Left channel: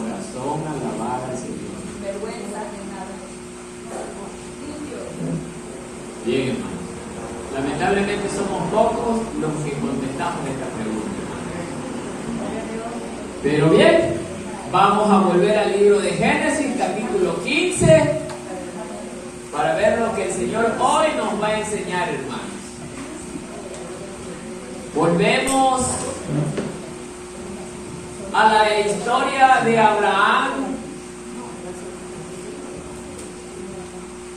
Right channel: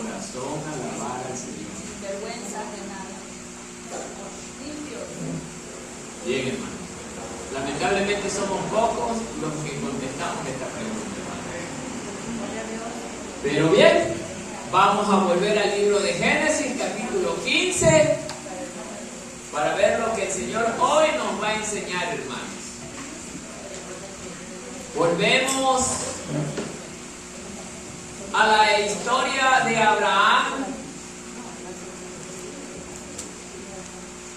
corazón alabar al Señor. Vergüenza de nada. Bien, hermanos. Lamentablemente somos pocos los que contestamos esta pregunta. Pero bien, vamos a volver al libro de Génesis, capítulo 15, para ver lo que el Señor hoy nos va a enseñar, hermanos. Volvemos a la historia de Abraham,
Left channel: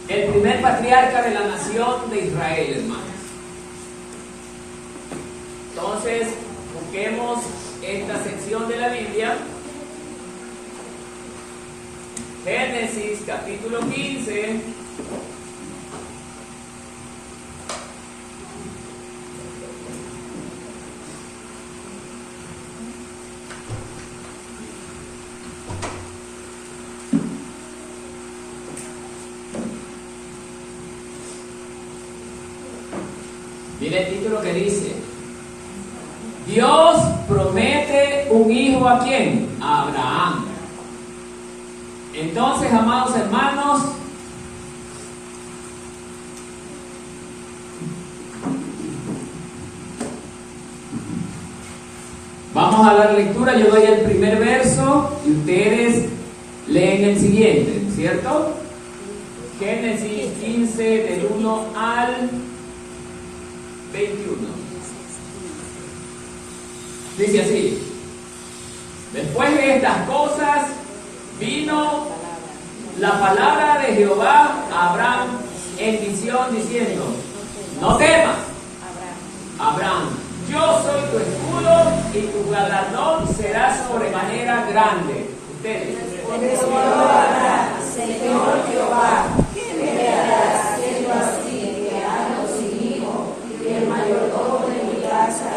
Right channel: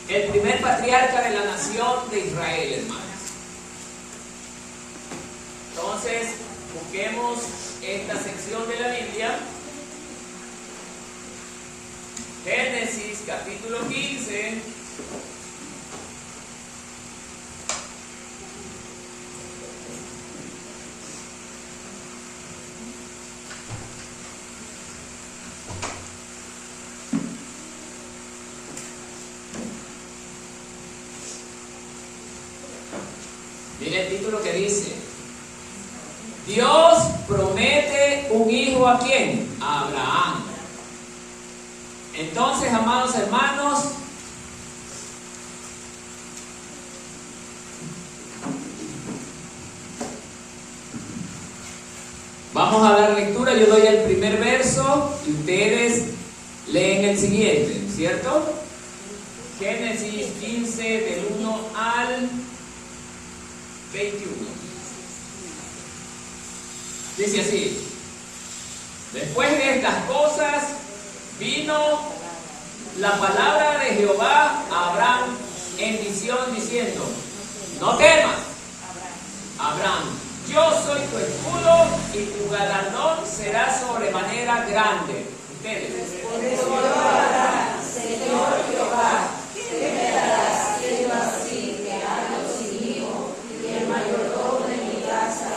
el primer patriarca de la nación de Israel, hermanos. Entonces, busquemos esta sección de la Biblia, Génesis capítulo 15. Mira el título que dice: Dios promete un hijo ¿a quién? A Abraham. Entonces, amados hermanos, vamos a dar lectura. Yo doy el primer verso y ustedes leen el siguiente, ¿cierto? Génesis 15 del 1 al 21. Dice así: después de estas cosas vino la palabra de Jehová a Abraham en visión diciendo: no temas, Abraham, yo soy tu escudo y tu galardón será sobremanera grande. Ustedes. Señor Jehová, que me darás siendo así, que ando sin hijo, y el mayordomo de mi casa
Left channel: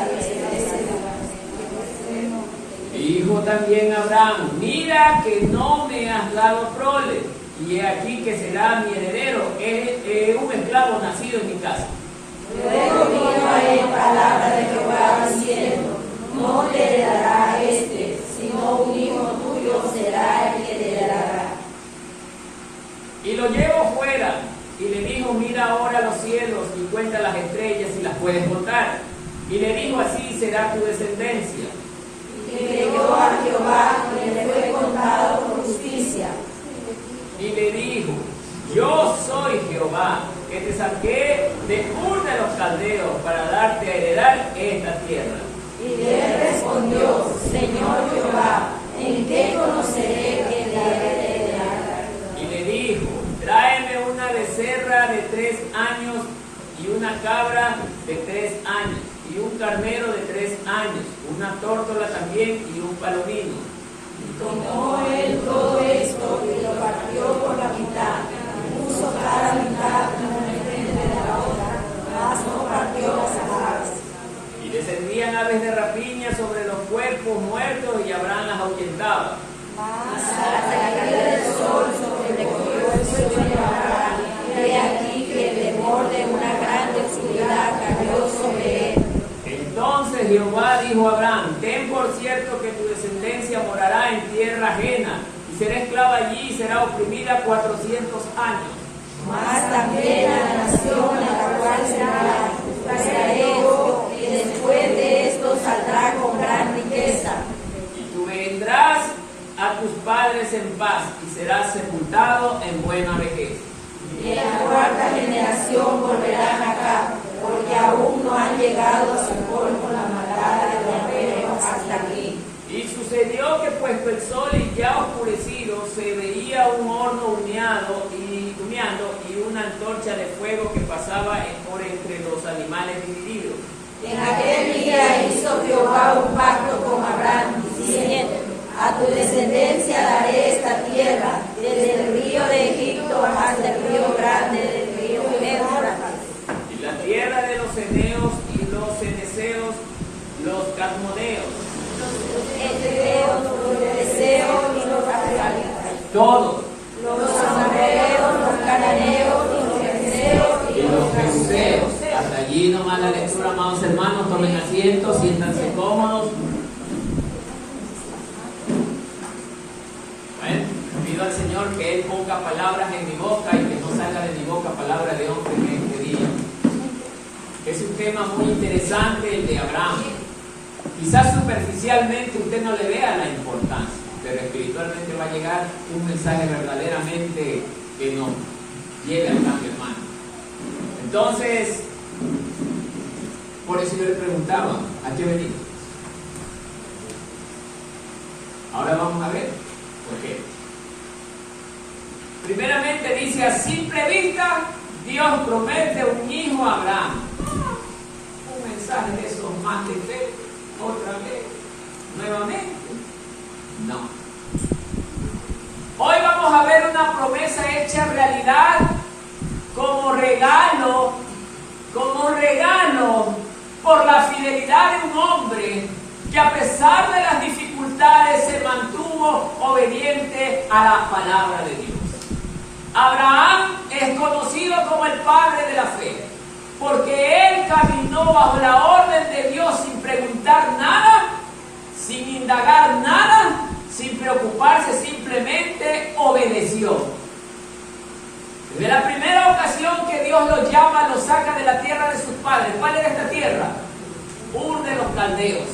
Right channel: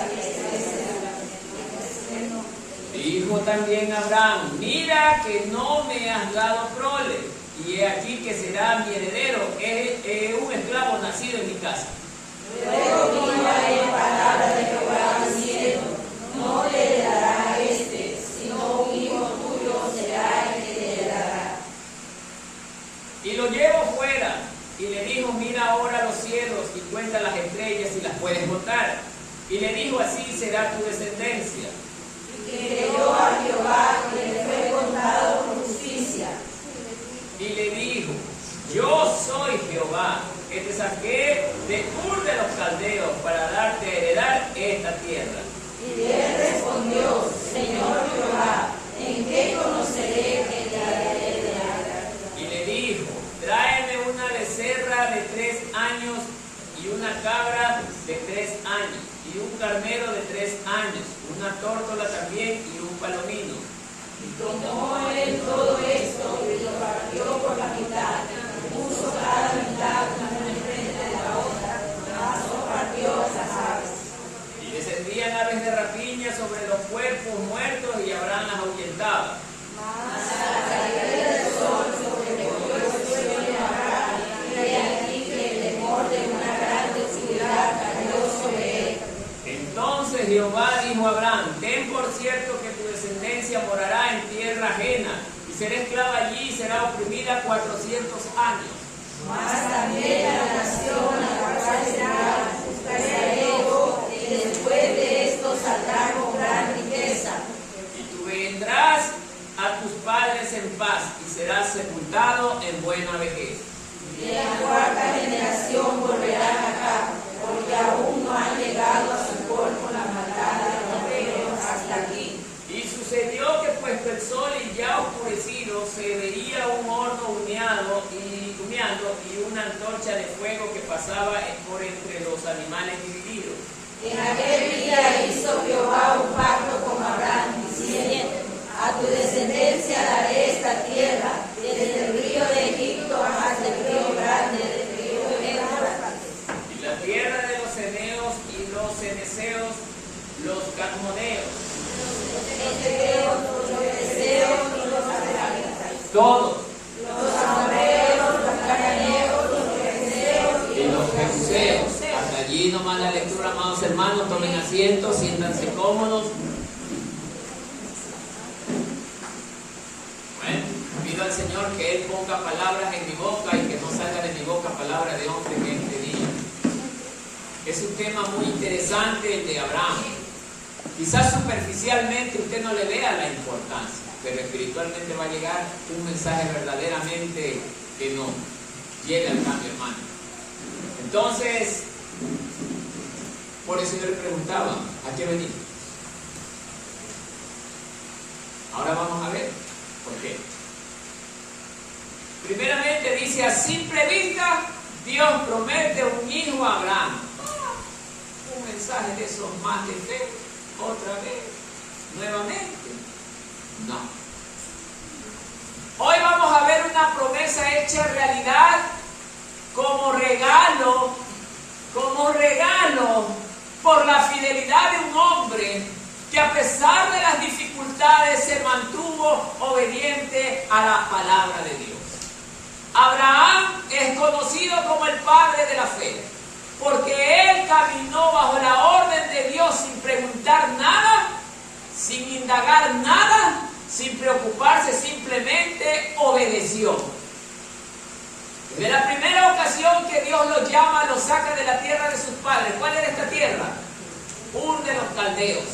Dijo también Abraham: mira que no me has dado prole, y he aquí que será mi heredero, un esclavo nacido en mi casa. Luego vino a él palabra de Jehová diciendo: no te heredará este, sino un hijo tuyo será el que te heredará. Y lo llevó fuera, y le dijo: mira ahora los cielos y cuenta las estrellas si las puedes contar. Y le dijo: así será tu descendencia. Y creyó a Jehová, que le fue contado por justicia. Y le dijo: yo soy Jehová, que te saqué de Ur de los Caldeos para darte a heredar esta tierra. Y él respondió: Señor Jehová, ¿en qué conoceré que te heredará? Y le dijo: tráeme una becerra de 3 años y una cabra de 3 años y un carnero de 3 años, una tórtola también y un palomino. Y tomó él todo esto y lo partió por la mitad, y puso cada mitad una enfrente de la otra, mas no partió esas aves. Y descendían aves de rapiña sobre los cuerpos muertos, y Abraham las ahuyentaba. Mas a la caída del sol sobrecogió el sueño de Abraham, y he aquí que el temor de una grande oscuridad cayó sobre él. Entonces Jehová dijo a Abraham: ten por cierto que tu descendencia morará en tierra ajena, y será esclava allí y será oprimida 400 años. Mas también a la nación a la cual será, traeré yo, y después de esto saldrá con gran riqueza. Y tú vendrás a tus padres en paz, y serás sepultado en buena vejez. Y en la cuarta generación volverán acá, porque aún no han llegado a su colmo la maldad de los amorreos hasta aquí. Y sucedió que puesto el sol y ya oscurecido, se veía un horno humeando y una antorcha de fuego que pasaba por entre los animales divididos. En aquel día hizo Jehová un pacto con Abraham, diciendo: a tu descendencia daré esta tierra, desde el río de Egipto hasta el río grande del río Éufrates. Y la tierra de los eneos y los ceneseos, los cadmoneos, Los heteos, los fereceos y los amorreos, todos, los amorreos, los cananeos, los fereceos y los jebuseos. Hasta allí nomás la lectura, amados hermanos. Tomen asiento, siéntanse cómodos. pido al Señor que Él ponga palabras en mi boca y que no salga de mi boca palabras de hombre en este día. Es un tema muy interesante el de Abraham. Quizás superficialmente usted no le vea la importancia, pero espiritualmente va a llegar un mensaje verdaderamente que nos lleve al cambio, hermano. Entonces, por eso yo le preguntaba, ¿a qué venimos? Ahora vamos a ver por qué. Primeramente dice, a simple vista, Dios promete un hijo a Abraham. Un mensaje de esos más de fe, otra vez, nuevamente. No. Hoy vamos a ver una promesa hecha realidad como regalo por la fidelidad de un hombre que a pesar de las dificultades se mantuvo obediente a la palabra de Dios. Abraham es conocido como el padre de la fe, porque él caminó bajo la orden de Dios sin preguntar nada, sin indagar nada, sin preocuparse, simplemente obedeció. Desde la primera ocasión que Dios lo llama, lo saca de la tierra de sus padres. ¿Cuál era esta tierra? Ur de los Caldeos.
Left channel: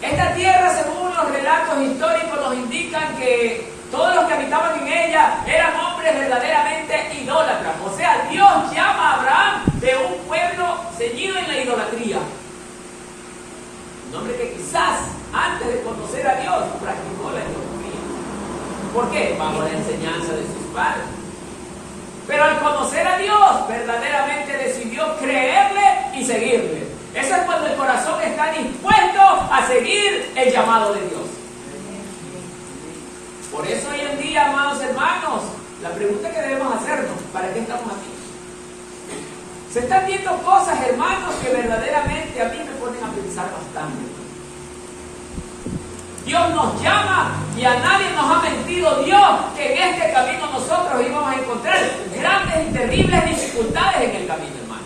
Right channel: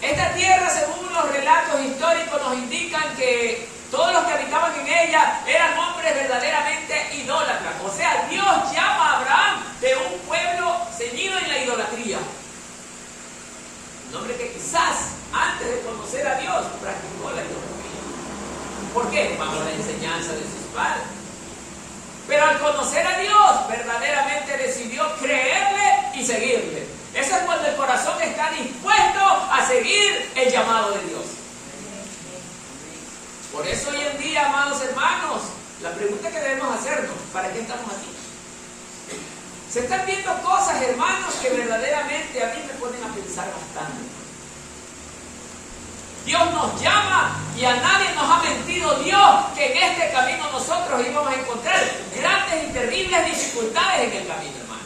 Esta tierra, según los relatos históricos, nos indican que todos los que habitaban en ella eran hombres verdaderamente idólatras. O sea, Dios llama a Abraham de un pueblo ceñido en la idolatría. Un hombre que quizás antes de conocer a Dios practicó la idolatría. ¿Por qué? Bajo la enseñanza de sus padres. Pero al conocer a Dios, verdaderamente decidió creerle y seguirle. Eso es cuando el corazón está dispuesto a seguir el llamado de Dios. Por eso hoy en día, amados hermanos, la pregunta que debemos hacernos, ¿para qué estamos aquí? Se están viendo cosas, hermanos, que verdaderamente a mí me ponen a pensar bastante. Dios nos llama y a nadie nos ha mentido Dios que en este camino nosotros íbamos a encontrar grandes y terribles dificultades en el camino, hermano.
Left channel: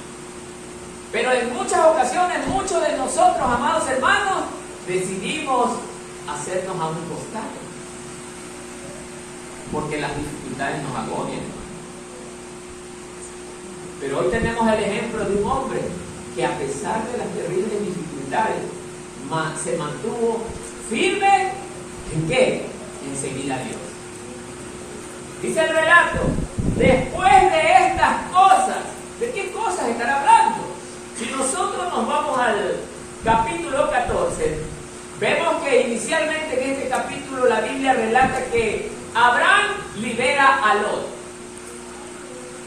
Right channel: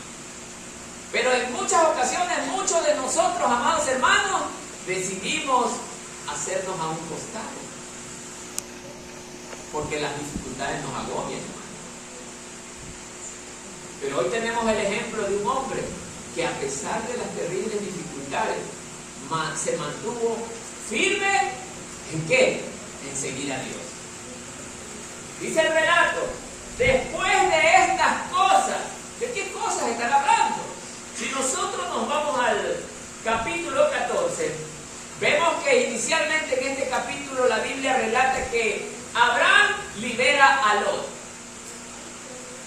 Pero en muchas ocasiones, muchos de nosotros, amados hermanos, decidimos hacernos a un costado, porque las dificultades nos agobian, hermano. Pero hoy tenemos el ejemplo de un hombre que a pesar de las terribles dificultades se mantuvo firme. ¿En qué? En seguir a Dios. Dice el relato, después de estas cosas, ¿de qué cosas están hablando? Si nosotros nos vamos al capítulo 14, vemos que inicialmente en este capítulo la Biblia relata que Abraham libera a Lot.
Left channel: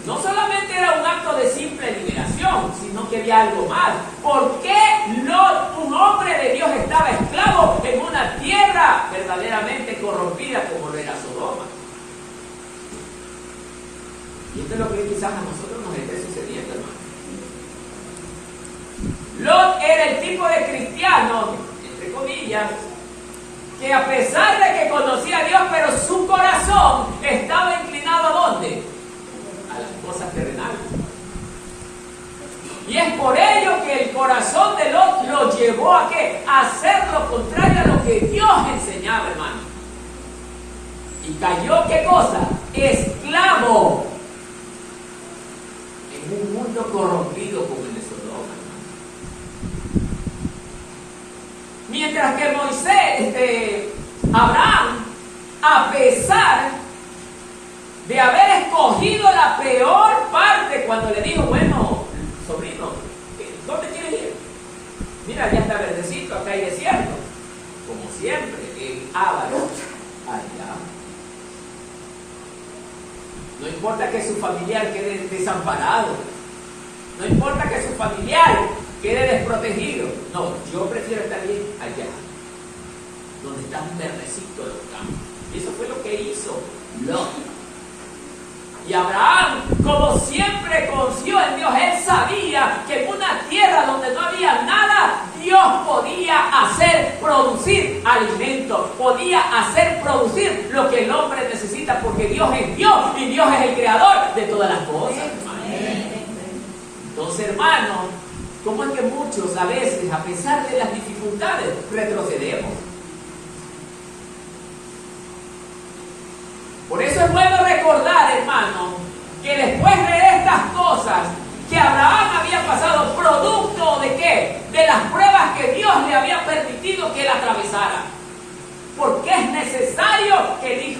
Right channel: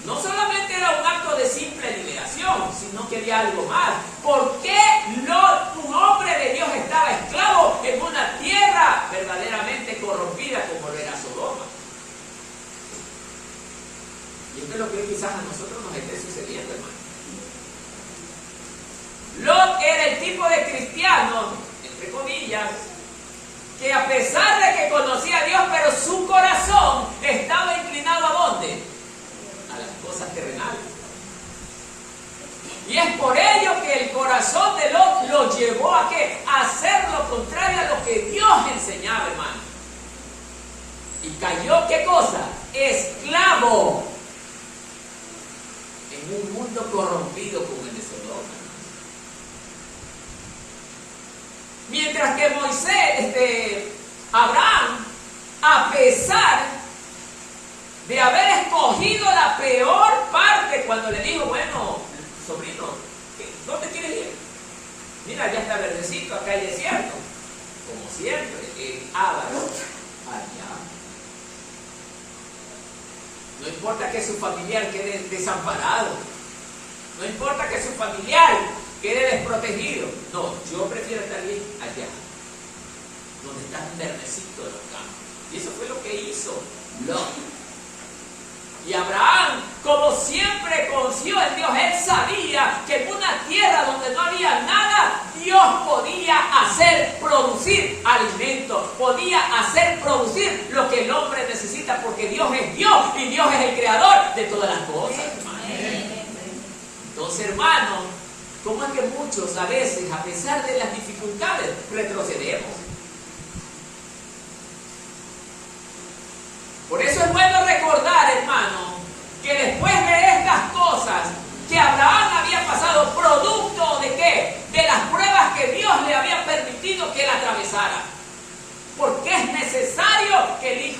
No solamente era un acto de simple liberación, sino que había algo más. ¿Por qué Lot, un hombre de Dios, estaba esclavo en una tierra verdaderamente corrompida como lo era Sodoma? Y esto es lo que quizás a nosotros nos esté sucediendo, hermano. Lot era el tipo de cristiano, entre comillas, que a pesar de que conocía a Dios, pero su corazón estaba inclinado ¿a dónde? A las cosas terrenales. Y es por ello que el corazón de Lot lo llevó a ¿qué? A hacer lo contrario a lo que Dios enseñaba, hermano. Y cayó, ¿qué cosa? Esclavo en un mundo corrompido como el de Sodoma, hermano. Mientras que Abraham, a pesar de haber escogido la peor parte cuando le dijo, bueno, sobrino, ¿dónde quieres ir? Mira, ya está verdecito, acá hay desierto. Como siempre, el avaro allá. No importa que su familiar quede desamparado. No importa que su familiar quede desprotegido. No, yo prefiero estar bien allá, donde está un verdecito de los campos. Y eso fue lo que hizo Lot. Y Abraham, como siempre confió en Dios, él sabía que en una tierra donde no había nada, Dios podía hacer producir alimento, podía hacer producir lo que el hombre necesita, porque Dios es Dios y Dios es el creador de todas las cosas, hermano. Entonces, hermano, ¿cómo es que muchos a veces, a pesar de las dificultades, retrocedemos?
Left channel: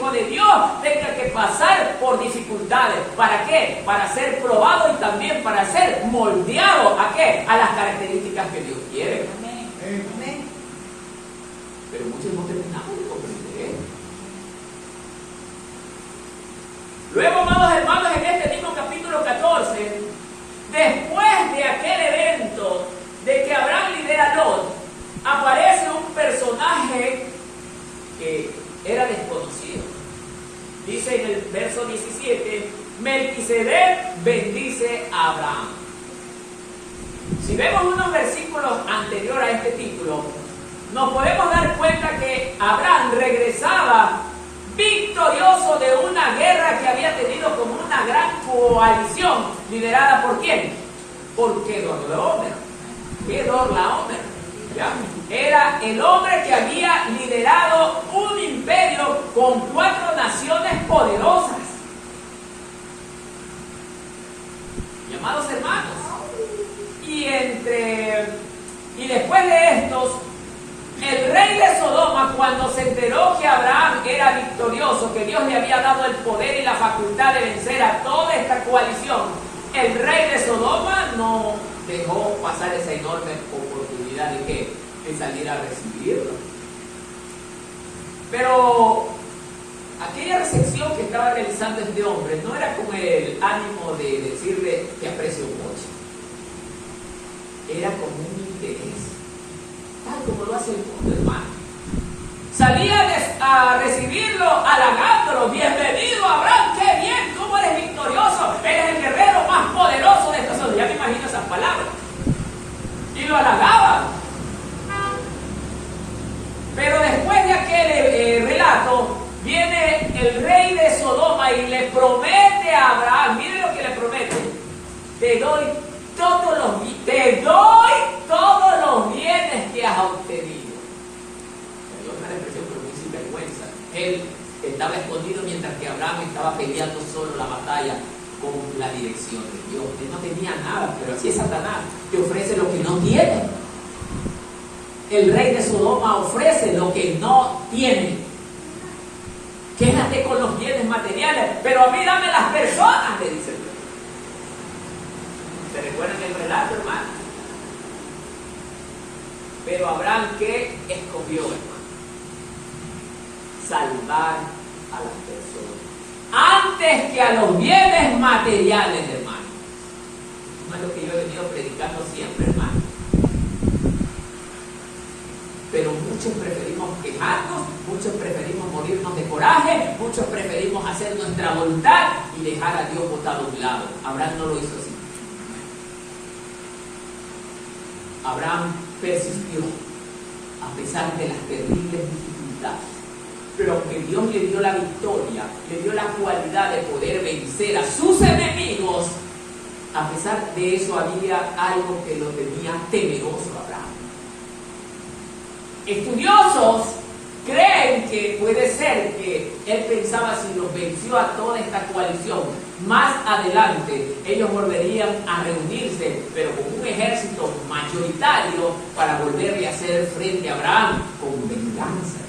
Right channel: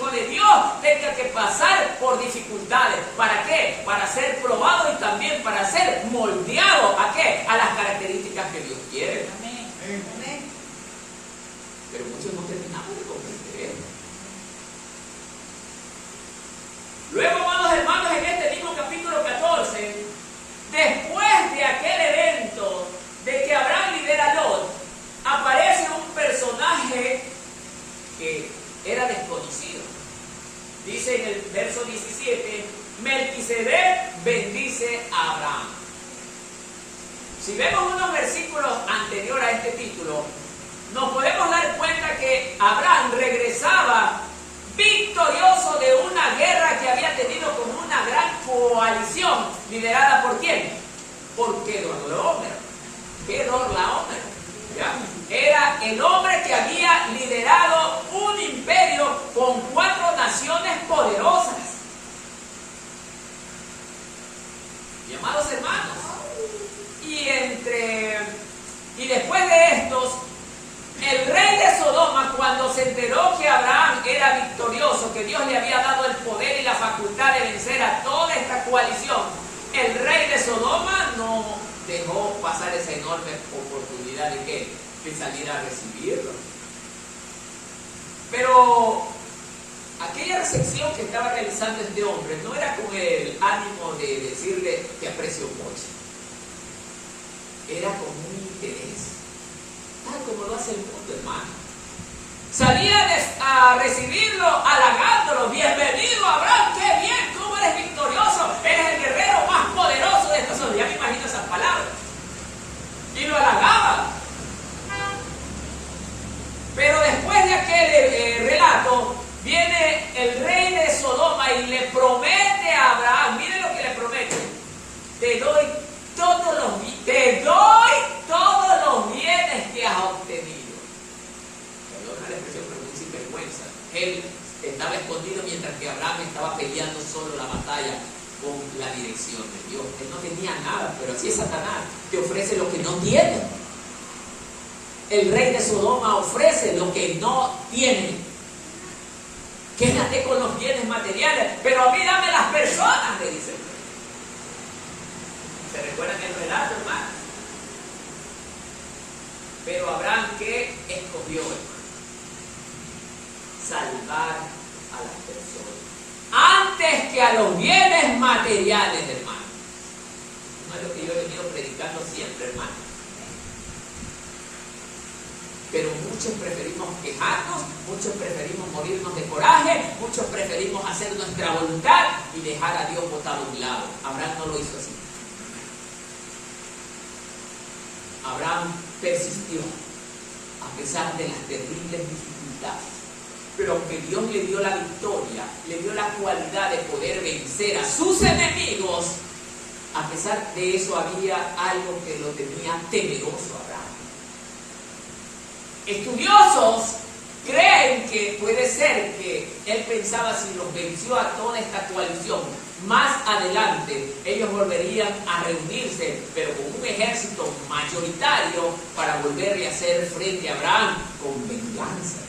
hijo de Dios tenga que pasar por dificultades. ¿Para qué? Para ser probado y también para ser moldeado. ¿A qué? A las características que Dios quiere. Amén. Pero muchos no terminamos de comprender. Luego, amados hermanos, en este mismo capítulo 14, después de aquel evento de que Abraham libera a Lot, aparece un personaje que era desconocido. Dice en el verso 17, Melquisedec bendice a Abraham. Si vemos unos versículos anteriores a este título, nos podemos dar cuenta que Abraham regresaba victorioso de una guerra que había tenido como una gran coalición, liderada ¿por quién? Por Kedorlaomer. Kedorlaomer, ¿ya? Era el hombre que había liderado un imperio con 4 naciones poderosas. Y amados hermanos, y después de estos, el rey de Sodoma, cuando se enteró que Abraham era victorioso, que Dios le había dado el poder y la facultad de vencer a toda esta coalición, el rey de Sodoma no dejó pasar esa enorme oportunidad de ¿qué? De salir a recibirlo. Pero aquella recepción que estaba realizando este hombre no era con el ánimo de decirle que aprecio mucho. Era con un interés, tal como lo hace el mundo, hermano. Salía a recibirlo, halagándolo. Bienvenido, Abraham, qué bien, cómo eres victorioso. Eres el guerrero más poderoso de esta zona. Ya me imagino esas palabras. Y lo halagaba. Pero después de aquel relato, viene el rey de Sodoma y le promete a Abraham, mire lo que le promete: te doy todos los bienes que has obtenido. Perdona la expresión, pero muy sinvergüenza. Él estaba escondido mientras que Abraham estaba peleando solo la batalla con la dirección de Dios. Él no tenía nada, pero así es Satanás, que ofrece lo que no tiene. El rey de Sodoma ofrece lo que no tiene. Quédate con los bienes materiales, pero a mí dame las personas, le dice el rey. ¿Se recuerdan el relato, hermano? Pero Abraham, ¿qué escogió, hermano? Salvar a las personas antes que a los bienes materiales, hermano. No es lo que yo he venido predicando siempre, hermano. Pero muchos preferimos quejarnos, muchos preferimos morirnos de coraje, muchos preferimos hacer nuestra voluntad y dejar a Dios botado a un lado. Abraham no lo hizo así. Abraham persistió a pesar de las terribles dificultades. Pero aunque Dios le dio la victoria, le dio la cualidad de poder vencer a sus enemigos, a pesar de eso había algo que lo tenía temeroso a Abraham. Estudiosos creen que puede ser que él pensaba, si los venció a toda esta coalición, más adelante ellos volverían a reunirse, pero con un ejército mayoritario para volverle a hacer frente a Abraham con venganza.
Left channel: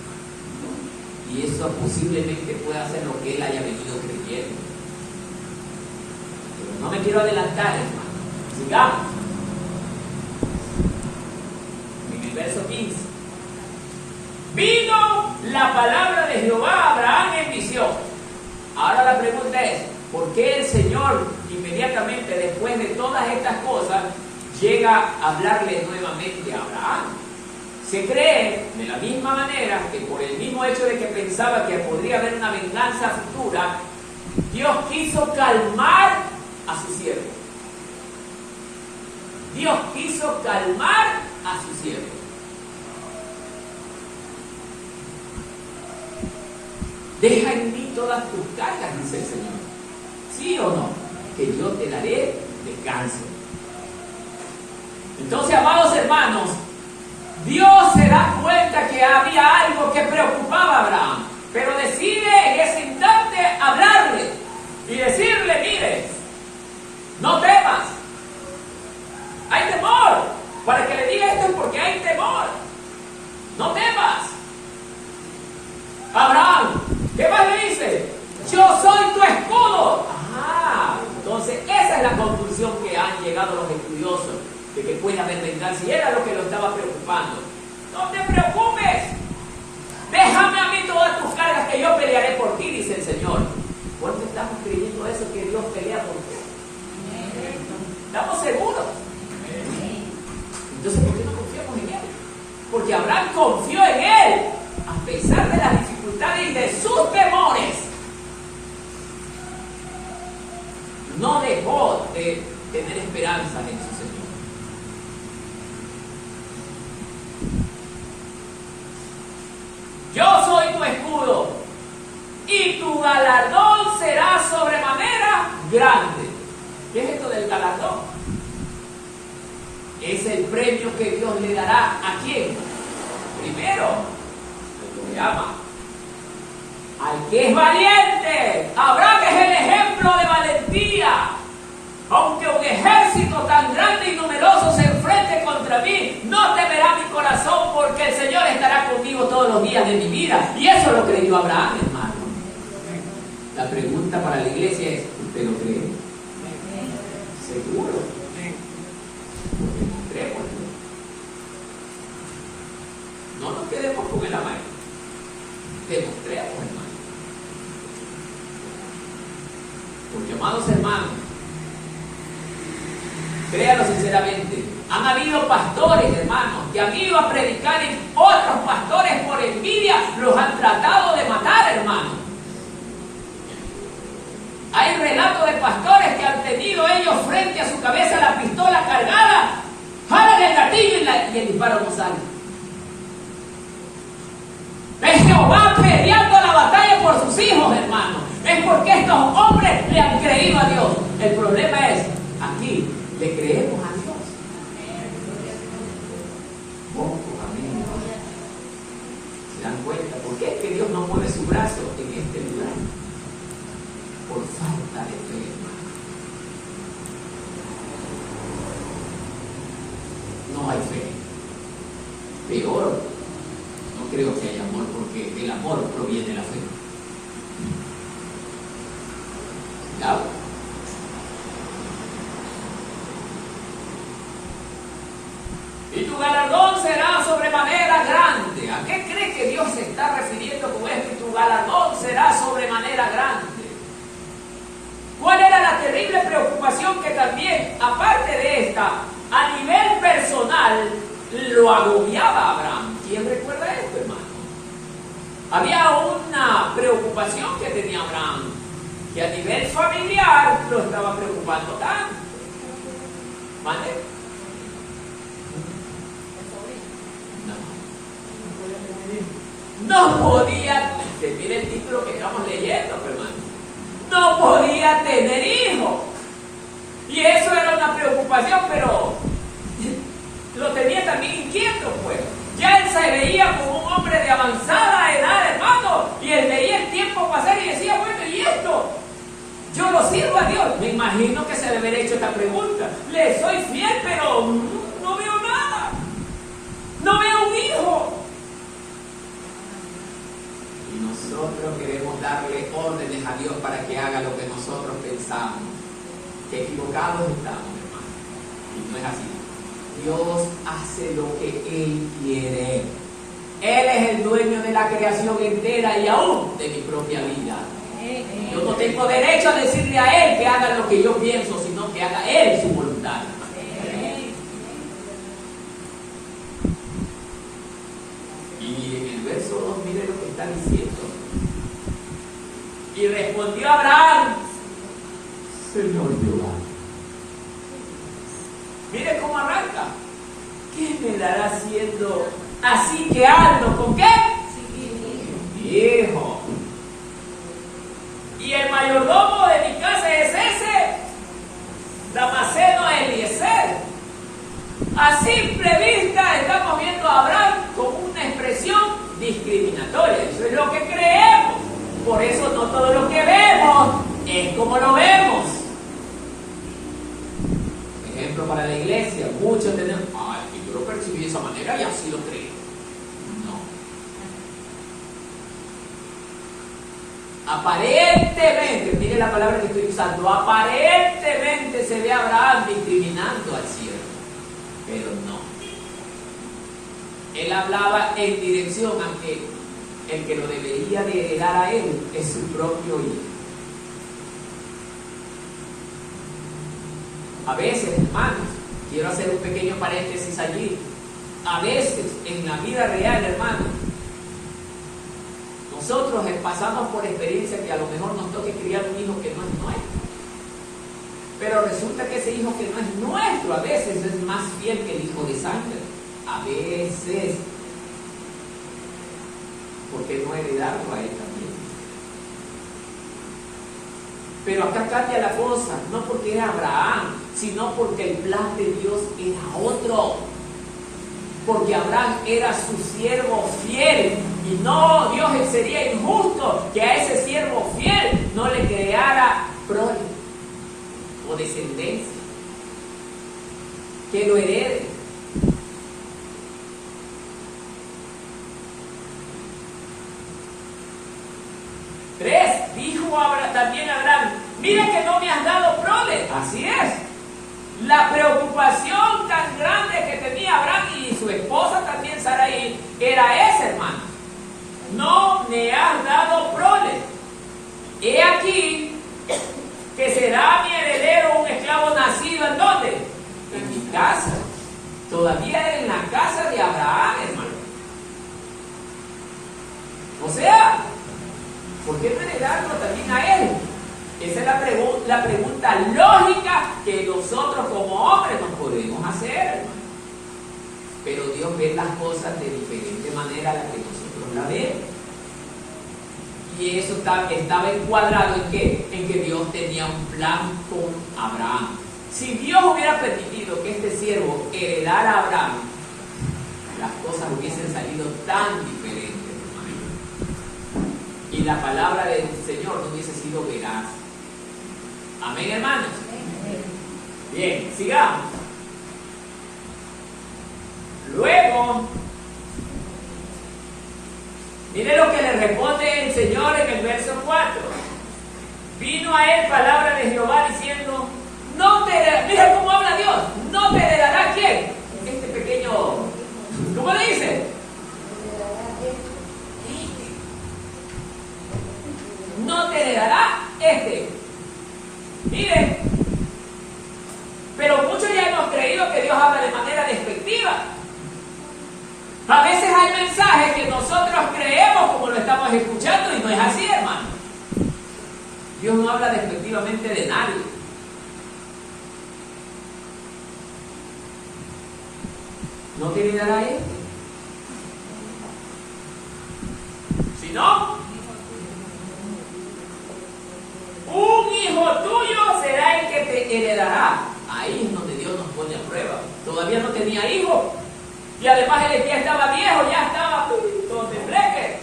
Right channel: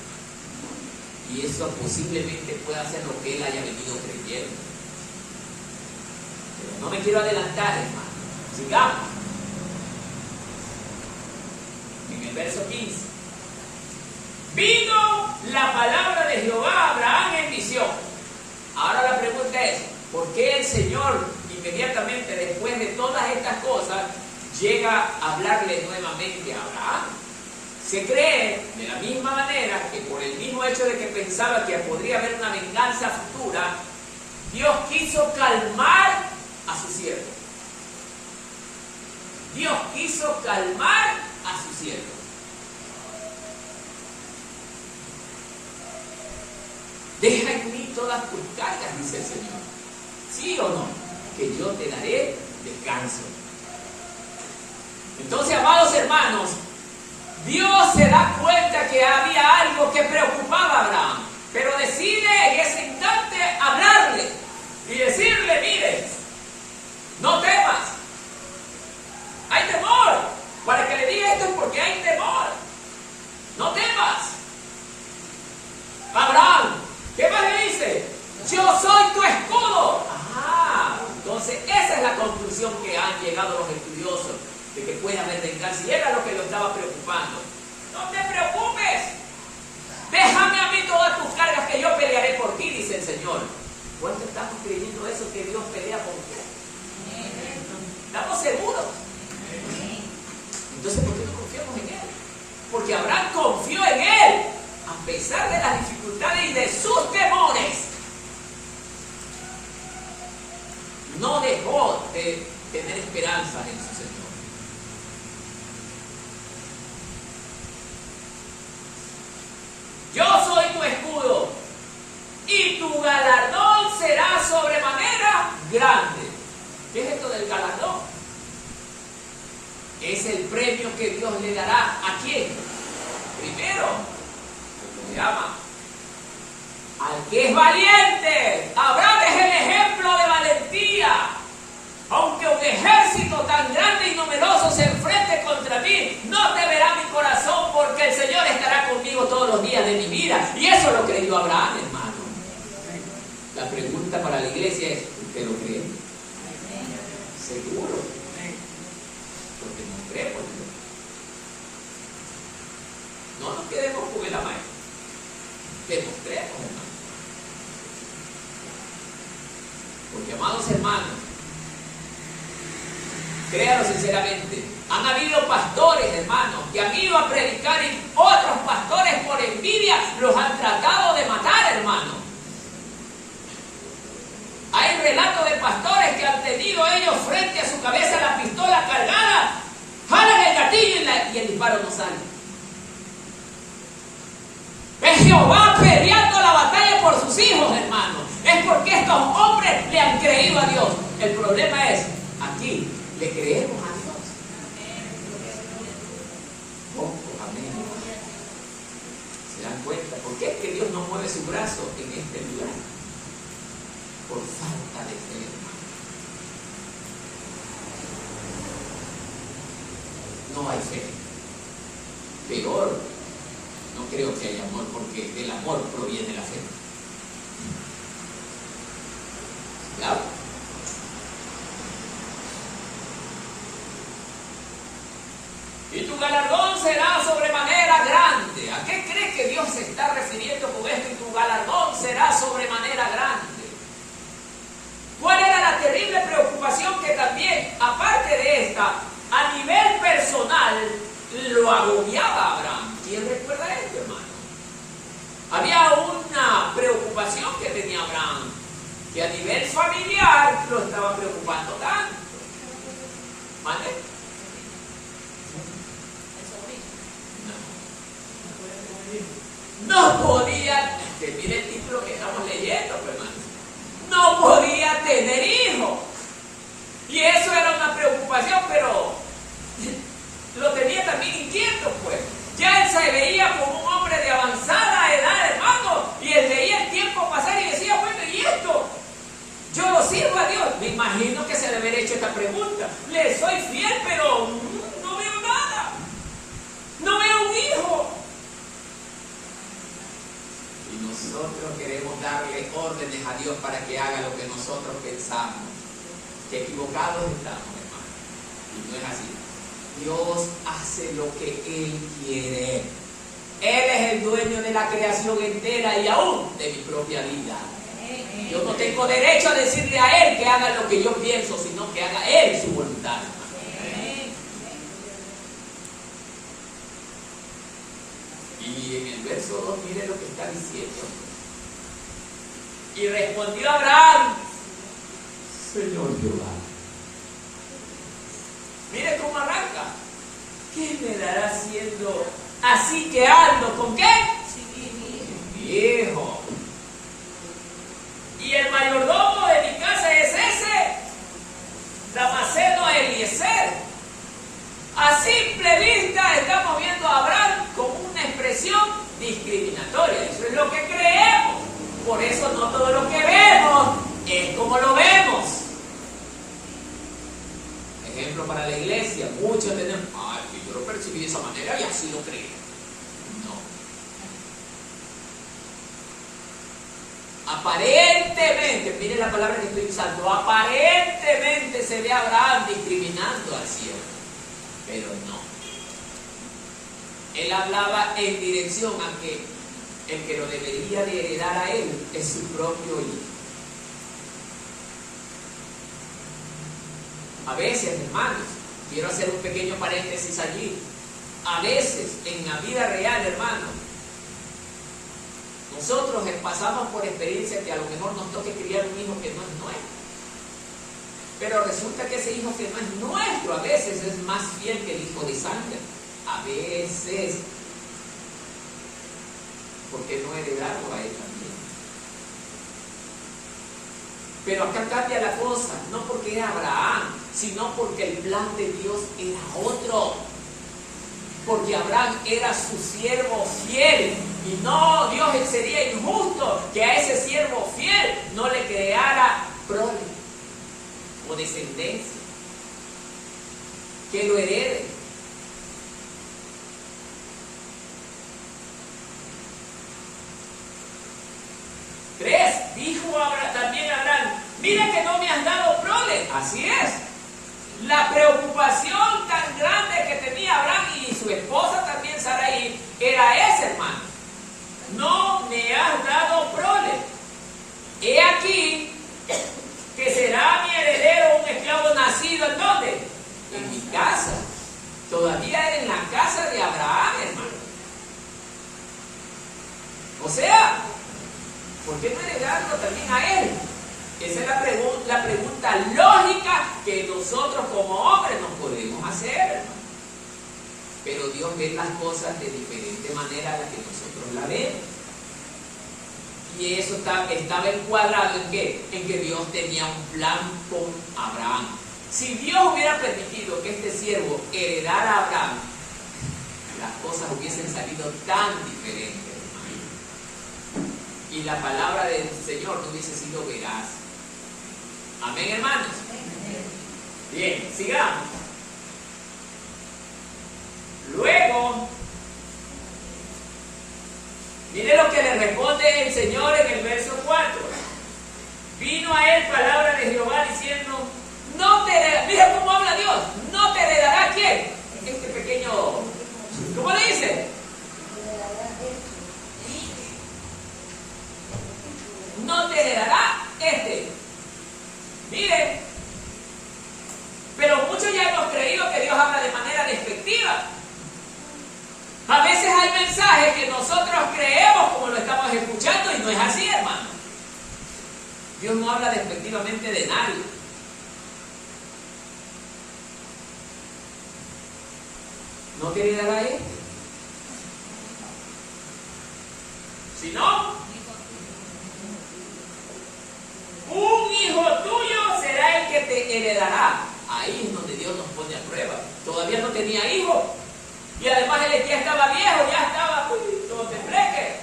Y eso posiblemente pueda ser lo que él haya venido creyendo. Pero no me quiero adelantar, hermano. Sigamos. En el verso 15. Vino la palabra de Jehová a Abraham en visión. Ahora la pregunta es, ¿por qué el Señor inmediatamente después de todas estas cosas llega a hablarle nuevamente a Abraham? Se cree de la misma manera que por el mismo hecho de que pensaba que podría haber una venganza futura, Dios quiso calmar a su siervo. Dios quiso calmar a su siervo. Deja en mí todas tus cargas, dice el Señor. ¿Sí o no? Que yo te daré descanso. Entonces, amados hermanos, Dios se da cuenta que había algo que preocupaba a Abraham, pero decide en ese instante hablarle y decirle: mire, no temas. Hay temor. Para que le diga esto es porque hay temor. No temas. Abraham, ¿qué más le dice? Yo soy tu escudo. Ajá. Entonces esa es la conclusión que han llegado los estudiosos, de que puede haber venganza, y era lo que lo estaba preocupando. No te preocupes, déjame a mí todas tus cargas, que yo pelearé por ti, dice el Señor. ¿Cuánto estamos creyendo eso, que Dios pelea por ti? ¿Estamos seguros? Entonces, ¿por qué no confiamos en Él? Porque Abraham confió en Él, a pesar de las dificultades y de sus temores. No dejó de tener esperanzas en su Señor. Yo soy tu escudo, y tu galardón será sobremanera grande. ¿Qué es esto del galardón? Es el premio que Dios le dará ¿a quién? Primero, al que le ama, al que es valiente. Abraham es el ejemplo de valentía. Aunque un ejército tan grande y numeroso se enfrente contra mí, no temerá mi corazón, porque el Señor estará conmigo todos los días de mi vida. Y eso lo creyó Abraham, hermano. La pregunta para la iglesia es, ¿usted lo cree? ¿Seguro? Lo demostremos. No nos quedemos con el amaño. Demostremos, hermano. Porque, amados hermanos, créanlo sinceramente, han habido pastores, hermanos, que han ido a predicar, y otros pastores por envidia los han tratado de matar, hermanos. Hay relatos de pastores que han tenido ellos frente a su cabeza la pistola cargada, jalan el gatillo y el disparo no sale. Es Jehová peleando la batalla por sus hijos, hermanos. Es porque estos hombres le han creído a Dios. El problema es, aquí, ¿le creemos a Dios? Pocos, amén. ¿Se dan cuenta? ¿Por qué es que Dios no mueve su brazo en este lugar? Por falta de fe, hermano. No hay fe. Peor, no creo que haya amor, porque el amor proviene de la fe. ¿Ya? Y tu galardón será sobremanera grande. ¿A qué crees que Dios se está refiriendo con esto? Y tu galardón será sobremanera grande. ¿Cuál era la terrible preocupación que también, aparte de esta, a nivel personal, lo agobiaba a Abraham? ¿Quién recuerda esto, hermano? Había una preocupación que tenía Abraham, que a nivel familiar lo estaba preocupando tanto. ¿Vale? No podía, que mire el título que estamos leyendo, hermano. No podía tener hijos. Y eso era una preocupación, pero lo tenía también inquieto, pues. Ya él se veía como un hombre de avanzada edad, hermano, y él veía el tiempo pasar y decía, bueno, ¿y esto? Yo lo sirvo a Dios. Me imagino que se debe haber hecho esta pregunta. Le soy fiel, pero no veo nada. No veo un hijo. Y nosotros queremos darle órdenes a Dios para que haga lo que nosotros pensamos. Que equivocados estamos, hermano. Y no es así. Dios hace lo que Él quiere. Él es el dueño de la creación entera y aún de mi propia vida. Yo no tengo derecho a decirle a Él que haga lo que yo pienso, sino que haga Él su voluntad. Y en el verso 2, mire lo que está diciendo. Y respondió Abraham, Señor Jehová. Mire cómo arranca. ¿Qué me dará siendo así que ando? ¿Con qué? Viejo. Y el mayordomo de mi casa es ese Damaseno Eliezer. A simple vista estamos viendo a Abraham como una expresión discriminatoria. Eso es lo que creemos. Por eso no todo lo que vemos es como lo vemos. Ejemplo para la iglesia. Muchos tenemos, yo lo percibí de esa manera y así lo creo. No. Aparentemente, mire la palabra que estoy usando, aparentemente se ve a Abraham discriminando al siervo, pero no. Él hablaba en dirección a que el que lo debería de heredar a él es su propio hijo. A veces, hermanos, quiero hacer un pequeño paréntesis allí. A veces, en la vida real, hermanos, nosotros pasamos por experiencias que a lo mejor nos toque criar un hijo que no es nuestro. Pero resulta que ese hijo que no es nuestro a veces es más fiel que el hijo de sangre. A veces. ¿Por qué no heredarlo a él también? Pero acá cambia la cosa, no porque era Abraham, sino porque el plan de Dios era otro. Porque Abraham era su siervo fiel. Y no, Dios sería injusto que a ese siervo fiel no le creara prole o descendencia, que lo herede. Dijo también Abraham, mira que no me has dado prole. Así es. La preocupación tan grande que tenía Abraham y su esposa también Sarai era esa, hermano. No me has dado prole. He aquí que será mi heredero un esclavo nacido ¿en dónde? En mi casa. Todavía era en la casa de Abraham, hermano. O sea, ¿por qué no heredarlo también a él? Esa es la pregunta lógica que nosotros como hombres nos podemos hacer, hermano. Pero Dios ve las cosas de diferente manera a la que nosotros la vemos. Y eso estaba encuadrado ¿en qué? En que Dios tenía un plan con Abraham. Si Dios hubiera permitido que este siervo heredara a Abraham, las cosas hubiesen salido tan diferentes, hermano. Y la palabra del Señor no hubiese sido veraz. Amén, hermanos. Bien, sigamos. Luego, mire lo que le responde el Señor en el verso 4. Vino a él palabra de Jehová diciendo, no te heredará, mira cómo habla Dios, no te heredará ¿quién? Este pequeño, ¿cómo le dice? No te heredará este. Miren, pero muchos ya hemos creído que Dios habla de manera despectiva. A veces hay mensajes que nosotros creemos como lo estamos escuchando y no es así, hermano. Dios no habla despectivamente de nadie. ¿No te heredará este? Si no, un hijo tuyo será el que te heredará. Ahí es donde Dios nos pone a prueba. Todavía no tenía hijo. Y además él ya estaba viejo, ya estaba todo tembleque.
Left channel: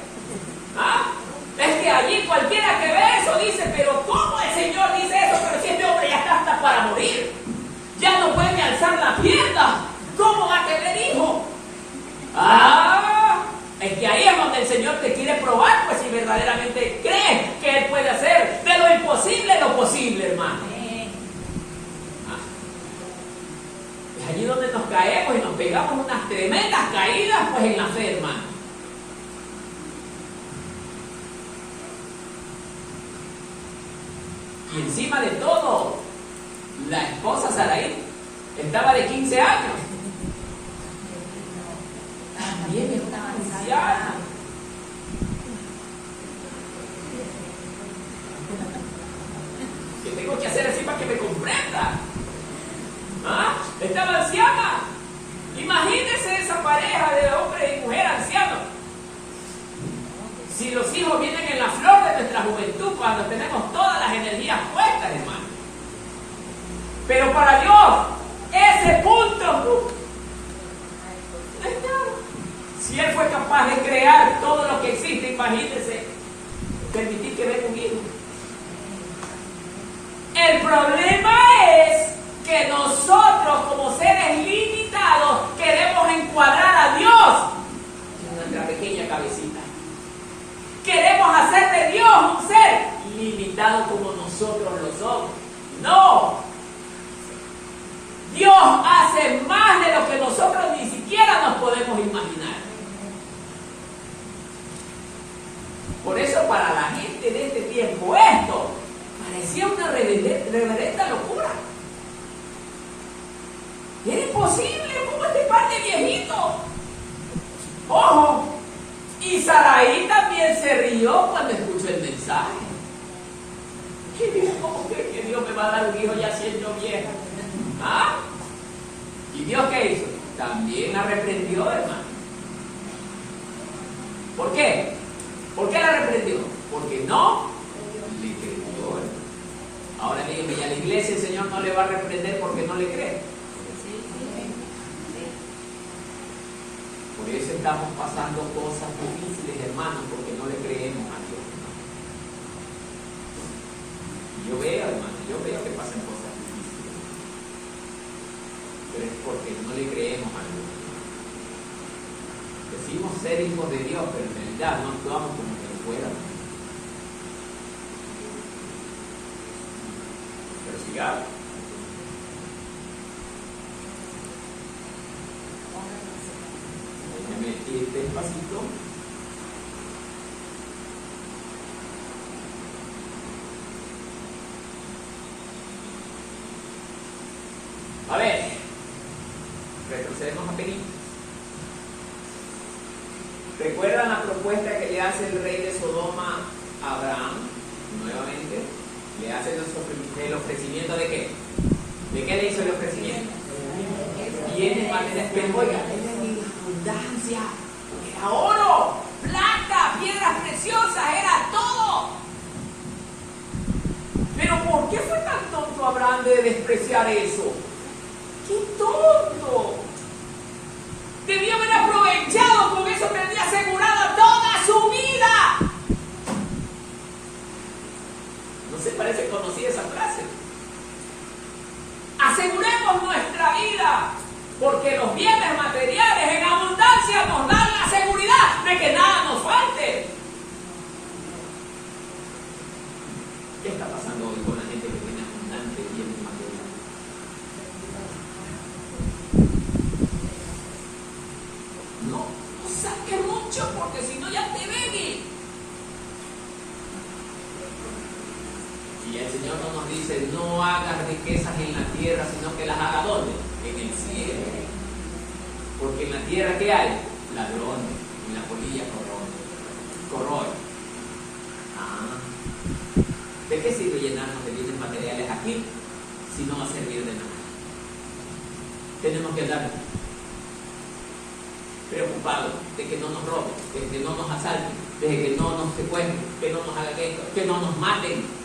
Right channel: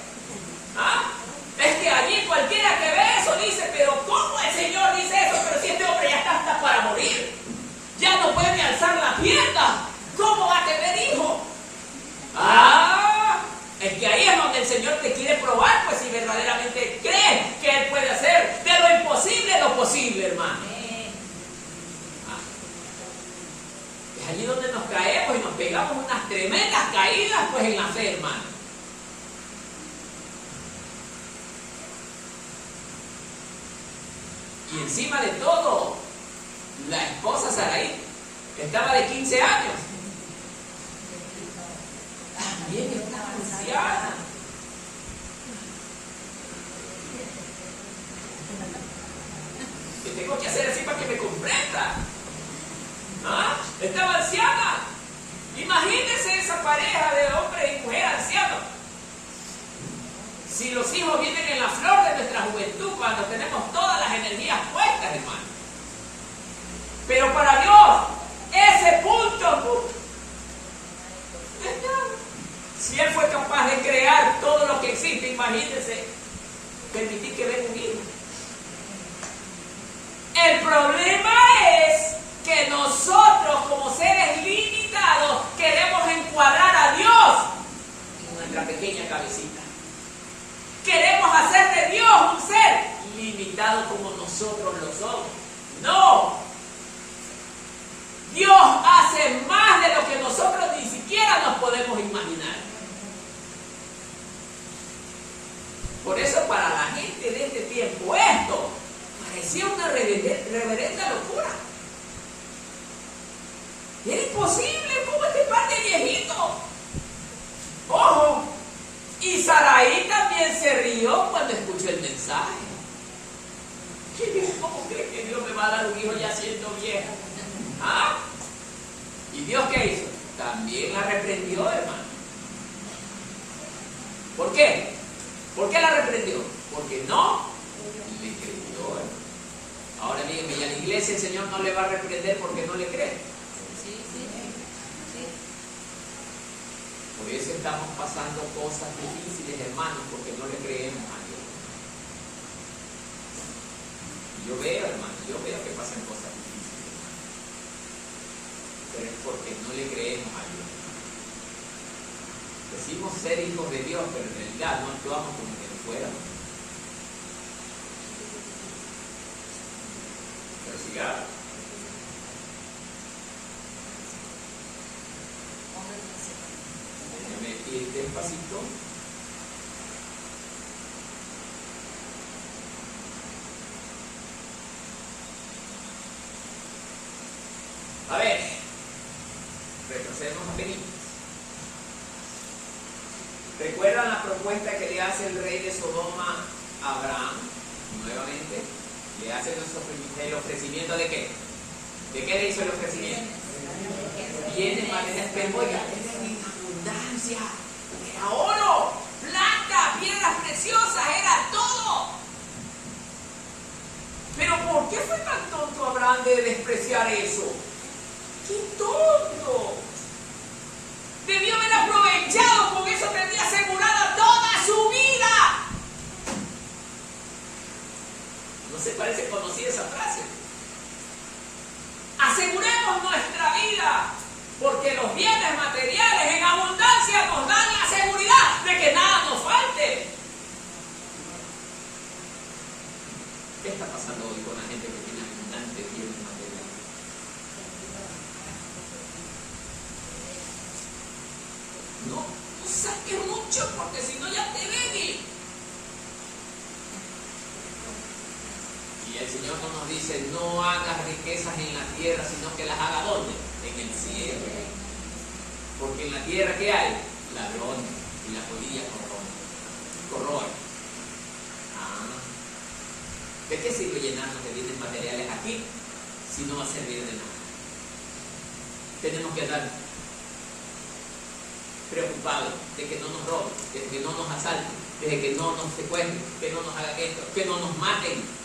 ¿Ah? Es que allí cualquiera que ve eso dice, pero ¿cómo el Señor dice eso? Pero si este hombre ya está hasta para morir. Ya no puede alzar la pierna. ¿Cómo va a tener hijo? Es que ahí es donde el Señor te quiere probar, pues si verdaderamente crees que Él puede hacer de lo imposible lo posible, hermano. Es allí donde nos caemos y nos pegamos unas tremendas caídas, pues en la fe, hermano. Y encima de todo, la esposa Sarai estaba de 15 años. También estaba anciana. ¿Qué tengo que hacer así para que me comprenda? ¿Ah? Estaba anciana. Imagínense esa pareja de hombre y mujer ancianos. Si los hijos vienen en la flor de nuestra juventud, cuando tenemos todas las energías puestas, hermano. Pero para Dios, ese punto, si Él fue capaz de crear todo lo que existe, imagínense, permitir que venga un hijo. El problema es que nosotros, como seres limitados, queremos encuadrar a Dios en nuestra pequeña cabecita. Queremos hacer de Dios un ser ilimitado como nosotros lo somos. No. Dios hace más de lo que nosotros ni siquiera nos podemos imaginar. Por eso para la gente de este tiempo esto parecía una reverenda locura. ¿Era imposible? ¿Cómo este par de viejito? Ojo, y Sarai también se rió cuando escuchó el mensaje. ¿Cómo crees que Dios me va a dar un hijo ya siendo vieja? ¿Ah? ¿Y Dios qué hizo? También la reprendió, hermano. ¿Por qué? ¿Por qué la reprendió? Porque no le creyó, hermano. Ahora dígame, ¿y a la iglesia el Señor no le va a reprender porque no le cree? Por eso estamos pasando cosas difíciles, hermanos, porque no le creemos a Dios. Yo veo, hermano, que pasan cosas difíciles, pero es porque no le creemos a Dios. Decimos ser hijos de Dios, pero en realidad no actuamos como que lo fuéramos. Pero sigamos. Déjeme ir despacito. A ver, retrocedemos a Perín. ¿Recuerdan la propuesta que le hace el rey de Sodoma a Abraham? Nuevamente, le hace el ofrecimiento de qué? ¿De qué le hizo el ofrecimiento? Bienes, materiales, pero oiga, era en abundancia, era oro, plata, piedras preciosas, era todo. Pero ¿por qué fue tan tonto Abraham de despreciar eso? ¡Qué tonto! Debió haber aprovechado, con eso tendría asegurada toda su vida. ¿No se parece conocida esa frase? Aseguremos nuestra vida, porque los bienes materiales en abundancia nos dan la seguridad de que nada nos falte. ¿Qué está pasando hoy con la gente que tiene abundantes bienes materiales? No saques mucho, porque si no ya te bebí. Y el Señor no nos dice, no hagas riquezas en la tierra, sino que las haga ¿dónde? En el cielo. Porque en la tierra, ¿qué hay? Ladrones, y la polilla corroe. ¿De qué sirve llenarnos de bienes materiales aquí si no va a servir de nada? Tenemos que andar preocupados de que no nos roben, de que no nos asalten, de que no nos secuestren, que no nos hagan esto, que no nos maten.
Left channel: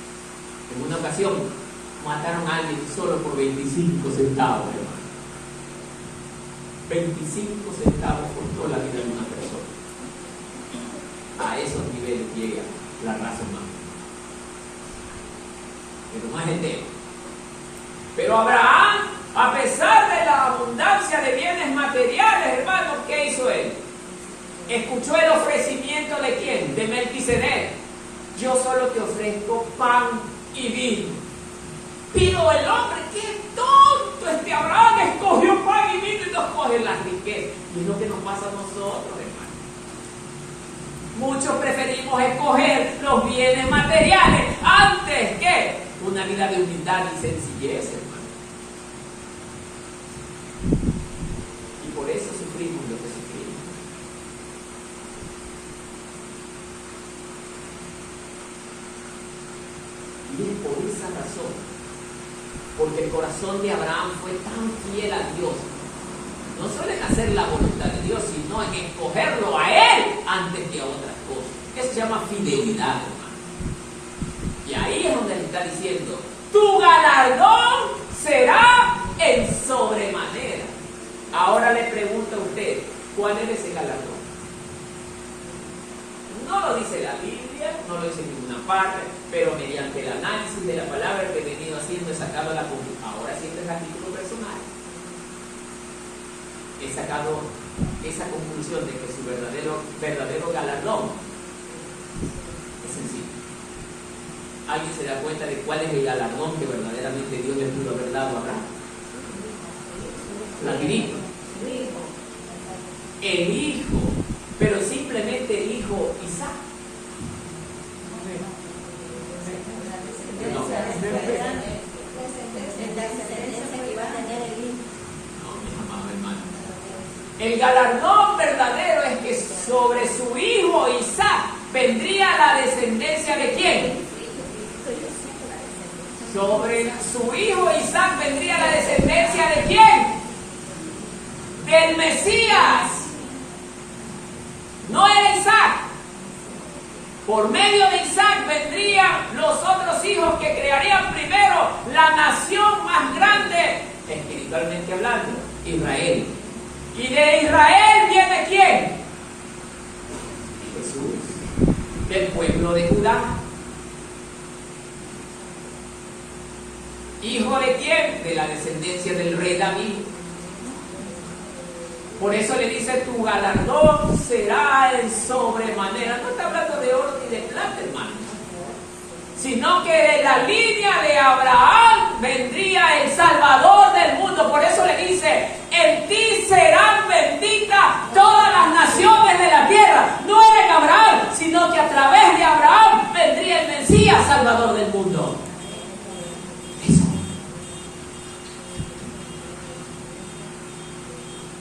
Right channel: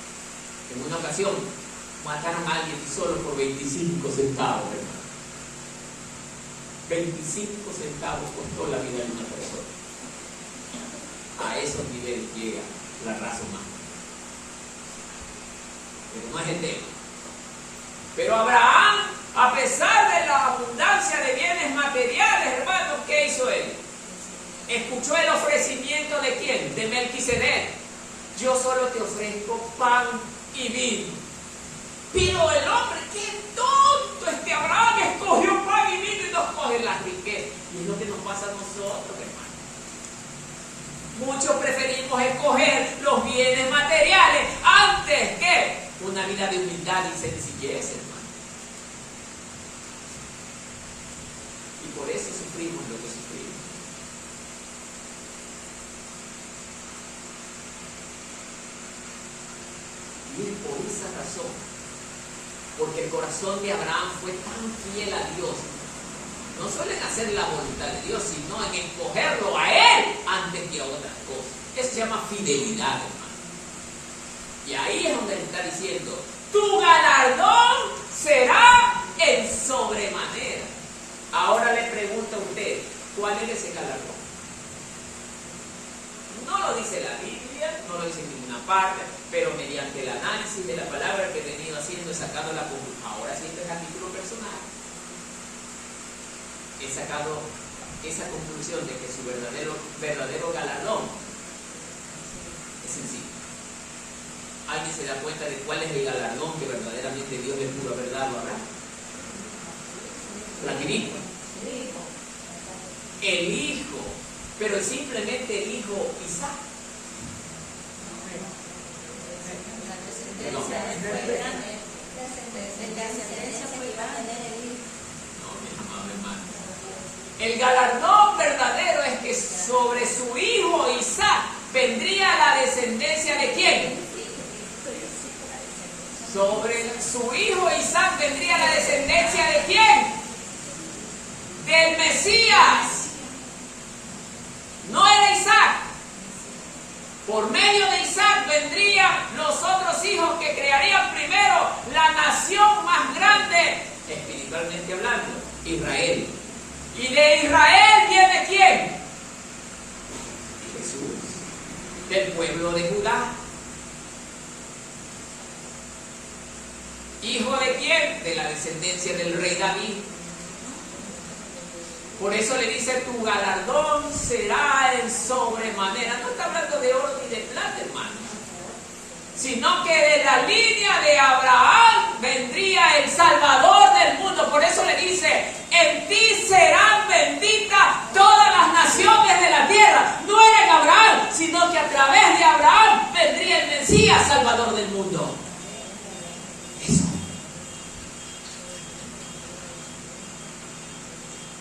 En una ocasión mataron a alguien solo por 25 centavos, hermano. 25 centavos costó la vida de una persona. A esos niveles llega la raza humana. Pero no es el tema. Pero Abraham, a pesar de la abundancia de bienes materiales, hermanos, ¿qué hizo él? Escuchó el ofrecimiento de ¿quién? De Melquisedec. Yo solo te ofrezco pan y vino. Pero el hombre, qué tonto, Abraham escogió pan y vino y no escoge las riquezas. Y es lo que nos pasa a nosotros, hermanos. Muchos preferimos escoger los bienes materiales antes que una vida de humildad y sencillez, hermano. Y por eso sufrimos lo que sufrimos. Y es por esa razón, porque el corazón de Abraham fue tan fiel a Dios, no solo en hacer la voluntad de Dios, sino en escogerlo a Él antes que a otras cosas. Eso se llama fidelidad, hermano. Y ahí es donde le está diciendo, tu galardón será en sobremanera. Ahora le pregunto a usted, ¿cuál es ese galardón? No lo dice la Biblia, no lo dice en ninguna parte, pero mediante el análisis de la palabra que he venido haciendo he sacado la conclusión. Ahora siempre es a título personal. He sacado esa conclusión de que su verdadero galardón es sencillo. ¿Alguien se da cuenta de cuál es el galardón que verdaderamente Dios le pudo haber dado a Abraham? Rapidito. El hijo, pero simplemente el hijo Isaac. No, mi amado hermano. El galardón verdadero es que sobre su hijo Isaac vendría la descendencia de ¿quién? Sobre su hijo Isaac vendría la descendencia de ¿quién? Del Mesías. No era Isaac. Por medio de Isaac vendrían los otros hijos que crearían primero la nación más grande, espiritualmente hablando, Israel. Y de Israel viene ¿quién? Jesús, del pueblo de Judá. ¿Hijo de quién? De la descendencia del rey David. Por eso le dice, tu galardón será en sobremanera. No está hablando de oro ni de plata, hermano. Sino que de la línea de Abraham vendría el Salvador del mundo. Por eso le dice, en ti serán benditas todas las naciones de la tierra. No era en Abraham, sino que a través de Abraham vendría el Mesías, Salvador del mundo.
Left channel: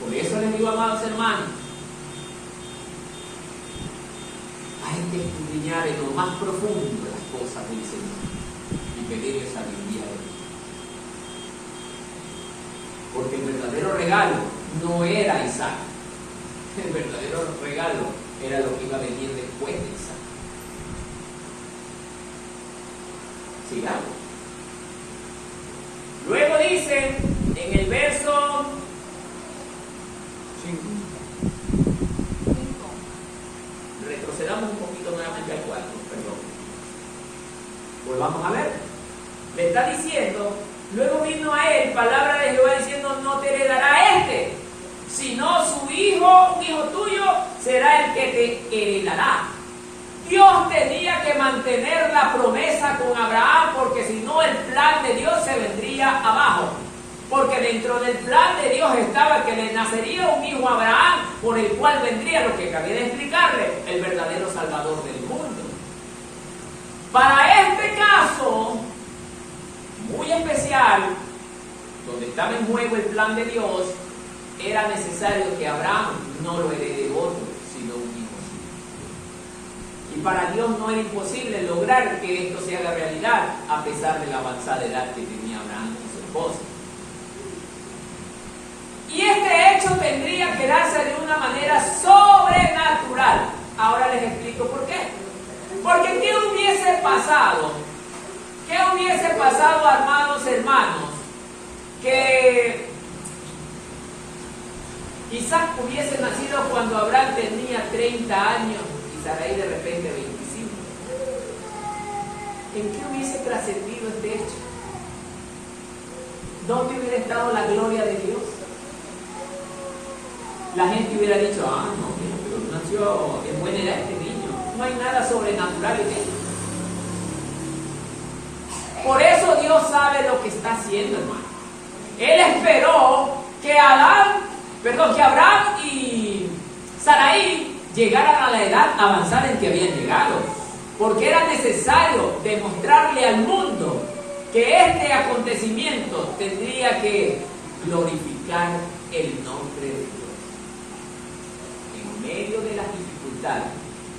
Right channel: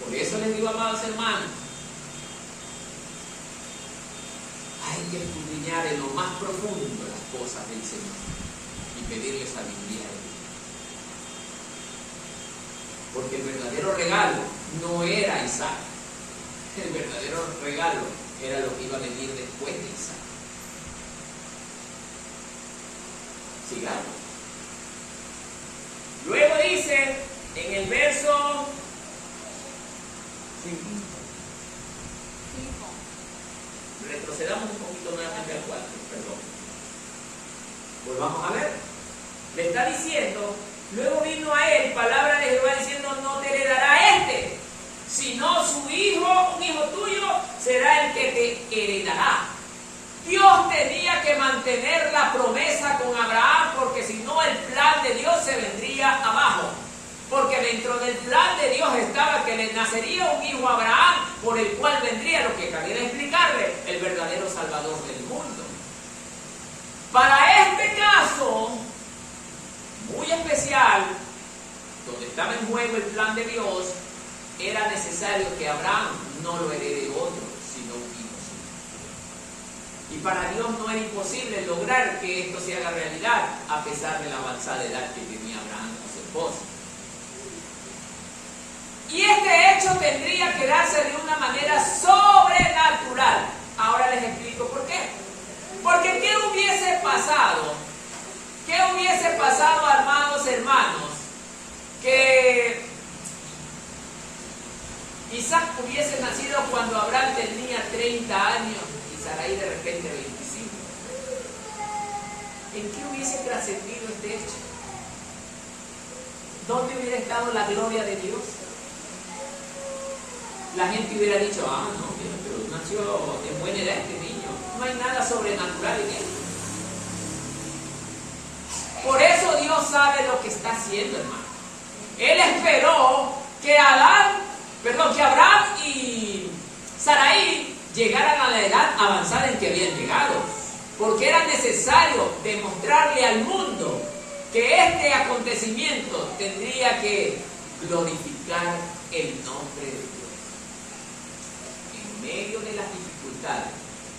Por eso les digo, amados hermanos, hay que escudriñar en lo más profundo las cosas del Señor y pedirle sabiduría a Él. Porque el verdadero regalo no era Isaac. El verdadero regalo era lo que iba a venir después de Isaac. Sigamos. Luego dice en el verso 5. Retrocedamos un poquito nuevamente al 4, perdón. Volvamos a ver. Le está diciendo, luego vino a él palabra de Jehová diciendo, no te heredará este, sino su hijo, un hijo tuyo, será el que te heredará. Dios tenía que mantener la promesa con Abraham, porque si no el plan de Dios se vendría abajo. Porque dentro del plan de Dios estaba que le nacería un hijo a Abraham, por el cual vendría, lo que acabé de explicarle, el verdadero Salvador del mundo. Para este caso, muy especial, donde estaba en juego el plan de Dios, era necesario que Abraham no lo herede otro, sino un hijo suyo. Y para Dios no era imposible lograr que esto se haga realidad, a pesar de la avanzada edad que tenía Abraham con su esposa. Y este hecho tendría que darse de una manera sobrenatural. Ahora les explico por qué. Porque ¿qué hubiese pasado? ¿Qué hubiese pasado, amados hermanos? Que Isaac hubiese nacido cuando Abraham tenía 30 años y Sarai de repente 25. ¿En qué hubiese trascendido este hecho? ¿Dónde hubiera estado la gloria de Dios? La gente hubiera dicho, no, pero nació en buena edad este niño. No hay nada sobrenatural en él. Por eso Dios sabe lo que está haciendo, hermano. Él esperó que Abraham y Sarai llegaran a la edad avanzada en que habían llegado. Porque era necesario demostrarle al mundo que este acontecimiento tendría que glorificar el nombre de Dios. En medio de las dificultades,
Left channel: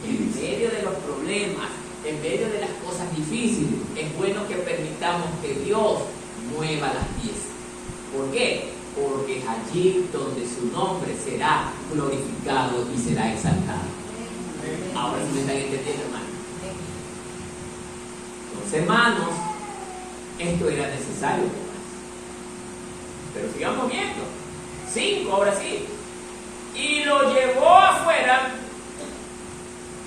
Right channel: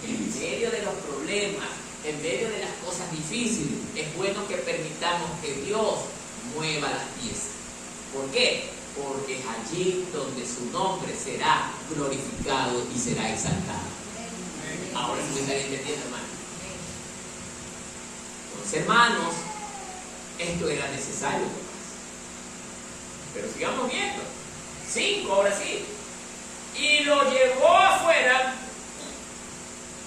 en medio de los problemas, en medio de las cosas difíciles, es bueno que permitamos que Dios mueva las piezas. ¿Por qué? Porque es allí donde su nombre será glorificado y será exaltado. Ahora sí me están entendiendo, hermano. Entonces, hermanos, esto era necesario. Pero sigamos viendo. 5, ahora sí. Y lo llevó afuera,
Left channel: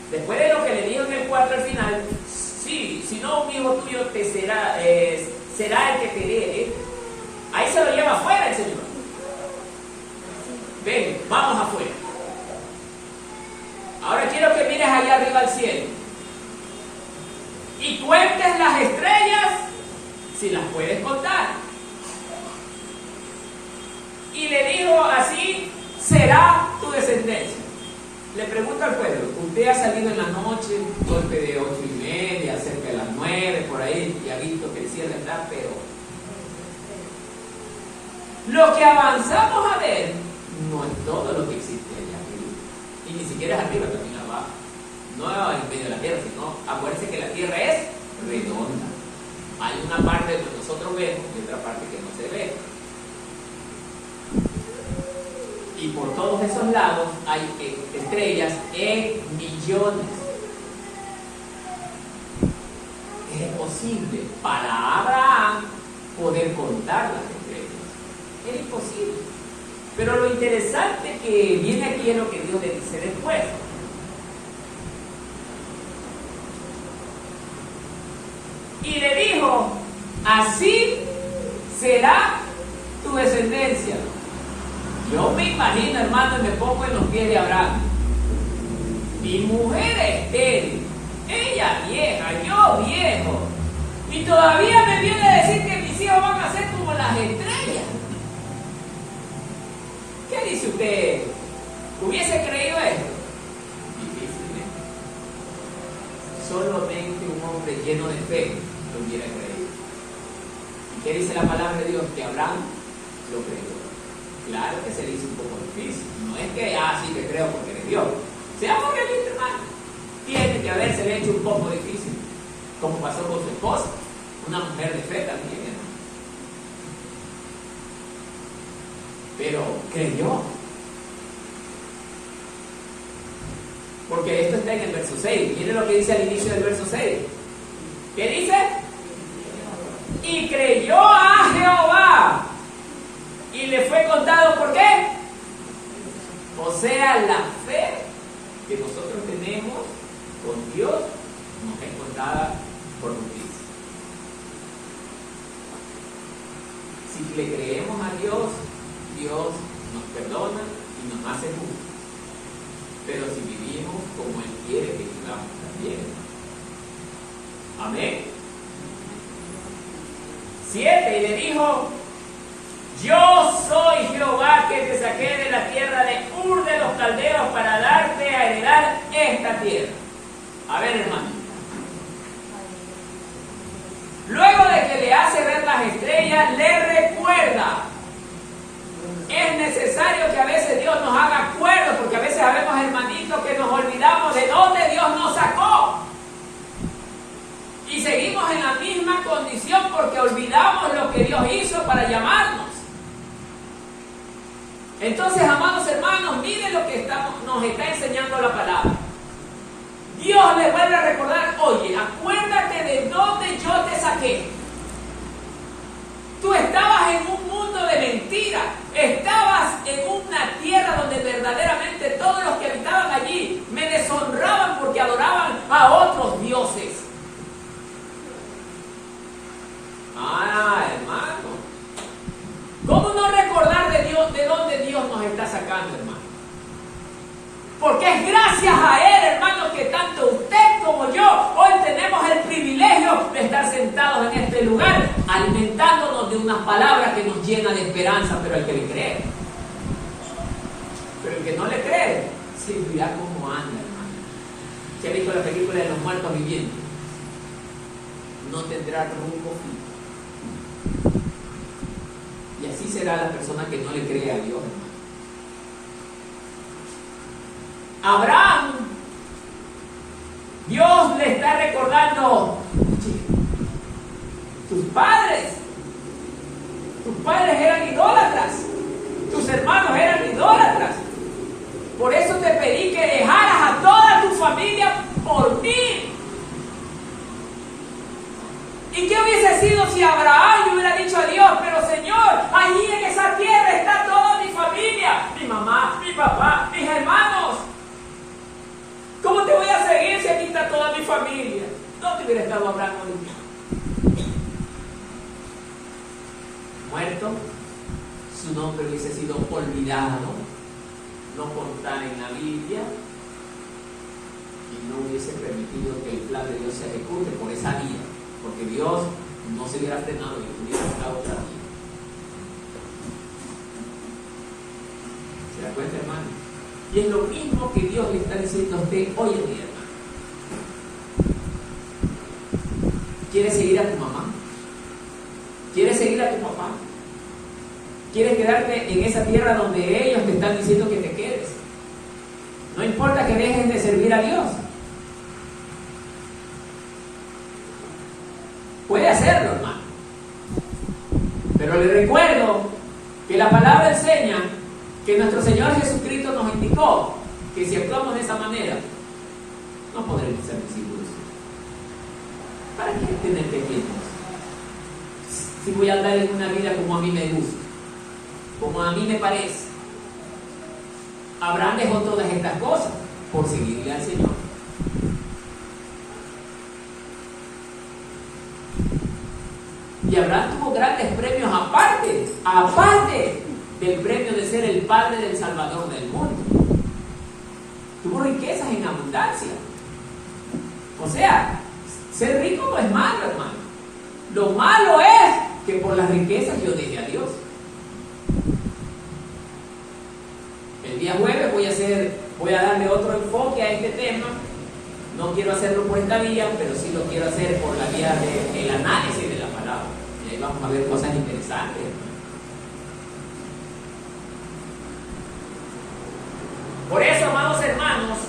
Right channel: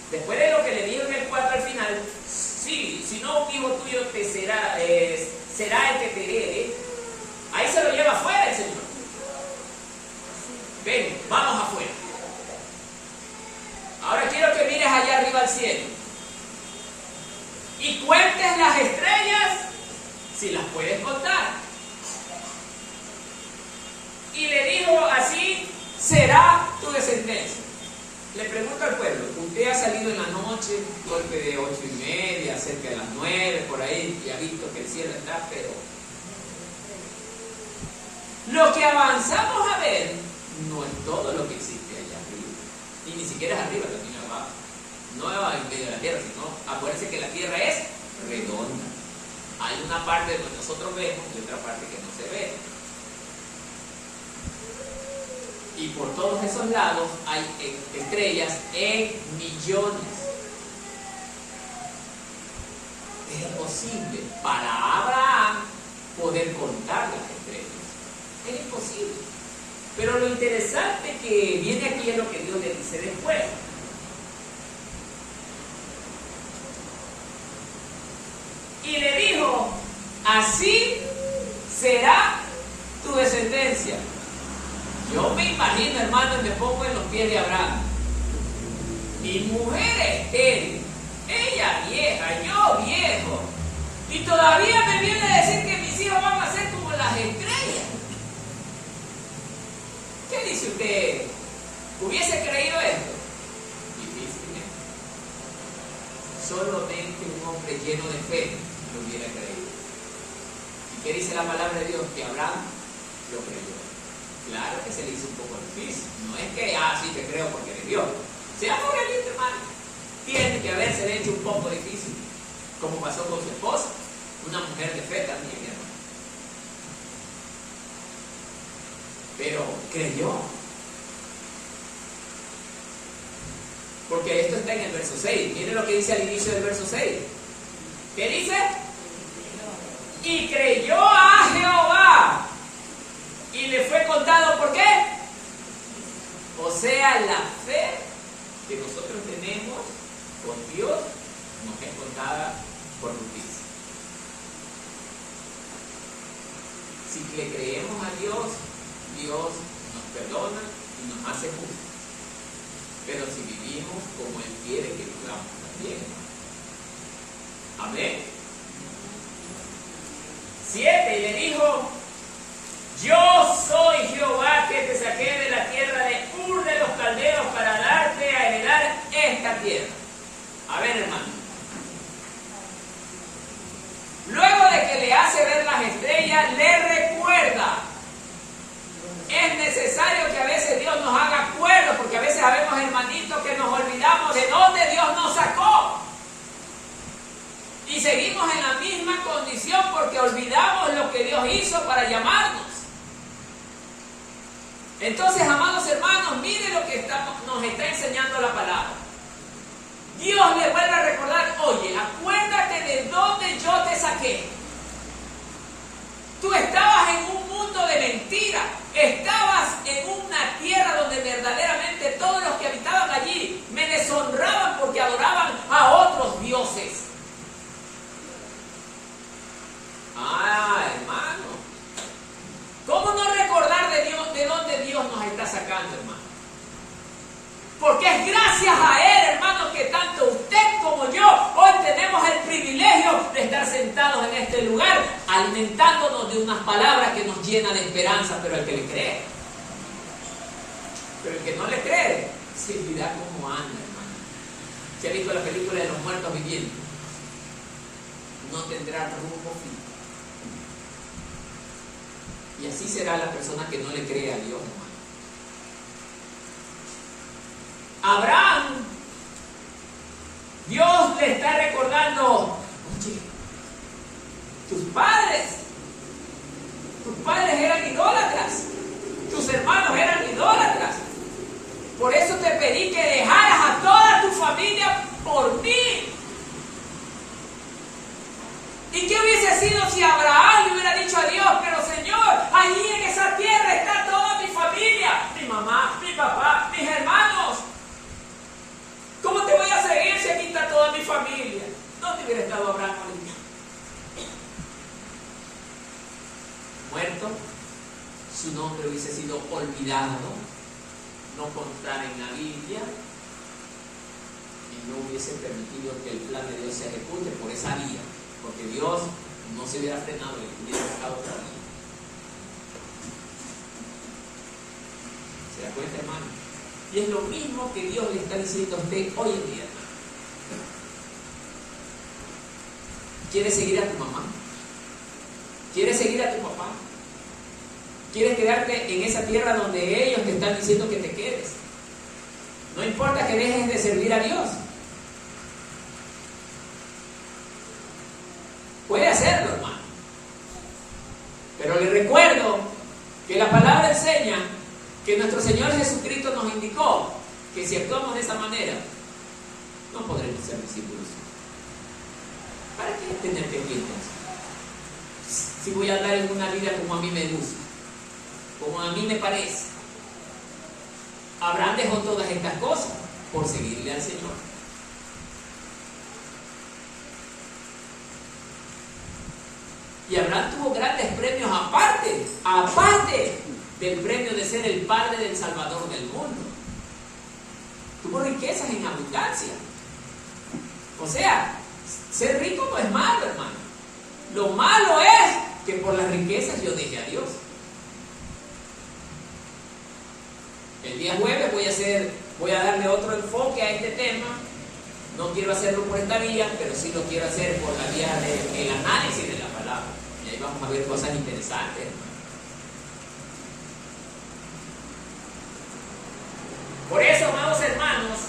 después de lo que le dijo en el 4 al final, sí, si no un hijo tuyo te será el que te herede. Ahí se lo lleva afuera el Señor. Ven, vamos afuera. Ahora quiero que mires allá arriba al cielo. y cuentes las estrellas si las puedes contar. Y le dijo, así será tu descendencia. Le pregunto al pueblo, ¿usted ha salido en la noche, golpe de 8:30, cerca de las 9, por ahí, y ha visto que el cielo está, pero lo que avanzamos a ver no es todo lo que existe allá arriba, y ni siquiera es arriba, también abajo, no en medio de la tierra, sino acuérdense que la tierra es redonda. Hay una parte donde nosotros vemos y otra parte que no se ve. Y por todos esos lados hay estrellas en millones. Es imposible para Abraham poder contar las estrellas. Es imposible. Pero lo interesante que viene aquí es lo que Dios le dice después. Y le dijo, así será tu descendencia. Yo me imagino, hermano, y me pongo en los pies de Abraham. Mi mujer estéril, ella vieja, yo viejo, y todavía me viene a decir que mis hijos van a ser como las estrellas. ¿Qué dice usted? ¿Hubiese creído esto? Difícilmente. Solamente un hombre lleno de fe lo hubiera creído. ¿Y qué dice la palabra de Dios? Que Abraham lo creyó. Claro que se le hizo un poco difícil. No es que, sí te creo porque eres Dios. Seamos realistas, hermano. Tiene que haberse hecho un poco difícil. Como pasó con su esposa. Una mujer de fe también, hermano. Pero creyó. Porque esto está en el verso 6. Miren lo que dice al inicio del verso 6. ¿Qué dice? Y creyó a Jehová. Y le fue contado, ¿por qué? O sea, la fe que nosotros tenemos con Dios nos es contada por justicia. Si le creemos a Dios, Dios nos perdona y nos hace justos. Pero si vivimos como Él quiere que vivamos también. Amén. 7, y le dijo, yo soy Jehová que te saqué de la tierra de Ur de los Caldeos para darte a heredar esta tierra. A ver, hermano. Luego de que le hace ver las estrellas, le recuerda. Es necesario que a veces Dios nos haga acuerdos, porque a veces sabemos, hermanitos, que nos olvidamos de dónde Dios nos sacó. Y seguimos en la misma condición porque olvidamos lo que Dios hizo para llamarnos. Entonces, amados hermanos, miren lo que nos está enseñando la palabra. Dios les vuelve a recordar, oye, acuérdate de dónde yo te saqué. Tú estabas en un mundo de mentira, estabas en una tierra donde verdaderamente todos los que habitaban allí me deshonraban porque adoraban a otros dioses. Hermano, ¿cómo no recordar de Dios, de dónde Dios nos está sacando, hermano? Porque es gracias a Él, hermano, que tanto usted como yo hoy tenemos el privilegio de estar sentados en este lugar, alimentándonos de unas palabras que nos llenan de esperanza, pero el que le cree. Pero el que no le cree, se mira cómo anda, hermano. ¿Se ha visto la película de los muertos vivientes? No tendrá rumbo fijo. Y así será la persona que no le cree a Dios, hermano. Abraham, Dios le está recordando, oye, tus padres eran idólatras, tus hermanos eran idólatras. Por eso te pedí que dejaras a toda tu familia por mí. ¿Y qué hubiese sido si Abraham le hubiera dicho a Dios, pero Señor, allí en esa tierra está toda mi familia, mi mamá, mi papá, mis hermanos? ¿Cómo te voy a seguir si aquí está toda mi familia? ¿Dónde hubiera estado Abraham hoy? Muerto, su nombre hubiese sido olvidado, no contar en la Biblia, y no hubiese permitido que el plan de Dios se ejecute por esa vía, porque Dios no se hubiera frenado y hubiera sacado otra vía. ¿Se da cuenta, hermano? Y es lo mismo que Dios le está diciendo a usted hoy en día, hermano. ¿Quieres seguir a tu mamá? ¿Quieres seguir a tu papá? ¿Quieres quedarte en esa tierra donde ellos te están diciendo que te quedes? No importa que dejes de servir a Dios. Puede hacerlo, hermano. Pero le recuerdo que la palabra enseña que nuestro Señor Jesucristo nos indicó que si actuamos de esa manera, no podremos ser discípulos. ¿Para qué tener pendientes? Si voy a andar en una vida como a mí me gusta, como a mí me parece. Abraham dejó todas estas cosas por seguirle al Señor. Y Abraham tuvo grandes premios aparte del premio de ser el padre del Salvador del mundo. Tuvo riquezas en abundancia. O sea, ser rico no es malo, hermano. Lo malo es que por las riquezas yo deje a Dios. El día jueves voy a darle otro enfoque a este tema. No quiero hacerlo por esta vía, pero sí lo quiero hacer por la vía del análisis de la palabra. Y ahí vamos a ver cosas interesantes, hermano. Por eso, amados hermanos,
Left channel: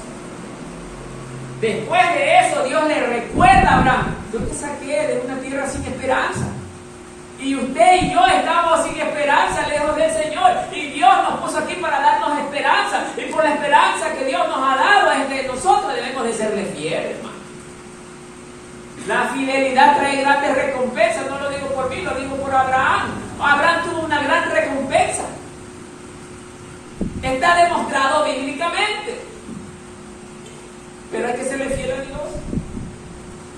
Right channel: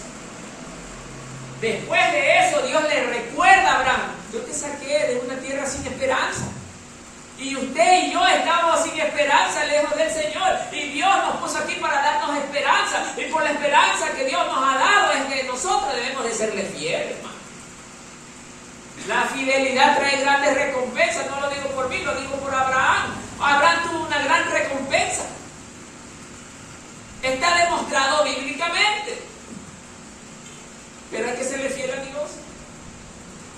después de eso Dios le recuerda a Abraham: yo te saqué de una tierra sin esperanza. Y usted y yo estamos sin esperanza, lejos del Señor. Y Dios nos puso aquí para darnos esperanza. Y por la esperanza que Dios nos ha dado es que nosotros debemos de serle fieles, hermano. La fidelidad trae grandes recompensas. No lo digo por mí, lo digo por Abraham. Abraham tuvo una gran recompensa. Está demostrado bíblicamente. Pero hay que serle fiel a Dios.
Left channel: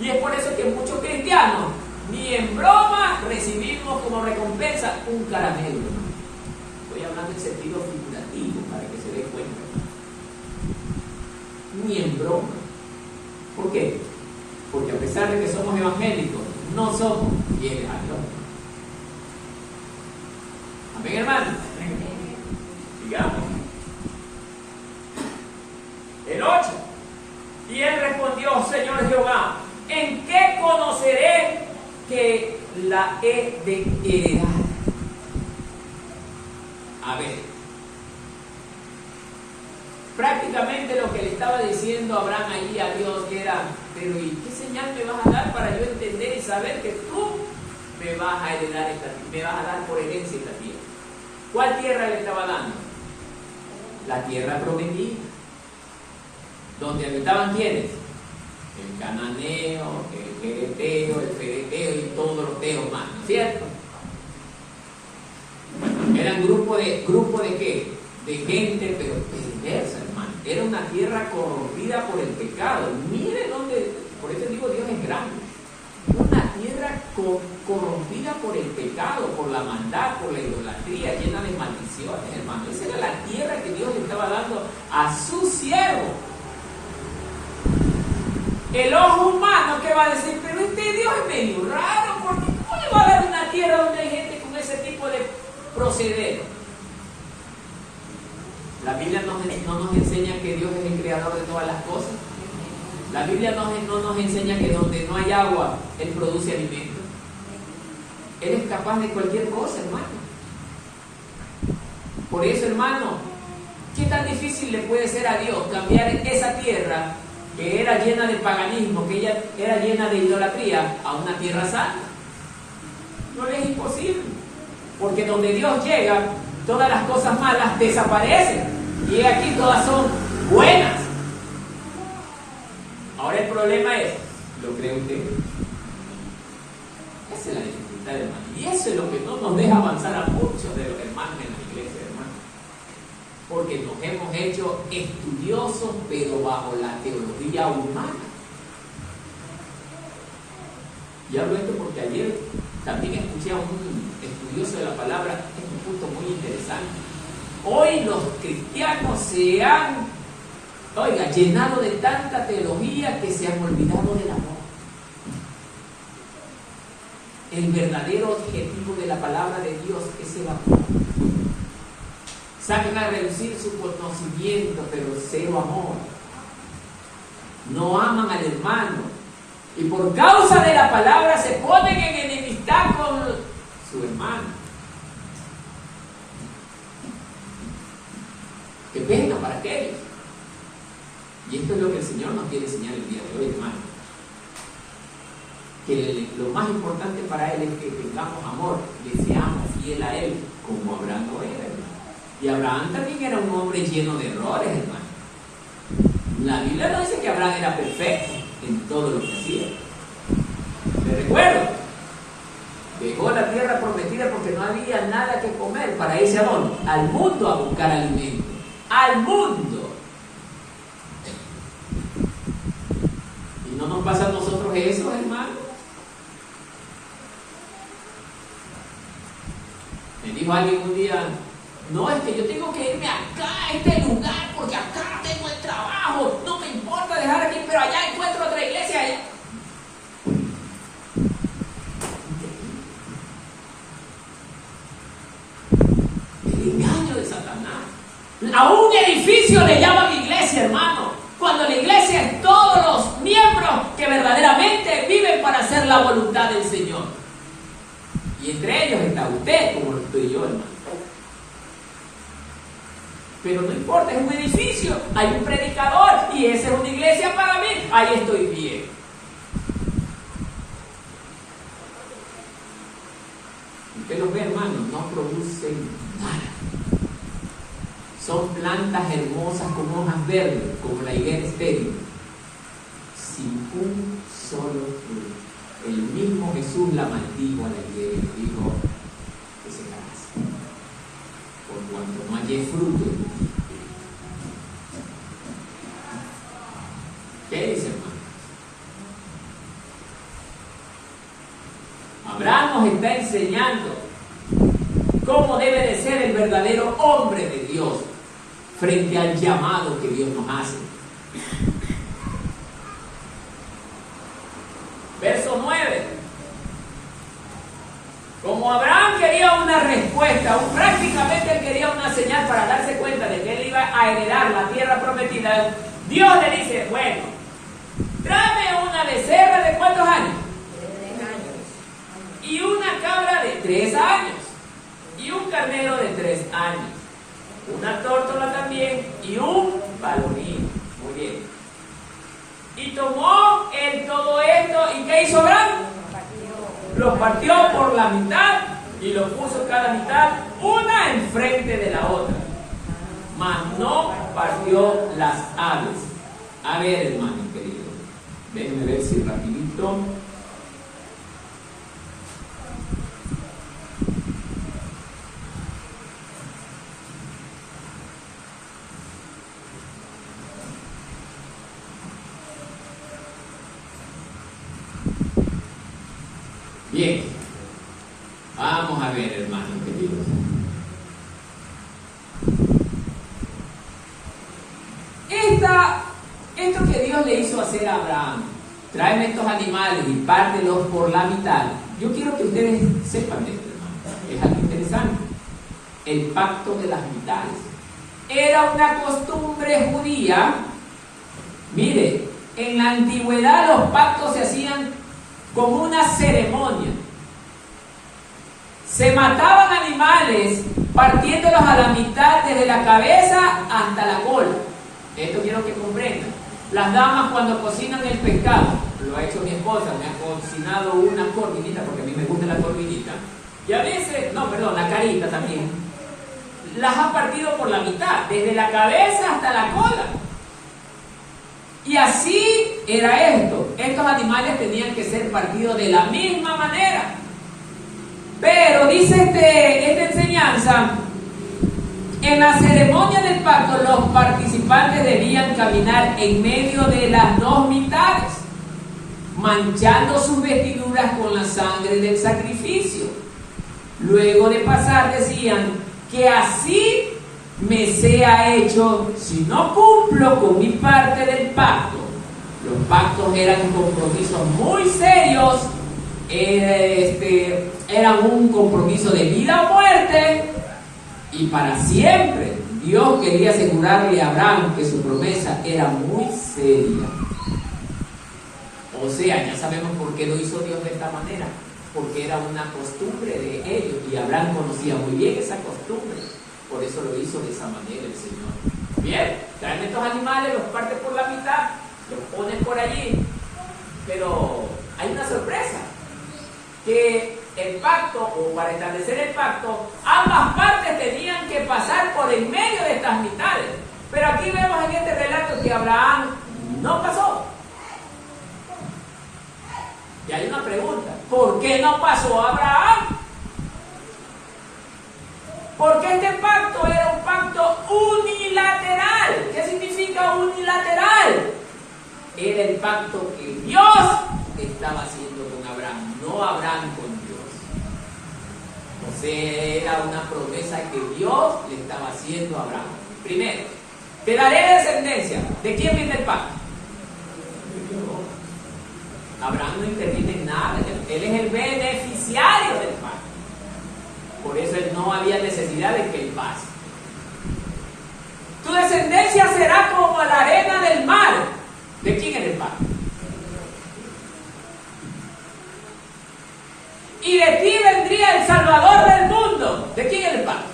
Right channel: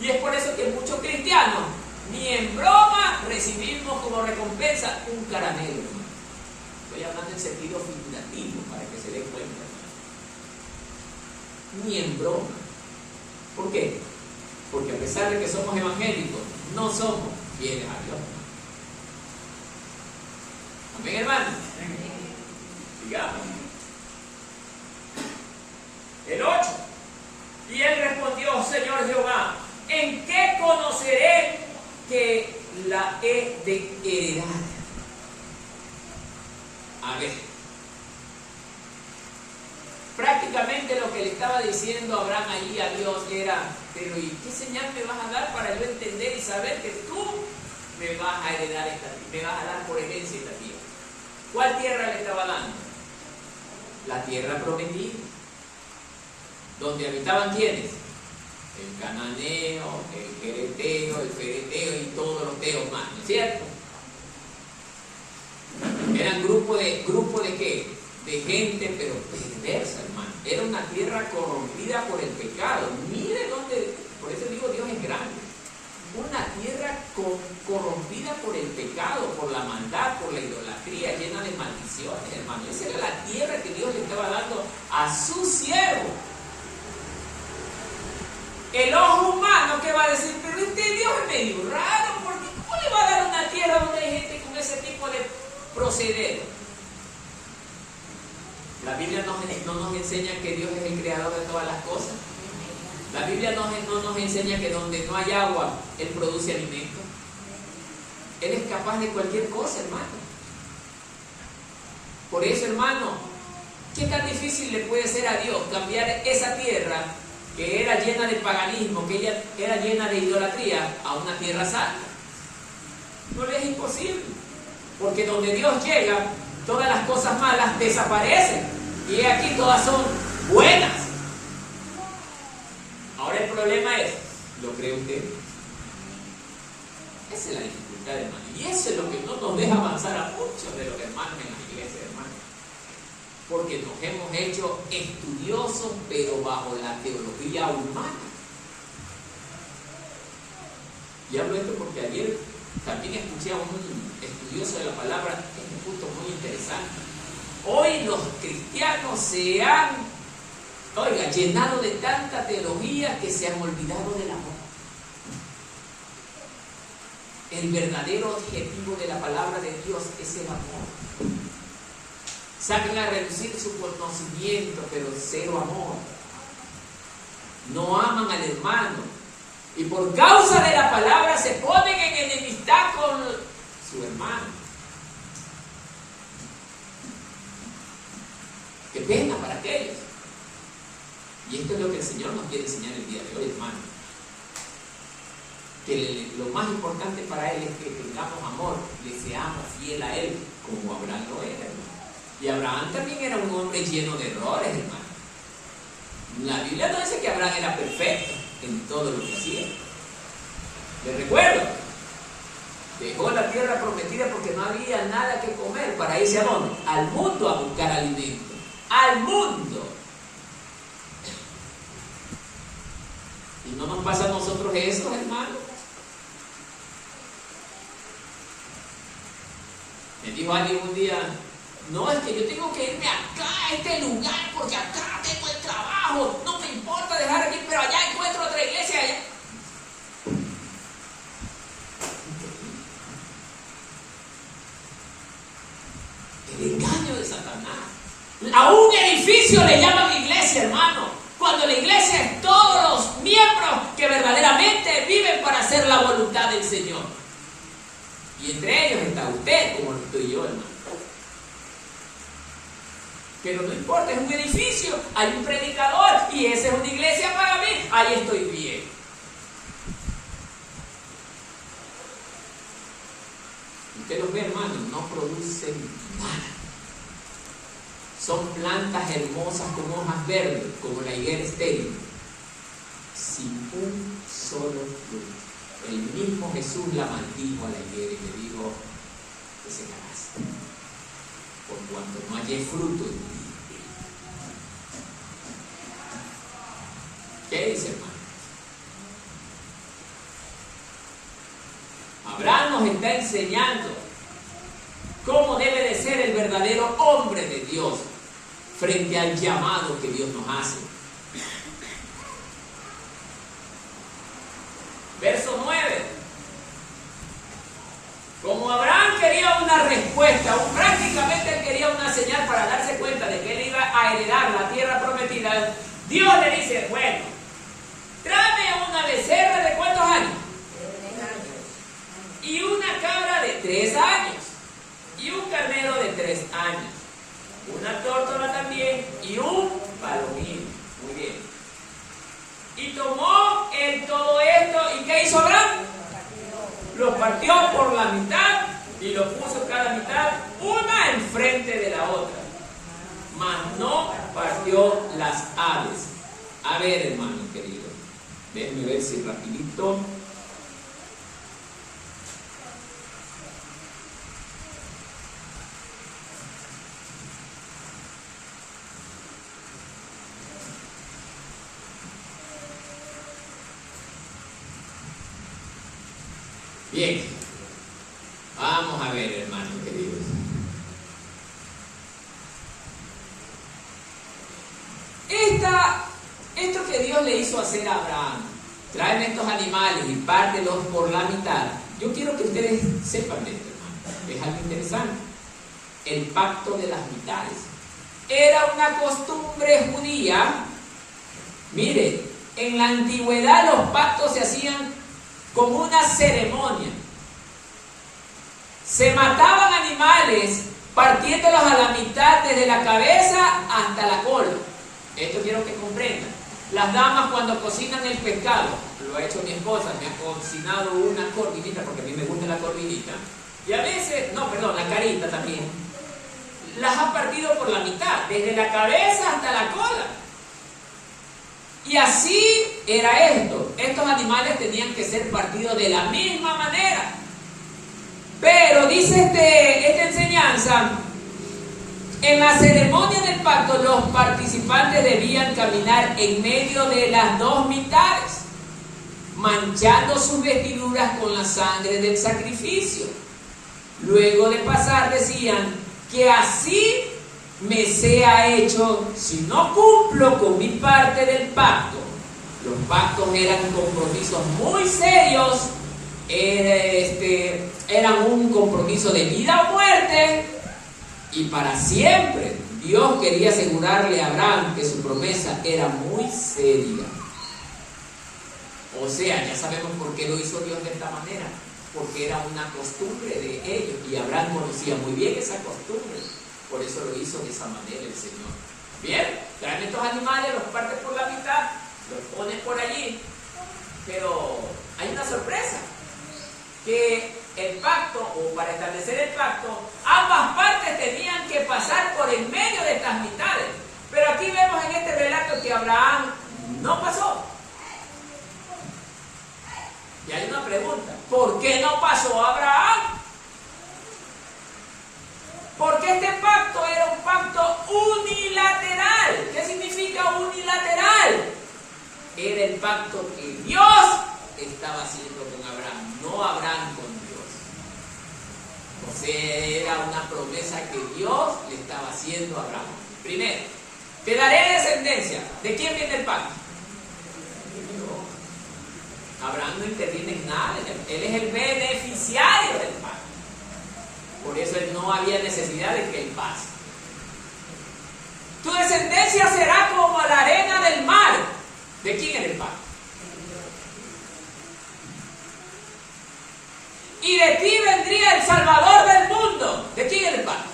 Y es por eso que muchos cristianos, ni en broma, recibimos como recompensa un caramelo, hermano. Estoy hablando en sentido figurativo para que se dé cuenta, hermano. Ni en broma. ¿Por qué? Porque a pesar de que somos evangélicos, no somos fieles a Dios. Amén, hermano. Digamos. El 8. Y él respondió: Señor Jehová, ¿en qué conoceré que la he de heredar? A ver, prácticamente lo que le estaba diciendo Abraham allí a Dios era: pero ¿y qué señal me vas a dar para yo entender y saber que tú me vas a heredar me vas a dar por herencia esta tierra? ¿Cuál tierra le estaba dando? La tierra prometida, donde habitaban ¿quiénes? El cananeo, el quereteo, el fereteo y todos los teos más, ¿cierto? Eran grupo de ¿qué? De gente, pero perversa, hermano. Era una tierra corrompida por el pecado. Mire dónde, por eso digo, Dios es grande. Una tierra corrompida por el pecado, por la maldad, por la idolatría, llena de maldiciones, hermano. Esa era la tierra que Dios le estaba dando a su siervo. El ojo humano que va a decir: pero este Dios es medio raro, porque ¿cómo le va a dar una tierra donde hay gente con ese tipo de proceder? La Biblia no nos enseña que Dios es el creador de todas las cosas. La Biblia no nos enseña que donde no hay agua, Él produce alimento. Él es capaz de cualquier cosa, hermano. Por eso, hermano, ¿qué tan difícil le puede ser a Dios cambiar esa tierra que era llena de paganismo, que ella era llena de idolatría, a una tierra santa? No le es imposible, porque donde Dios llega, todas las cosas malas desaparecen, y aquí todas son buenas. Ahora el problema es: ¿lo cree usted? Esa es la dificultad, hermano, y eso es lo que no nos deja avanzar a muchos de los hermanos en la iglesia, hermano. Porque nos hemos hecho estudiosos, pero bajo la teología humana. Y hablo esto porque ayer también escuché a un estudioso de la palabra en un punto muy interesante. Hoy los cristianos se han, llenado de tanta teología que se han olvidado del amor. el verdadero objetivo de la palabra de Dios es el amor. Sacan a reducir su conocimiento, pero cero amor. No aman al hermano. Y por causa de la palabra se ponen en enemistad con su hermano. Qué pena para aquellos. Y esto es lo que el Señor nos quiere enseñar el día de hoy, hermano. Que lo más importante para Él es que tengamos amor, le seamos fiel a Él, como Abraham lo era, hermano. Y Abraham también era un hombre lleno de errores, hermano. La Biblia no dice que Abraham era perfecto en todo lo que hacía. Me recuerdo, dejó la tierra prometida porque no había nada que comer para irse a dónde? Al mundo a buscar alimento. Al mundo. ¿Y no nos pasa a nosotros eso, hermano? Me dijo alguien un día, no, es que yo tengo que irme acá a este lugar porque acá tengo el trabajo, no me importa dejar aquí, pero allá encuentro otra iglesia allá. El engaño de Satanás. A un edificio le llaman iglesia, hermano, cuando la iglesia es todos los miembros que verdaderamente viven para hacer la voluntad del Señor. Y entre ellos está usted, como lo estoy yo, hermano. Pero no importa, es un edificio, hay un predicador y esa es una iglesia para mí, ahí estoy bien. Usted los ve, hermano, no producen nada. Son plantas hermosas con hojas verdes, como la higuera estéril, sin un solo fruto. El mismo Jesús la maldijo a la higuera y le dijo que se calase, por cuanto no hallé fruto. ¿Qué dice, hermano? Abraham nos está enseñando cómo debe de ser el verdadero hombre de Dios frente al llamado que Dios nos hace. Verso 9. Como Abraham quería una respuesta, prácticamente él quería una señal para darse cuenta de que él iba a heredar la tierra prometida, Dios le dice, bueno, tráeme una becerra de ¿cuántos años? 3 años. Y una cabra de 3 años. Y un carnero de 3 años. Una tórtola también y un palomino. Muy bien. Y tomó él todo esto, ¿y qué hizo Abraham? Los partió por la mitad y los puso cada mitad, una enfrente de la otra. Mas no partió las aves. A ver, hermano querido, déjenme ver si rapidito. Bien, vamos a ver, hermanos queridos. Esto que Dios le hizo hacer a Abraham, traen estos animales y pártelos por la mitad. Yo quiero que ustedes sepan de esto, hermano. Es algo interesante. El pacto de las mitades. Era una costumbre judía. Mire, en la antigüedad los pactos se hacían como una ceremonia. Se mataban animales partiéndolos a la mitad desde la cabeza hasta la cola. Esto quiero que comprendan. Las damas cuando cocinan el pescado, lo ha hecho mi esposa, me ha cocinado una corvinita porque a mí me gusta la corvinita. Y a veces, la carita también. Las ha partido por la mitad, desde la cabeza hasta la cola. Y así era esto. Estos animales tenían que ser partidos de la misma manera. Pero dice esta enseñanza, en la ceremonia del pacto los participantes debían caminar en medio de las dos mitades, manchando sus vestiduras con la sangre del sacrificio. Luego de pasar decían que así me sea hecho si no cumplo con mi parte del pacto. Los pactos eran compromisos muy serios Era un compromiso de vida o muerte y para siempre. Dios quería asegurarle a Abraham que su promesa era muy seria. O sea, ya sabemos por qué lo hizo Dios de esta manera, porque era una costumbre de ellos y Abraham conocía muy bien esa costumbre. Por eso lo hizo de esa manera el Señor. Bien, traen estos animales, los parte por la mitad, los ponen por allí, pero hay una sorpresa, que el pacto, o para establecer el pacto, ambas partes tenían que pasar por en medio de estas mitades. Pero aquí vemos en este relato que Abraham no pasó. Y hay una pregunta, ¿por qué no pasó Abraham? Porque este pacto era un pacto unilateral. ¿Qué significa unilateral? Era el pacto que Dios estaba haciendo con Abraham, no Abraham con Dios. O sea, era una promesa que Dios le estaba haciendo a Abraham. Primero, te daré descendencia. ¿De quién viene el pacto? Abraham no interviene en nada, él es el beneficiario del pacto. Por eso él no había necesidad de que él pase. Tu descendencia será como la arena del mar. ¿De quién era el pacto? Y de ti vendría el Salvador del mundo. ¿De quién era el pacto?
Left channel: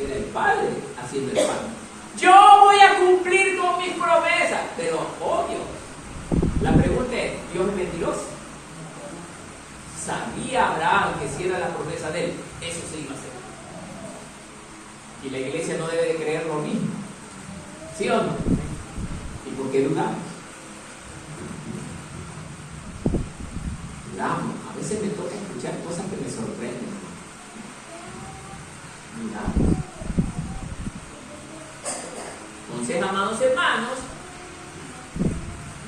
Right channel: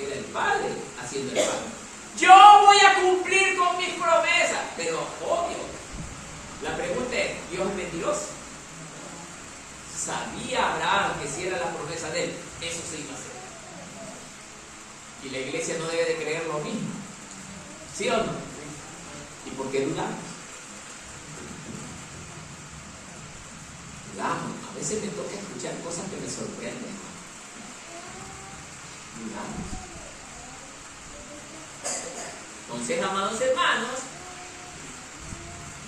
Era el Padre haciendo el pacto. Yo voy a cumplir con mis promesas. Pero obvio, la pregunta es, ¿Dios es mentiroso? ¿Sabía Abraham que si era la promesa de él, eso se iba a hacer? Y la iglesia no debe de creer lo mismo. ¿Sí o no? ¿Y por qué dudamos? Dudamos. A veces me toca escuchar cosas que me sorprenden. Dudamos. Entonces, amados hermanos,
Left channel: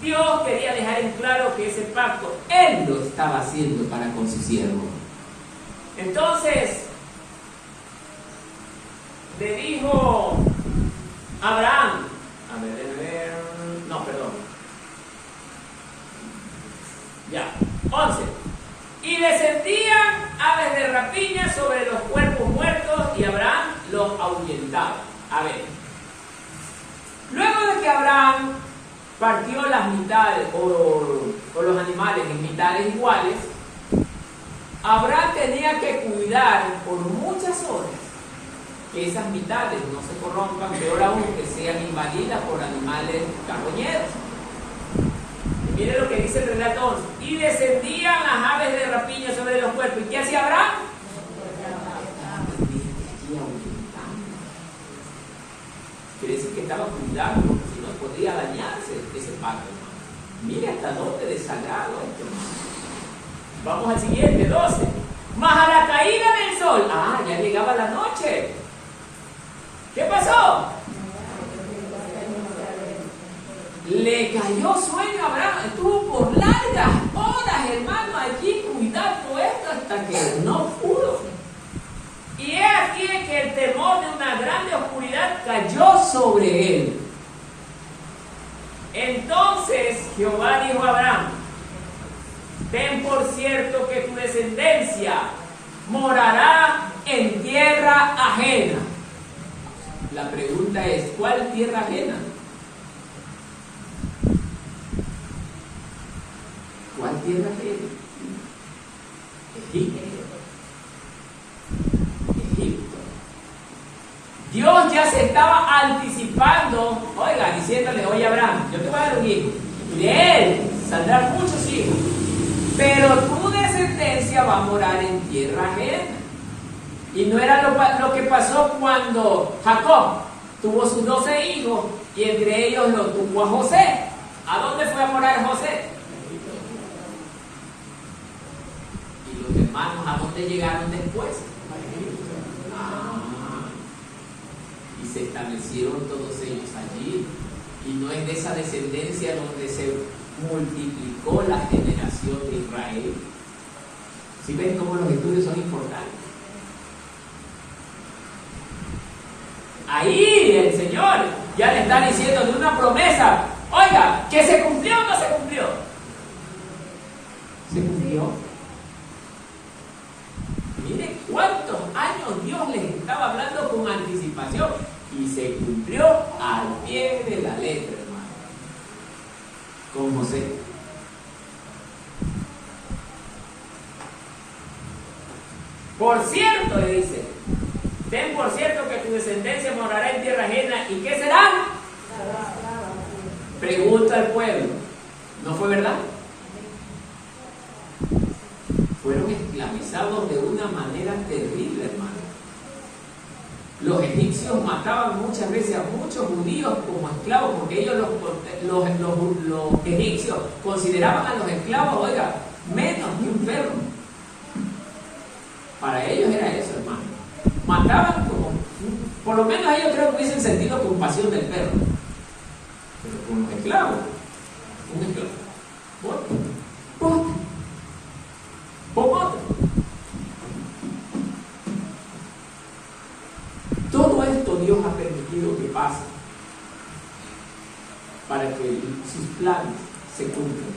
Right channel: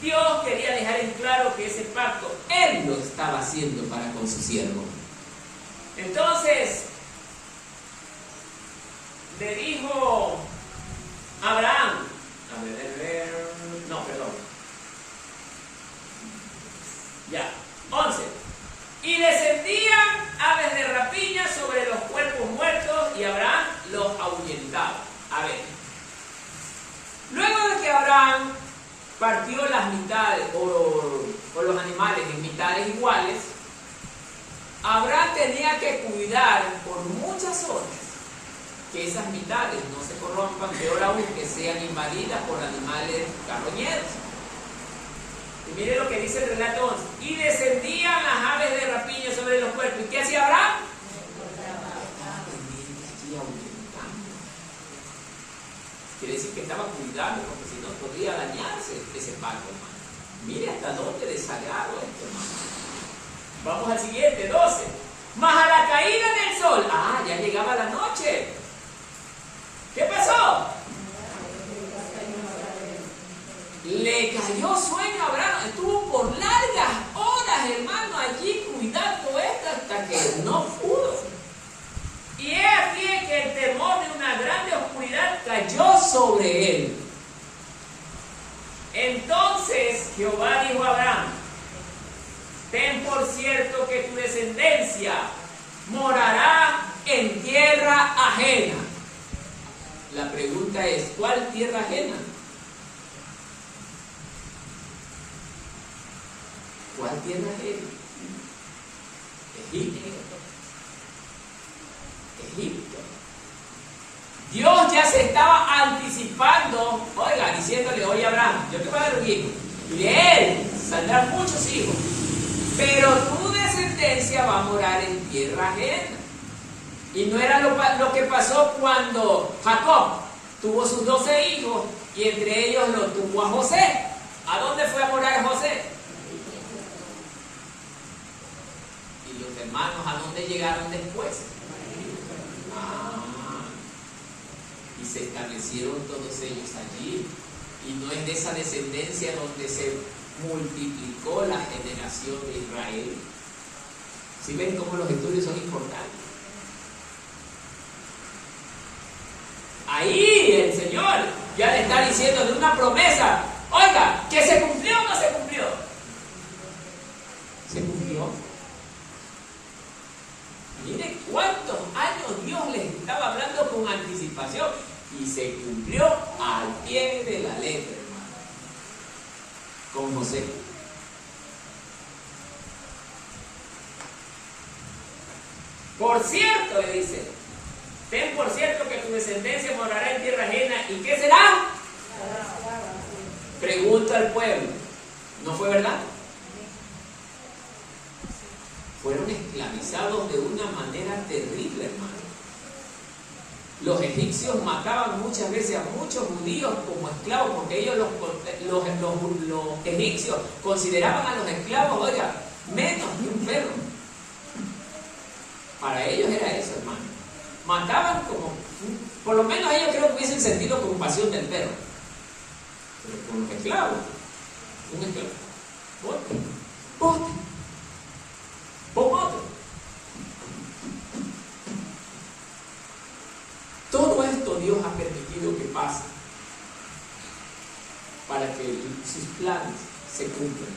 Dios quería dejar en claro que ese pacto Él lo estaba haciendo para con su siervo. Entonces, le dijo Abraham, ya, 11. Y descendían aves de rapiña sobre los cuerpos muertos y Abraham los ahuyentaba. A ver, luego de que Abraham partió las mitades o los animales en mitades iguales, Abraham tenía que cuidar por muchas horas que esas mitades no se corrompan, peor aún que sean invadidas por animales carroñeros. Y mire lo que dice el relato 11. Y descendían las aves de rapiña sobre los cuerpos. ¿Y qué hacía Abraham? Quiere decir que estaba cuidando, porque si no podría dañarse ese pacto, hermano. Mire hasta dónde desagrado esto, hermano. Vamos al siguiente, 12. Mas a la caída del sol, ya llegaba la noche. ¿Qué pasó? Le cayó sueño a Abraham. Estuvo por largas horas, hermano, allí cuidando esto hasta que no pudo. Y es aquí que el temor de una grande oscuridad cayó sobre él. Entonces Jehová dijo a Abraham: ten por cierto que tu descendencia morará en tierra ajena. La pregunta es, ¿cuál tierra ajena? ¿Cuál tierra ajena? Egipto. Dios ya se estaba anticipando, diciéndole: oye Abraham, yo te voy a dar un hijo, y de él saldrán muchos hijos, pero tu descendencia va a morar en tierra ajena. Y no era lo que pasó cuando Jacob tuvo sus 12 hijos, y entre ellos lo tuvo a José. ¿A dónde fue a morar José? Y los hermanos, ¿a dónde llegaron después? Y se establecieron todos ellos allí. Y no es de esa descendencia donde se multiplicó la generación de Israel. ¿Sí ven cómo los estudios son importantes? Ahí el Señor ya le está diciendo de una promesa. Oiga, ¿que se cumplió o no se cumplió? con José. Por cierto, le dice, ten por cierto que tu descendencia morará en tierra ajena. ¿Y qué será? Pregunta al pueblo. ¿No fue verdad? Fueron esclavizados de una manera terrible, hermano. Los egipcios mataban muchas veces a muchos judíos como esclavos, porque ellos los egipcios consideraban a los esclavos, oiga, menos que un perro. Para ellos era eso, hermano. Mataban como, por lo menos ellos creo que hubiesen sentido compasión del perro. Pero con los esclavos, un esclavo, bote, otro. Todo esto Dios ha permitido que pase para que sus planes se cumplan.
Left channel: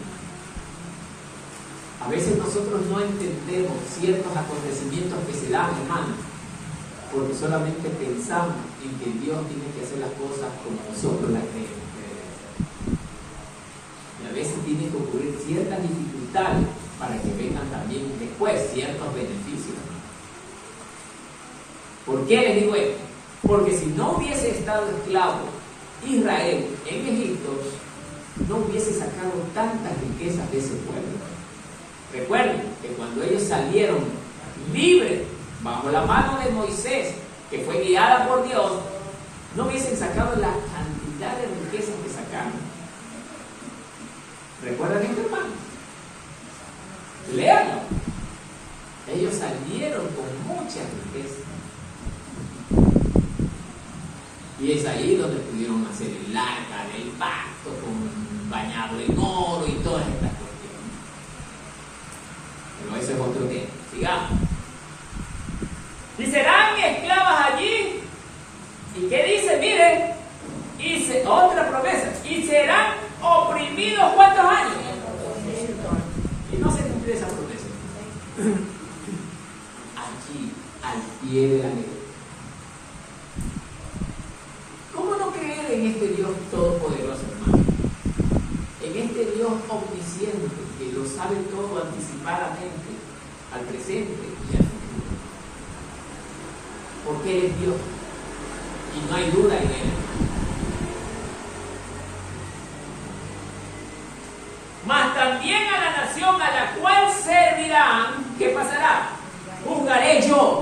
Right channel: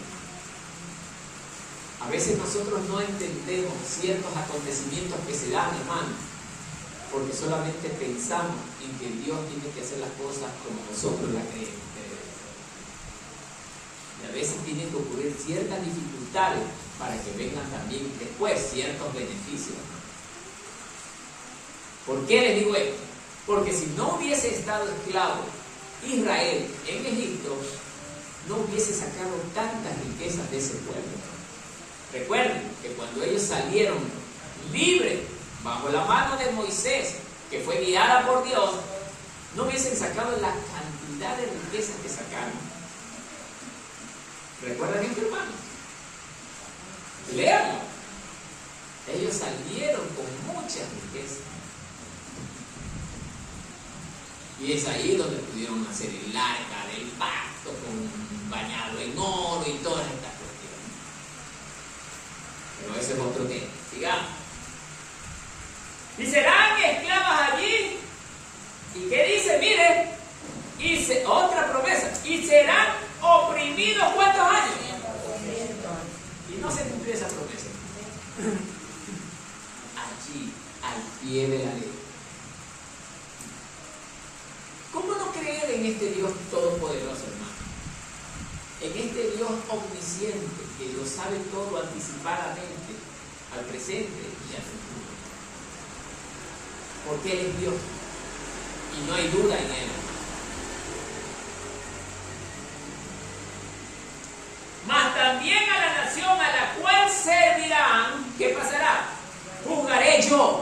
A veces nosotros no entendemos ciertos acontecimientos que se dan, hermano, porque solamente pensamos en que Dios tiene que hacer las cosas como nosotros las creemos que debe hacer. Y a veces tienen que ocurrir ciertas dificultades para que vengan también después ciertos beneficios, hermano. ¿Por qué les digo esto? Porque si no hubiese estado esclavo Israel en Egipto, no hubiese sacado tantas riquezas de ese pueblo. Recuerden que cuando ellos salieron libres bajo la mano de Moisés, que fue guiada por Dios, no hubiesen sacado la cantidad de riquezas que sacaron. ¿Recuerdan esto, hermano? Léanlo. Ellos salieron con muchas riquezas. Y es ahí donde pudieron hacer el arca del pacto, bañado en oro y todas estas cuestiones. Pero ese es otro tema. Sigamos. Y serán esclavas allí. ¿Y qué dice? Mire, otra promesa. Y serán oprimidos ¿cuántos años? Y no se cumplió esa promesa. Allí, al pie de la ley. ¿Cómo no creer en este Dios todopoderoso, hermano? En este Dios omnisciente que lo sabe todo anticipadamente, al presente y al futuro. Porque Él es Dios y no hay duda en Él. Mas también a la nación a la cual servirán, ¿qué pasará? Juzgaré yo.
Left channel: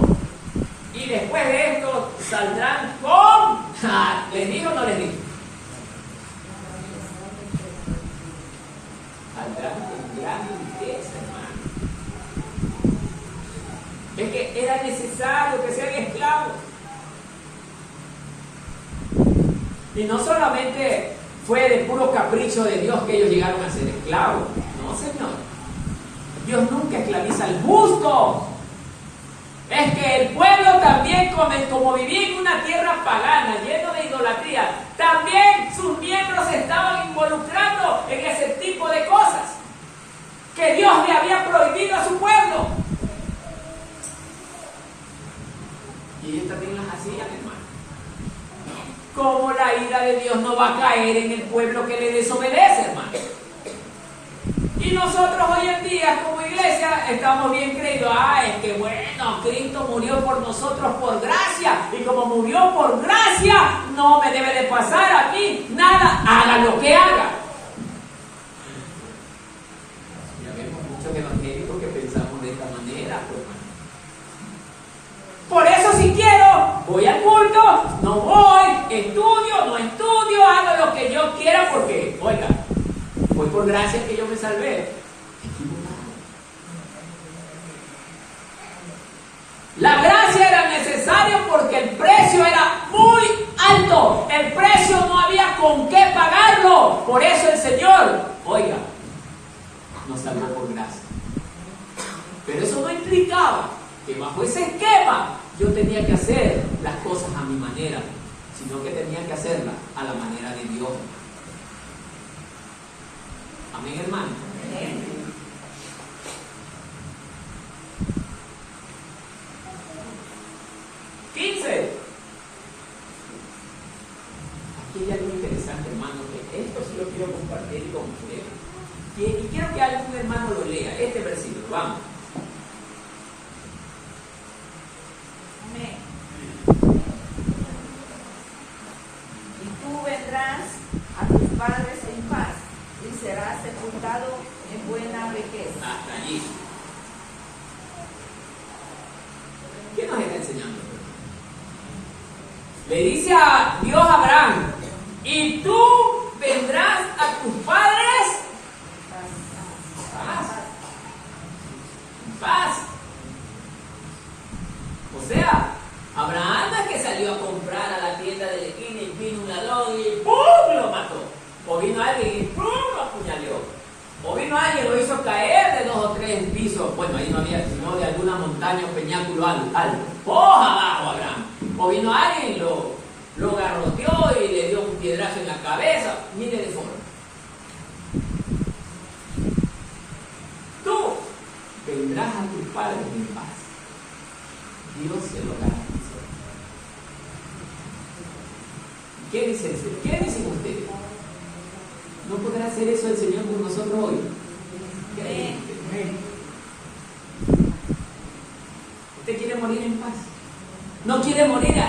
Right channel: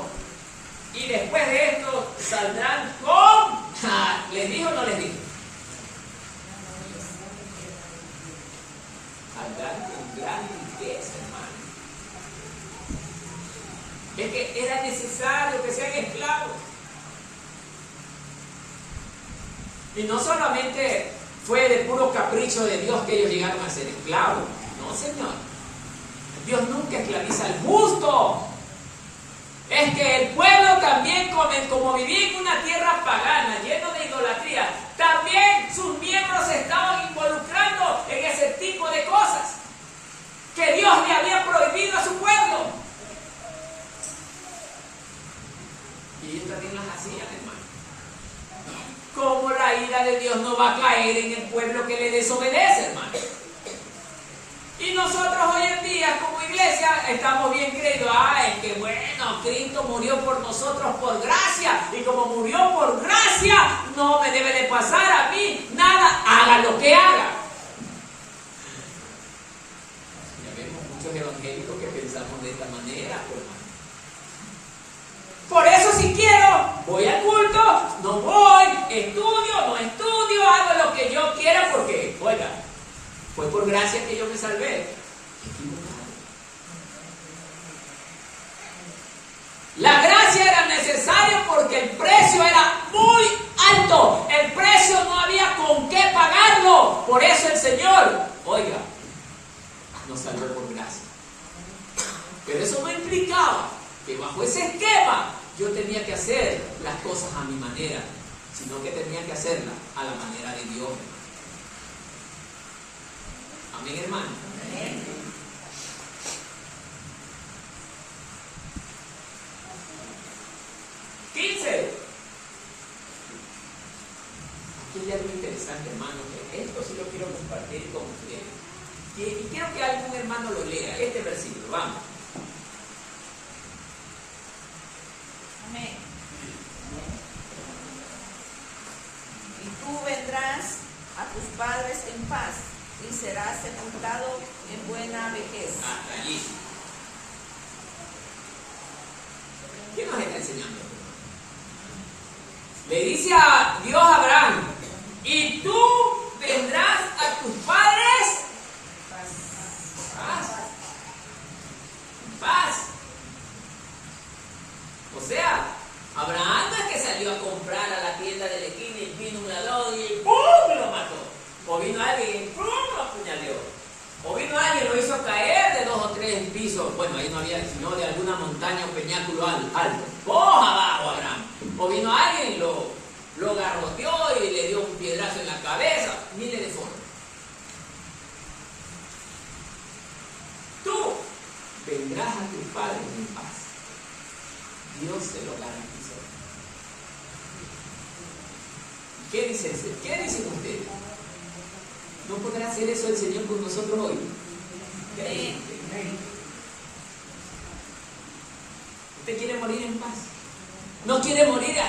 Y después de esto saldrán con... ¿Les dijo o no les dijo? Saldrán con gran riqueza, hermano. Es que era necesario que sean esclavos. Y no solamente fue de puro capricho de Dios que ellos llegaron a ser esclavos. No, Señor. Dios nunca esclaviza al justo. Es que el pueblo también, como vivía en una tierra pagana, lleno de idolatría, también sus miembros se estaban involucrando en ese tipo de cosas que Dios le había prohibido a su pueblo. Y ellos también las hacían, hermano. ¿Cómo la ira de Dios no va a caer en el pueblo que le desobedece, hermano? Y nosotros hoy en día como iglesia estamos bien creídos. Es que bueno, Cristo murió por nosotros por gracia. Y como murió por gracia, no me debe de pasar a mí nada, haga lo que haga. Ya vemos muchos evangélicos que pensamos de esta manera, hermano. Por eso si quiero, voy al culto, no voy, estudio, no estudio, hago lo que yo quiera porque, oiga, fue por gracia que yo me salvé. La gracia era necesaria porque el precio era muy alto. El precio no había con qué pagarlo. Por eso el Señor, oiga, nos salvó por gracia. Pero eso no implicaba que bajo ese esquema yo tenía que hacer las cosas a mi manera, sino que tenía que hacerlas a la manera de Dios. Amén, hermano. Amén. Aquí hay algo interesante, hermano, que esto sí lo quiero compartir cómo. Y quiero que algún hermano lo lea, este versículo, vamos. Amén. Y tú vendrás a tus padres en paz y serás sepultado en buena vejez. Hasta allí. ¿Qué nos está enseñando? Le dice a Dios a Abraham, y tú vendrás a tus padres en paz. O sea, Abraham no es que salió a comprar a la tienda de la esquina y vino un ladrón y ¡pum! Lo mató. O vino alguien y ¡pum! Lo apuñaleó. O vino alguien y lo hizo caer de 2 o 3 pisos. Bueno, ahí no había, sino de alguna montaña o peñáculo alto. ¡Poja abajo, Abraham! O vino alguien y lo garroteó y le dio un piedrazo en la cabeza. Mire de forma. Tú vendrás a tus padres en paz. Dios se lo garantizó. ¿Qué dicen ustedes? ¿No podrá hacer eso el Señor con nosotros hoy? ¿Usted quiere morir en paz? ¿No quiere morir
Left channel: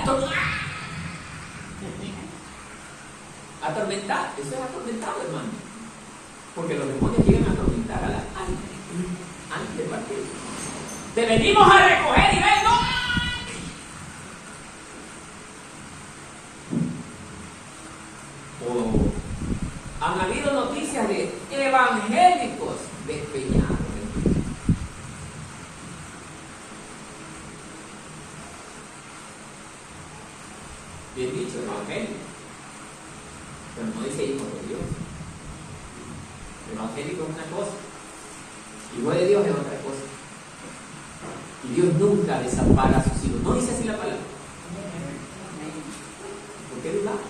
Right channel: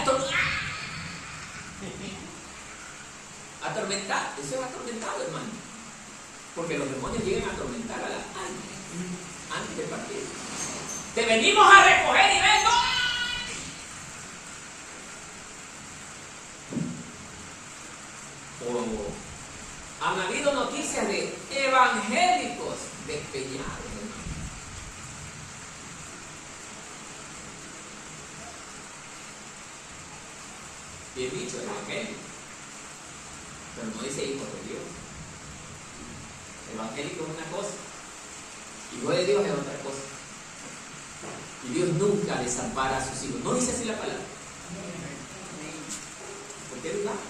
atormentado? Eso es atormentado, hermano. Porque los demonios llegan a atormentar a la alma antes de partir. Te venimos a recoger y ven, ¡no! Han habido noticias de evangélicos despeñados. Bien dicho, evangélico, pero no dice hijo de Dios. Evangélico es una cosa, hijo de Dios es otra cosa. Y Dios nunca desampara a sus hijos. No dice así la palabra. ¿Por qué dudamos?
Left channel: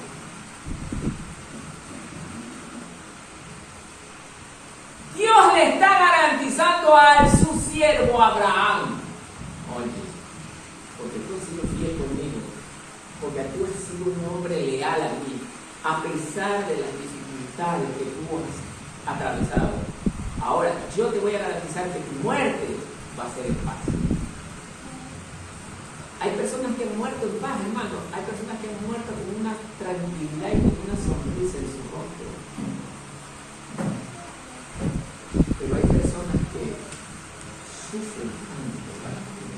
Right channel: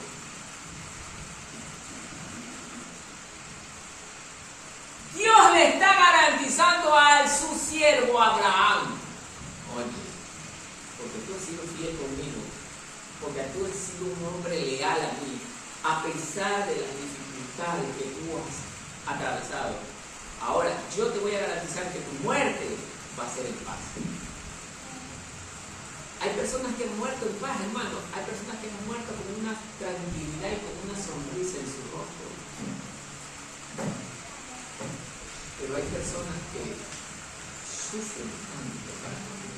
Dios le está garantizando a su siervo Abraham. Oye, porque tú has sido fiel conmigo, porque tú has sido un hombre leal a mí, a pesar de las dificultades que tú has atravesado. Ahora, yo te voy a garantizar que tu muerte va a ser en paz. Hay personas que han muerto en paz, hermano. Hay personas que han muerto con una tranquilidad y con una sonrisa en su rostro. Pero hay personas que sufren tanto para morir.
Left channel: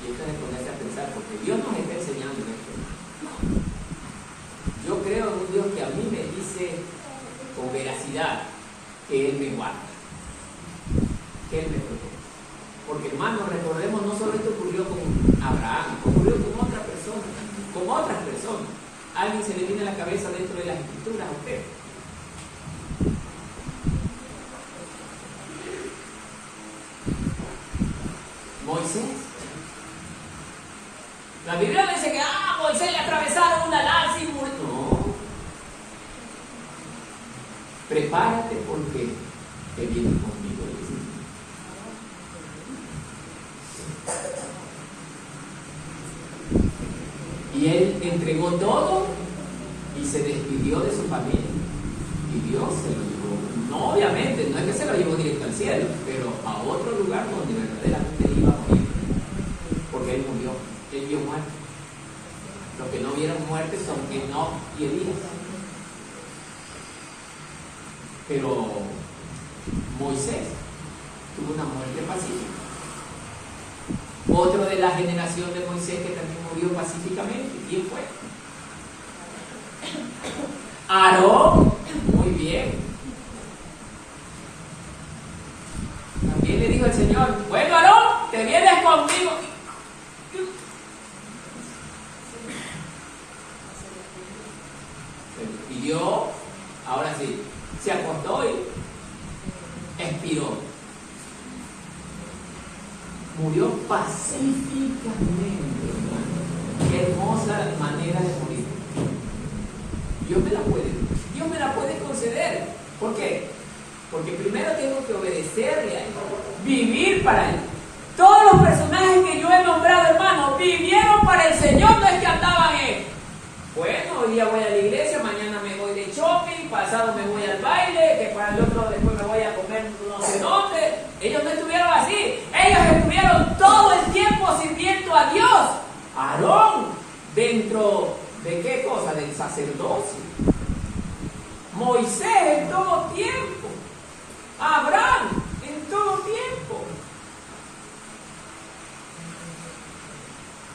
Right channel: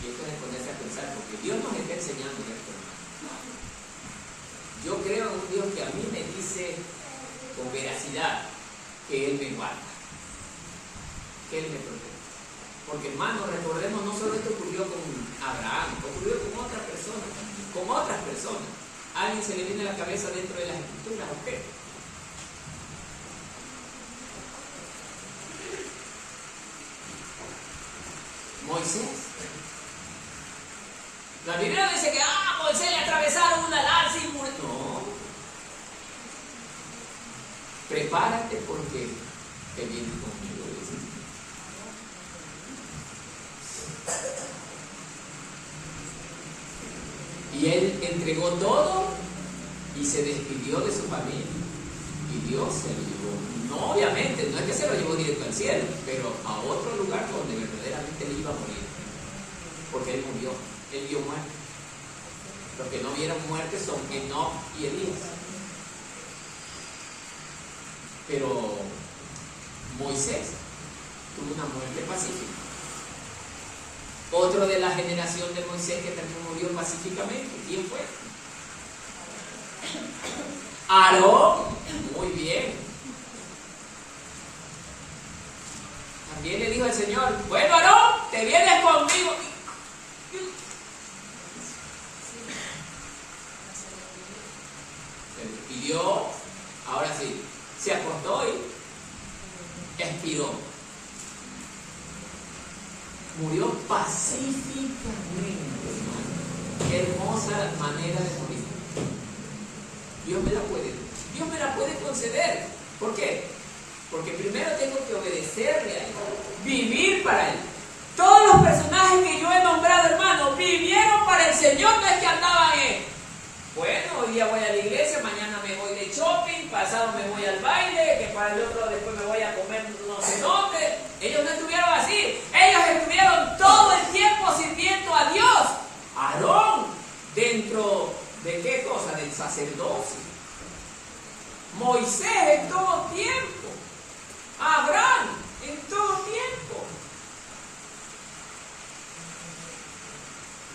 Y esto es ponerse a pensar, porque Dios nos está enseñando esto. Yo creo en un Dios que a mí me dice con veracidad que Él me guarda, que Él me protege. Porque, hermano, recordemos, no solo esto ocurrió con Abraham, ocurrió con otras personas, con otras personas. ¿Alguien se le viene a la cabeza dentro de las Escrituras a usted? Moisés. La Biblia dice que Moisés le atravesaron una lanza y murió. No. Prepárate porque te vienes conmigo. Y él entregó todo y se despidió de su familia. Y Dios se lo llevó. No, obviamente, no es que se lo llevó directo al cielo, pero a otro lugar donde verdaderamente él iba a morir. Porque él murió, él vio muerte. Los que no vieron muerte son Enoc y Elías. Pero Moisés tuvo una muerte pacífica. Otro de la generación de Moisés que también murió pacíficamente. ¿Quién fue? Aarón. Muy bien. También le dijo el Señor, bueno, Aarón, te vienes conmigo. Se pidió, ahora sí, se acostó y expiró. Murió pacíficamente, hermano. Qué hermosa manera de morir. Dios me la puede conceder. ¿Por qué? Porque primero tengo que obedecerle a Él, vivir para Él. Todos los personajes que yo he nombrado, hermano, vivieron para el Señor, no es que andaban en, bueno, hoy día voy a la iglesia, mañana pasado me voy al baile, que para el otro después me voy a comer no sé dónde. Ellos no estuvieron así. Ellos estuvieron todo el tiempo sirviendo a Dios. Aarón, dentro de qué cosa, del sacerdocio. Moisés en todo tiempo. Abraham en todo tiempo.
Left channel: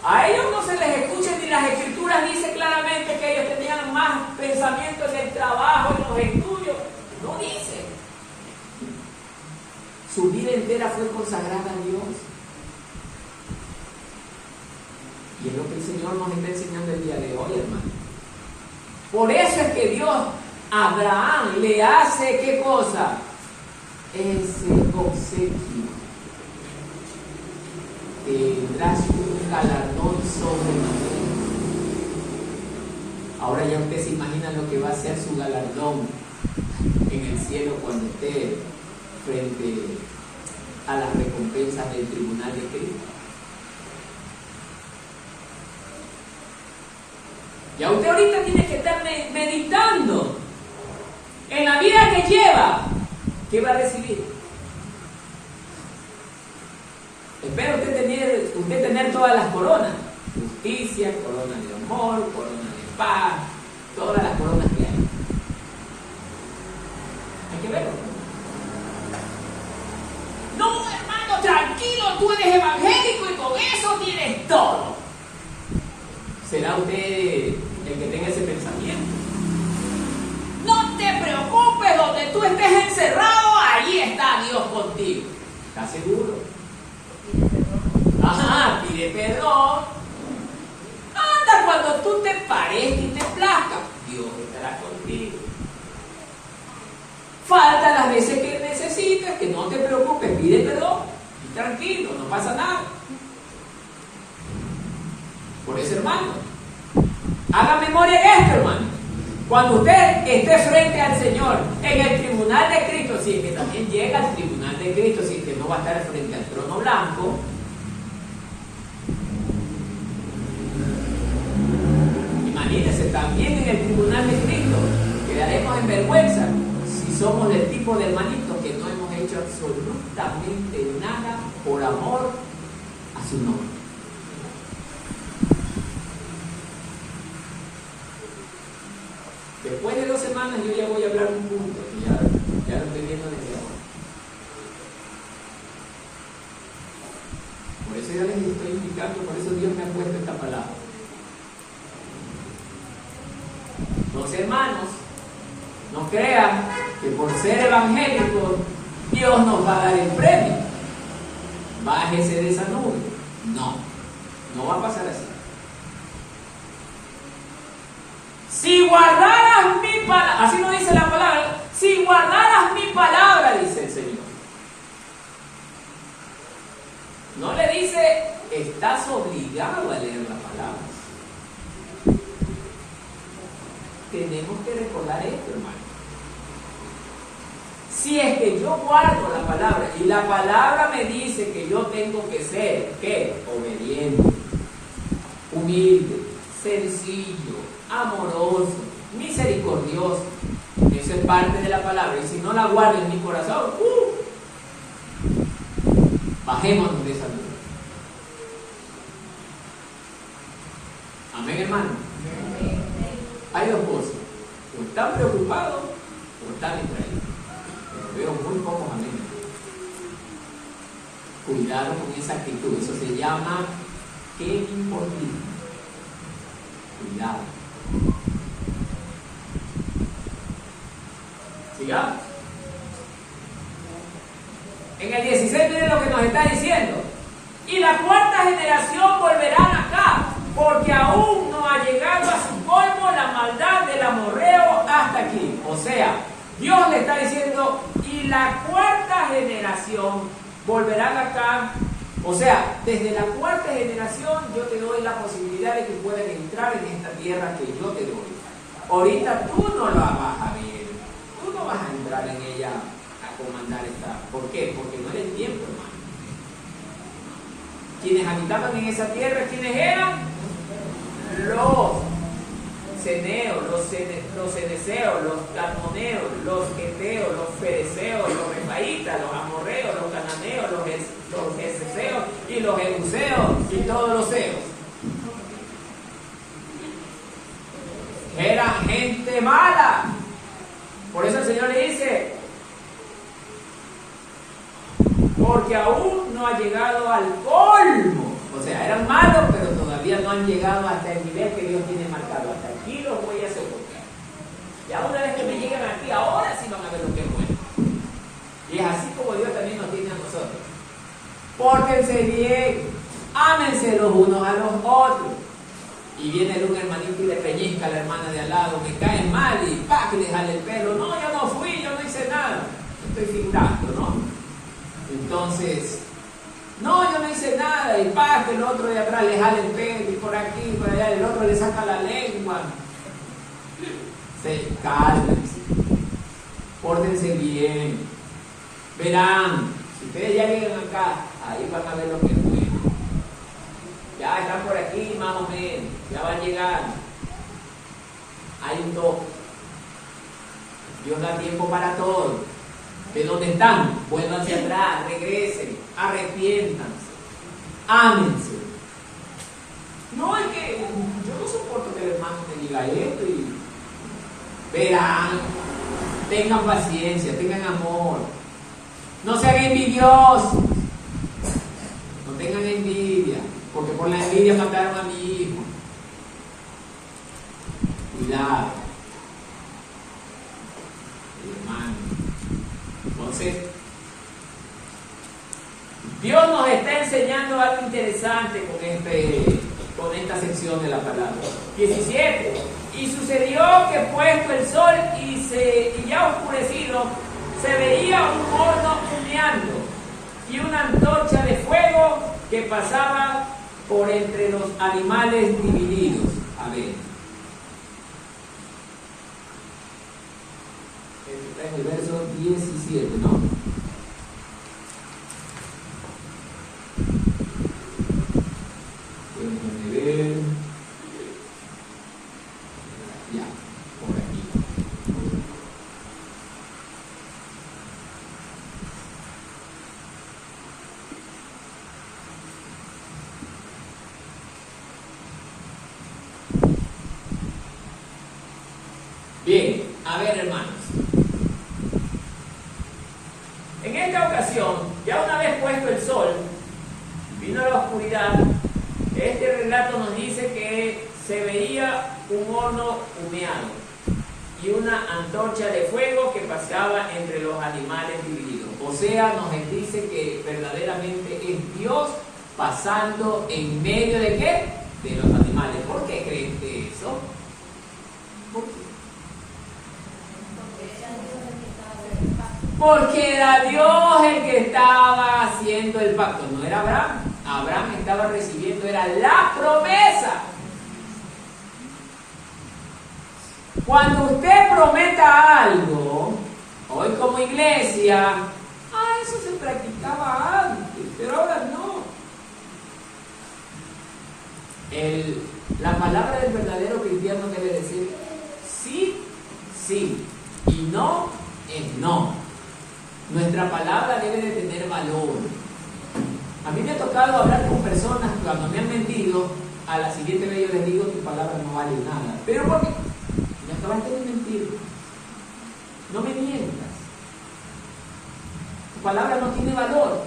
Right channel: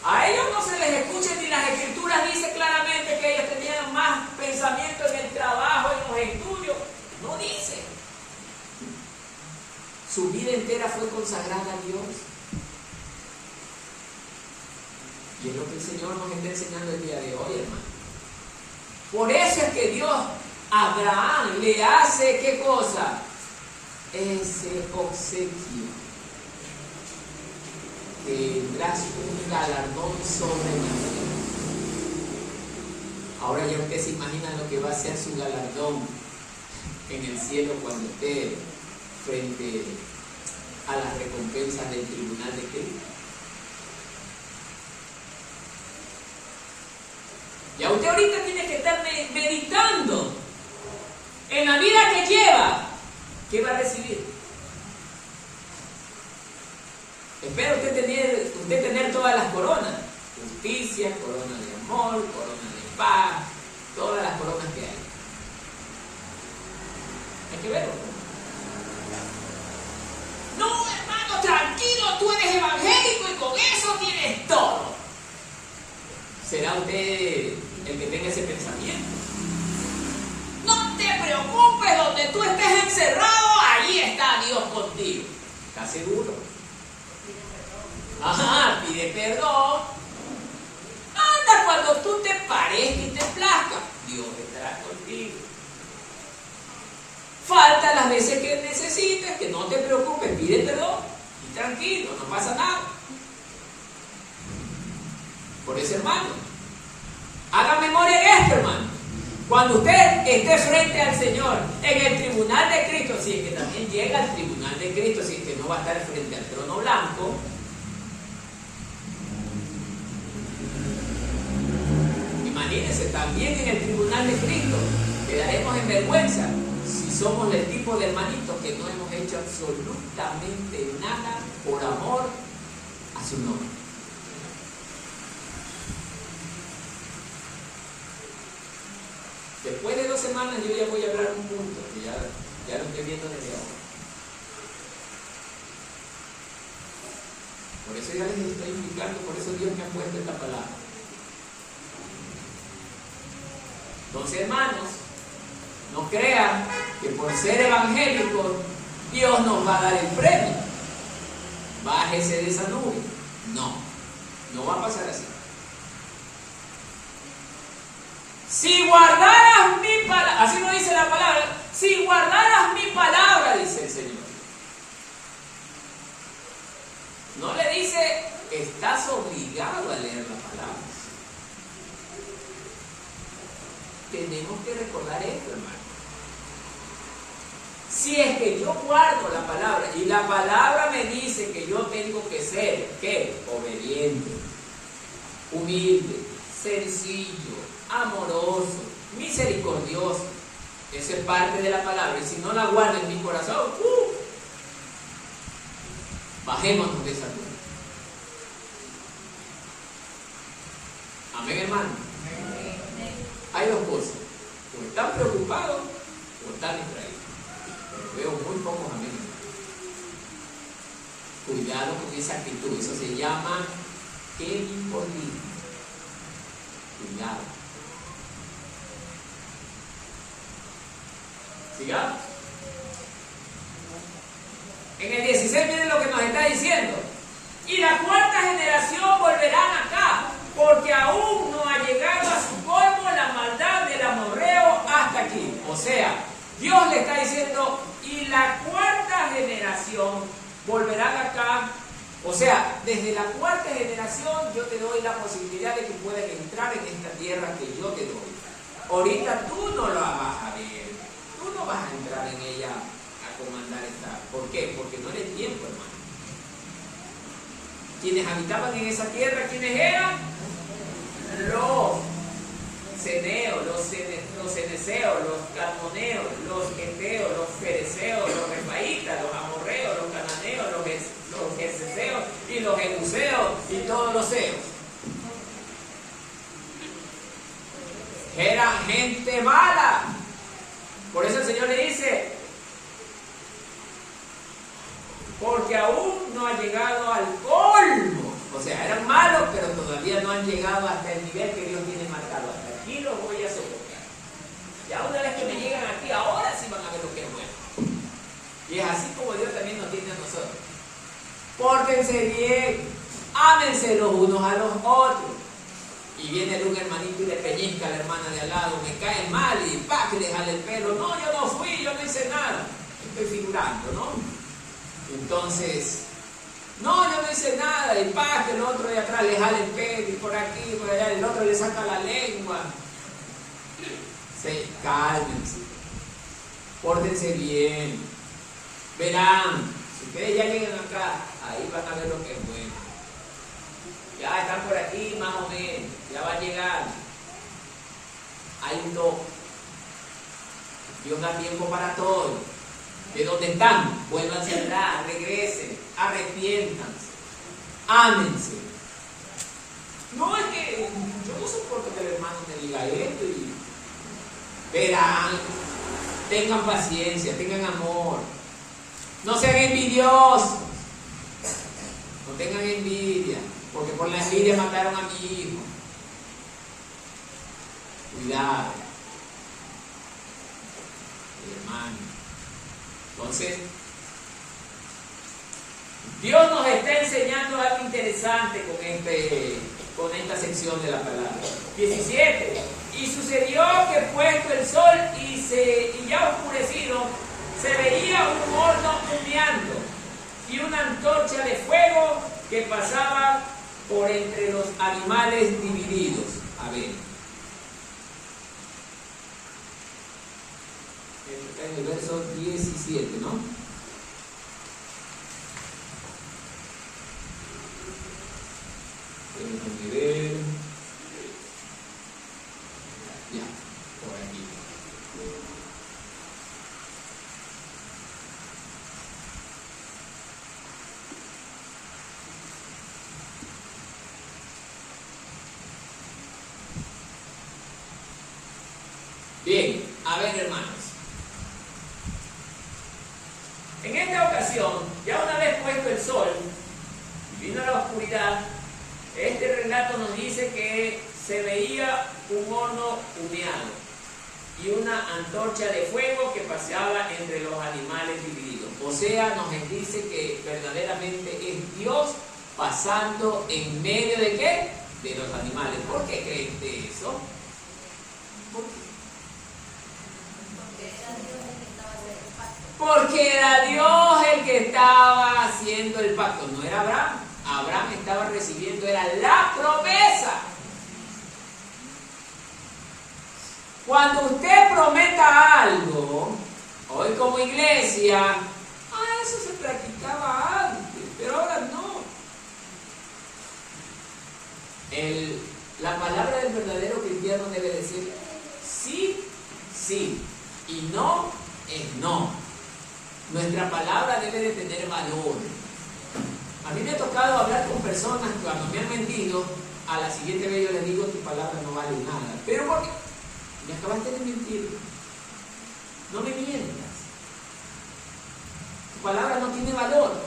A ellos no se les escucha, ni las escrituras dicen claramente que ellos tenían más pensamiento en el trabajo, en los estudios. No dice. Su vida entera fue consagrada a Dios. Y es lo que el Señor nos está enseñando el día de hoy, hermano. Por eso es que Dios a Abraham le hace, ¿qué cosa? Ese obsequio. Tendrás un galardón sobre nosotros. Ahora ya usted se imagina lo que va a ser su galardón en el cielo cuando esté frente a las recompensas del tribunal de Cristo. Ya usted ahorita tiene que estar meditando en la vida que lleva, ¿qué va a recibir? Espero usted tener todas las coronas: justicia, corona de amor, corona de paz, todas las coronas que hay. Hay que verlo. No, hermano, tranquilo, tú eres evangélico y con eso tienes todo. ¿Será usted el que tenga ese pensamiento? No te preocupes, donde tú estés encerrado, allí está Dios contigo. ¿Estás seguro? Ajá, pide perdón. Anda, cuando tú te parezca y te plazca, Dios estará contigo. Falta las veces que necesites, que no te preocupes, pide perdón y tranquilo, no pasa nada. Por eso, hermano, haga memoria en esto, hermano. Cuando usted esté frente al Señor en el tribunal de Cristo, si es que también llega al tribunal de Cristo, si es que no va a estar frente al trono blanco, imagínense, también en el tribunal de Cristo quedaremos en vergüenza si somos del tipo de hermanitos que no hemos hecho absolutamente nada por amor a su nombre. Después de 2 semanas yo ya voy a hablar un punto, que ya lo estoy viendo desde ahora. Por eso ya les estoy indicando, por eso Dios me ha puesto esta palabra. Entonces, hermanos, no crean que por ser evangélicos Dios nos va a dar el premio. Bájese de esa nube. No va a pasar así. Si guardaras mi palabra, así no dice la palabra, si guardaras mi palabra, dice el Señor. No le dice, estás obligado a leer la palabra. Tenemos que recordar esto, hermano. Si es que yo guardo la palabra y la palabra me dice que yo tengo que ser, ¿qué? Obediente, humilde, sencillo, amoroso, misericordioso. Eso es parte de la palabra. Y si no la guardo en mi corazón, bajémonos de esa nube. Amén, hermano. Hay 2 cosas: o están preocupados o están distraídos. Pero veo muy pocos amigos. Cuidado con esa actitud. Eso se llama empolismo. Cuidado. Sigamos. En el 16 miren lo que nos está diciendo. Y la 4ª generación volverán acá, porque aún no ha llegado a su colmo la maldad del amorreo hasta aquí. O sea, Dios le está diciendo, y la 4ª generación volverán acá. O sea, desde la 4ª generación yo te doy la posibilidad de que puedan entrar en esta tierra que yo te doy. Ahorita tú no la vas a ver, tú no vas a entrar en ella a comandar esta. ¿Por qué? Porque no era el tiempo, hermano. Quienes habitaban en esa tierra, ¿quiénes eran? Los ceneos, los ceneseos, los cadmoneos, los eteos, los fereceos, los refaitas, los amorreos, los cananeos, los gerseseos y los jebuseos y todos los seos. Era gente mala. Por eso el Señor le dice, porque aún no ha llegado al colmo. O sea, eran malos, pero todavía no han llegado hasta el nivel que Dios tiene marcado. Hasta aquí los voy a soportar. Ya una vez que me llegan aquí, ahora sí van a ver lo que es bueno. Y es así como Dios también nos tiene a nosotros. Pórtense bien, ámense los unos a los otros. Y viene un hermanito y le pellizca a la hermana de al lado, me cae mal y ¡pa! Que le jale el pelo. No, yo no fui, yo no hice nada. Estoy figurando, ¿no? Entonces, no, yo no hice nada. Y ¡pa! Que el otro de atrás le jale el pelo y por aquí, por allá, el otro le saca la lengua. Se cálmense. Pórtense bien. Verán, si ustedes ya llegan acá, ahí van a ver lo que es bueno. Ya están por aquí más o menos, ya van a llegar. Hay un toque. Dios da tiempo para todo. De donde están, vuélvanse atrás, regresen, arrepiéntanse, ámense. No es que yo no soporto que el hermano me diga esto y verán, tengan paciencia, tengan amor. No sean envidiosos, no tengan envidia. Porque por la envidia mataron a mi hijo. Cuidado. Hermano. Entonces, Dios nos está enseñando algo interesante con esta sección de la palabra. 17. Y sucedió que puesto el sol y ya oscurecido, se veía un horno humeando y una antorcha de fuego que pasaba por entre los animales divididos. A ver. Está en el verso 17, ¿no? Déjenme ver. Ya, por aquí. Bien, a ver, hermanos. En esta ocasión, ya una vez puesto el sol, vino la oscuridad, este relato nos dice que se veía un horno humeado y una antorcha de fuego que paseaba entre los animales divididos. O sea, nos dice que verdaderamente es Dios pasando en medio de ¿qué? De los animales. ¿Por qué creen eso? ¿Por qué? Porque era Dios el que estaba haciendo el pacto, no era Abraham. Abraham estaba recibiendo, era la promesa. Cuando usted prometa algo, hoy como iglesia, eso se practicaba antes, pero ahora no. La palabra del verdadero cristiano debe decir sí, sí, y no es no. Nuestra palabra debe de tener valor. A mí me ha tocado hablar con personas que cuando me han mentido, a la siguiente vez yo les digo, tu palabra no vale nada. ¿Pero por qué? Me acabaste de mentir. No me mientas. Tu palabra no tiene valor.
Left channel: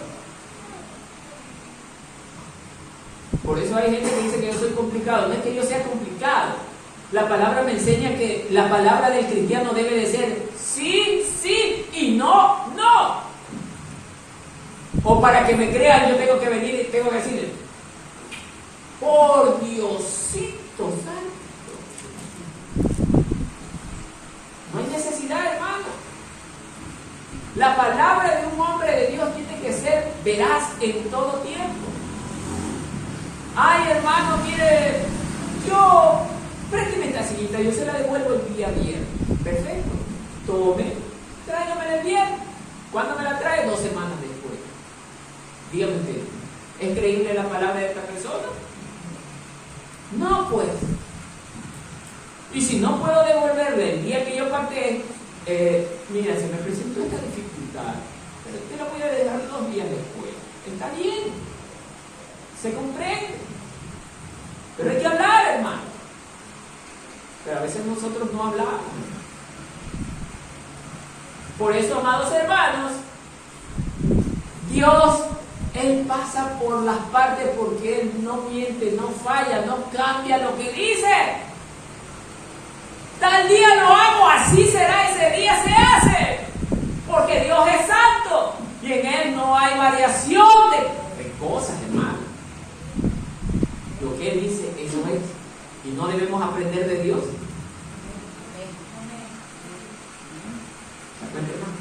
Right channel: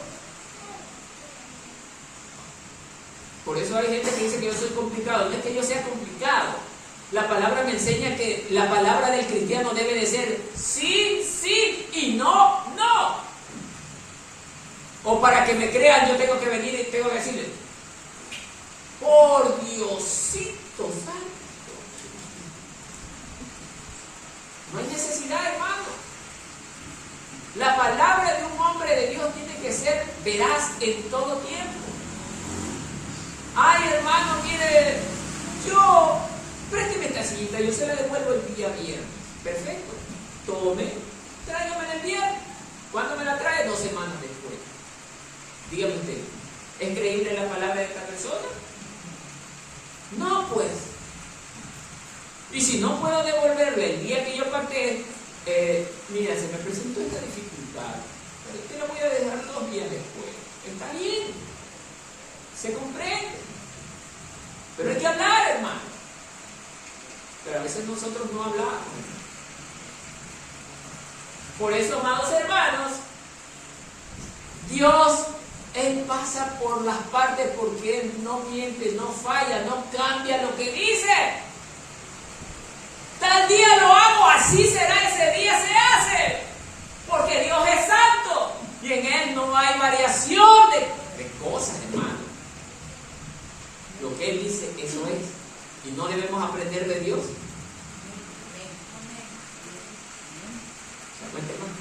Por eso hay gente que dice que yo soy complicado. No es que yo sea complicado. La palabra me enseña que la palabra del cristiano debe de ser sí, sí y no, no. O para que me crean yo tengo que venir y tengo que decirle, por Diosito santo. No hay necesidad, hermano. La palabra de un hombre de Dios tiene que ser veraz en todo tiempo. Ay, hermano, mire, présteme esta sillita, yo se la devuelvo el día viernes. Perfecto. Tome, tráigamela el viernes. ¿Cuándo me la trae? 2 semanas después. Dígame usted, ¿es creíble la palabra de esta persona? No, pues. Y si no puedo devolverle el día que yo pacté, mira, se me presentó esta dificultad, pero te lo voy a dejar 2 días después. Está bien, se comprende. Pero hay que hablar, hermano. Pero a veces nosotros no hablamos. Por eso, amados hermanos, Dios, Él pasa por las partes porque Él no miente, no falla, no cambia lo que dice. Tal día lo hago, así será, ese día se hace. Porque Dios es santo y en Él no hay variación de cosas, hermano. Lo que Él dice, eso es. Y no debemos aprender de Dios. ¿Se cuenta, hermano?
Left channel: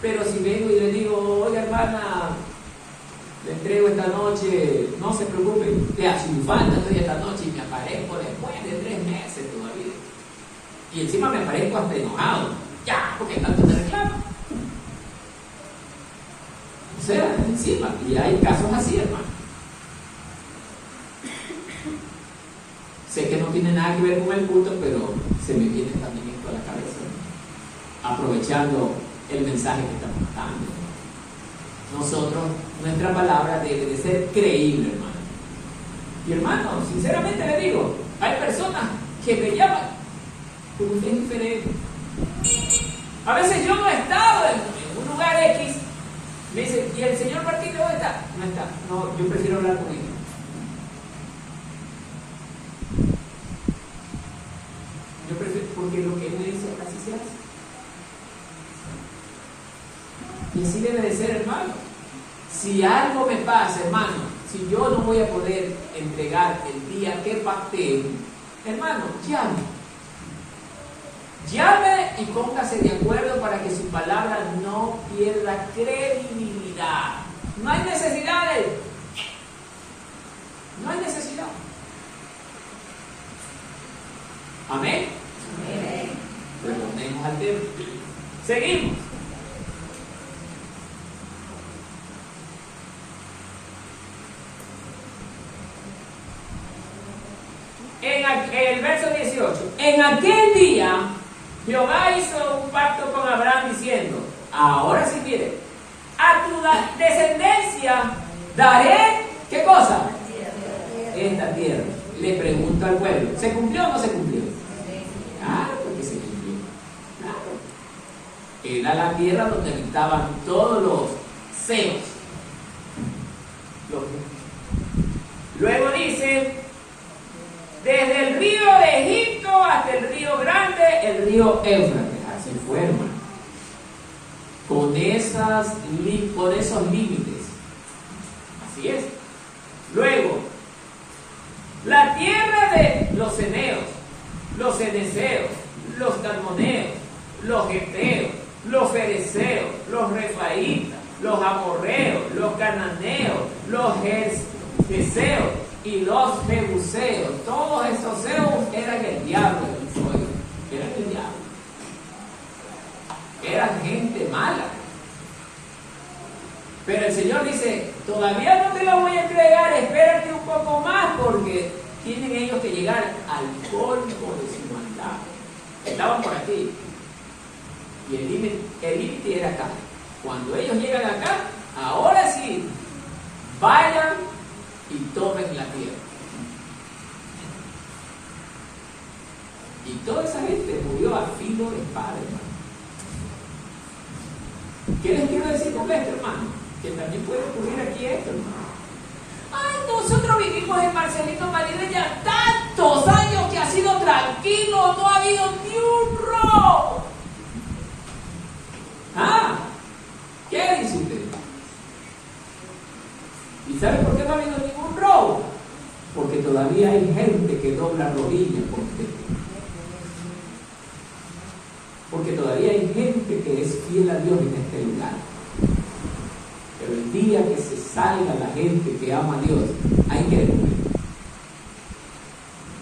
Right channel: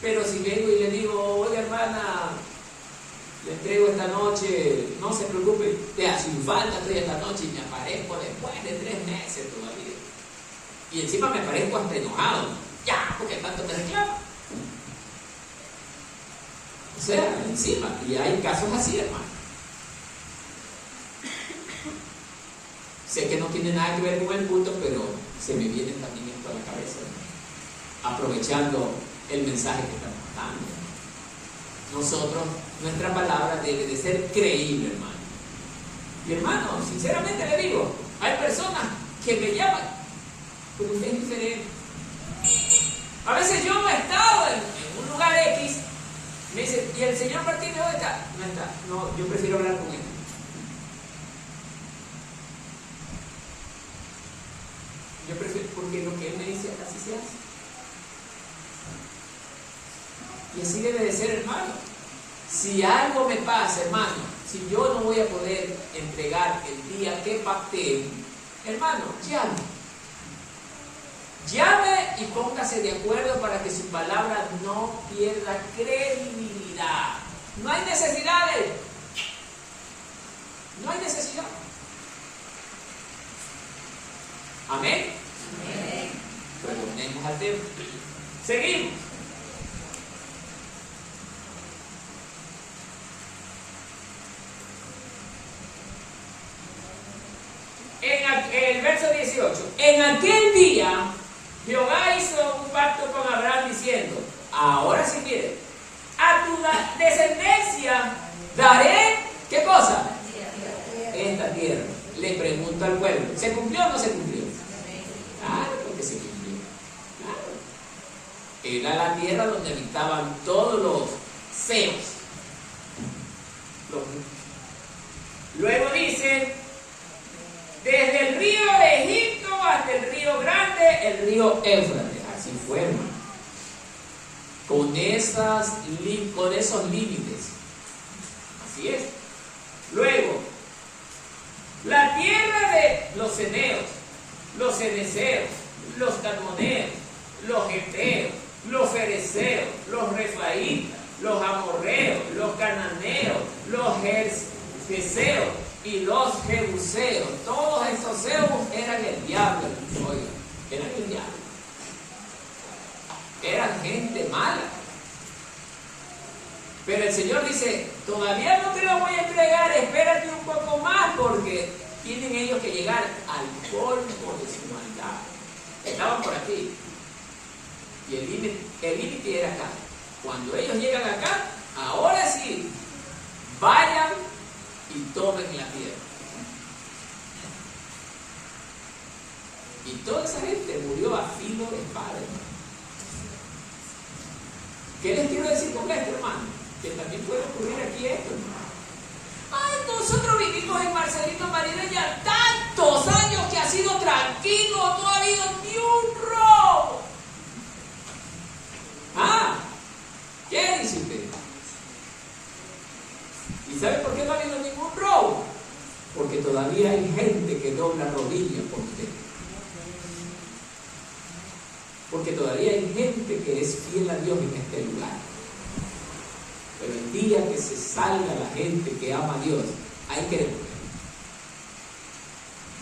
Pero si vengo y le digo, oiga, hermana, le entrego esta noche, no se preocupe, a su infanta estoy esta noche y me aparezco después de 3 meses todavía. Y encima me aparezco hasta enojado. Ya, porque tanto te reclamo. O sea, encima. Y hay casos así, hermano. Sé que no tiene nada que ver con el culto, pero se me viene también esto a la cabeza, ¿no? Aprovechando el mensaje que estamos dando. Nosotros, nuestra palabra debe de ser creíble, hermano. Y hermano, sinceramente le digo, hay personas que me llaman, pero usted es diferente. A veces yo no he estado en un lugar X, me dicen, ¿y el señor Martínez dónde está? No está. No, yo prefiero hablar con él. Yo prefiero, porque lo que él me dice, así se hace. Y así debe de ser, hermano. Si algo me pasa, hermano, si yo no voy a poder entregar el día que pacté, hermano, llame y póngase de acuerdo para que su palabra no pierda credibilidad. No hay necesidades. No hay necesidad. Amén. Amén. Retornemos al tema. Seguimos. En el verso 18, en aquel día Jehová hizo un pacto con Abraham diciendo, ahora si quieres, a tu descendencia daré, ¿qué cosa? Esta tierra. Le pregunto al pueblo, ¿se cumplió o no se cumplió? Claro, porque se cumplió. Claro. Era la tierra donde habitaban todos los feos. Luego dice, desde el río de Egipto hasta el río grande, el río Éufrates. Así fue, hermano. Con esos límites. Así es. Luego, la tierra de los ceneos, los ceneseos, los cadmoneos, los geteos, los fereceos, los refaítas, los amorreos, los cananeos, los gergeseos y los jebuseos. Todos estos seos eran el diablo. Eran el diablo. Eran gente mala. Pero el Señor dice, todavía no te lo voy a entregar, espérate un poco más, porque tienen ellos que llegar al colmo de su humanidad. Estaban por aquí. Y el límite era acá. Cuando ellos llegan acá, ahora sí, vayan y tomen la tierra. Y toda esa gente murió a filo de espada, hermano. ¿Qué les quiero decir con esto, hermano? Que también puede ocurrir aquí esto, hermano. Ay, nosotros vivimos en Marcelino Marina ya tantos años que ha sido tranquilo, no ha habido ni un robo. Ah, ¿qué dice usted? ¿Y sabe por qué no ha habido ningún robo? Porque todavía hay gente que dobla rodillas por usted. Porque todavía hay gente que es fiel a Dios en este lugar. Pero el día que se salga la gente que ama a Dios, hay que descubrir.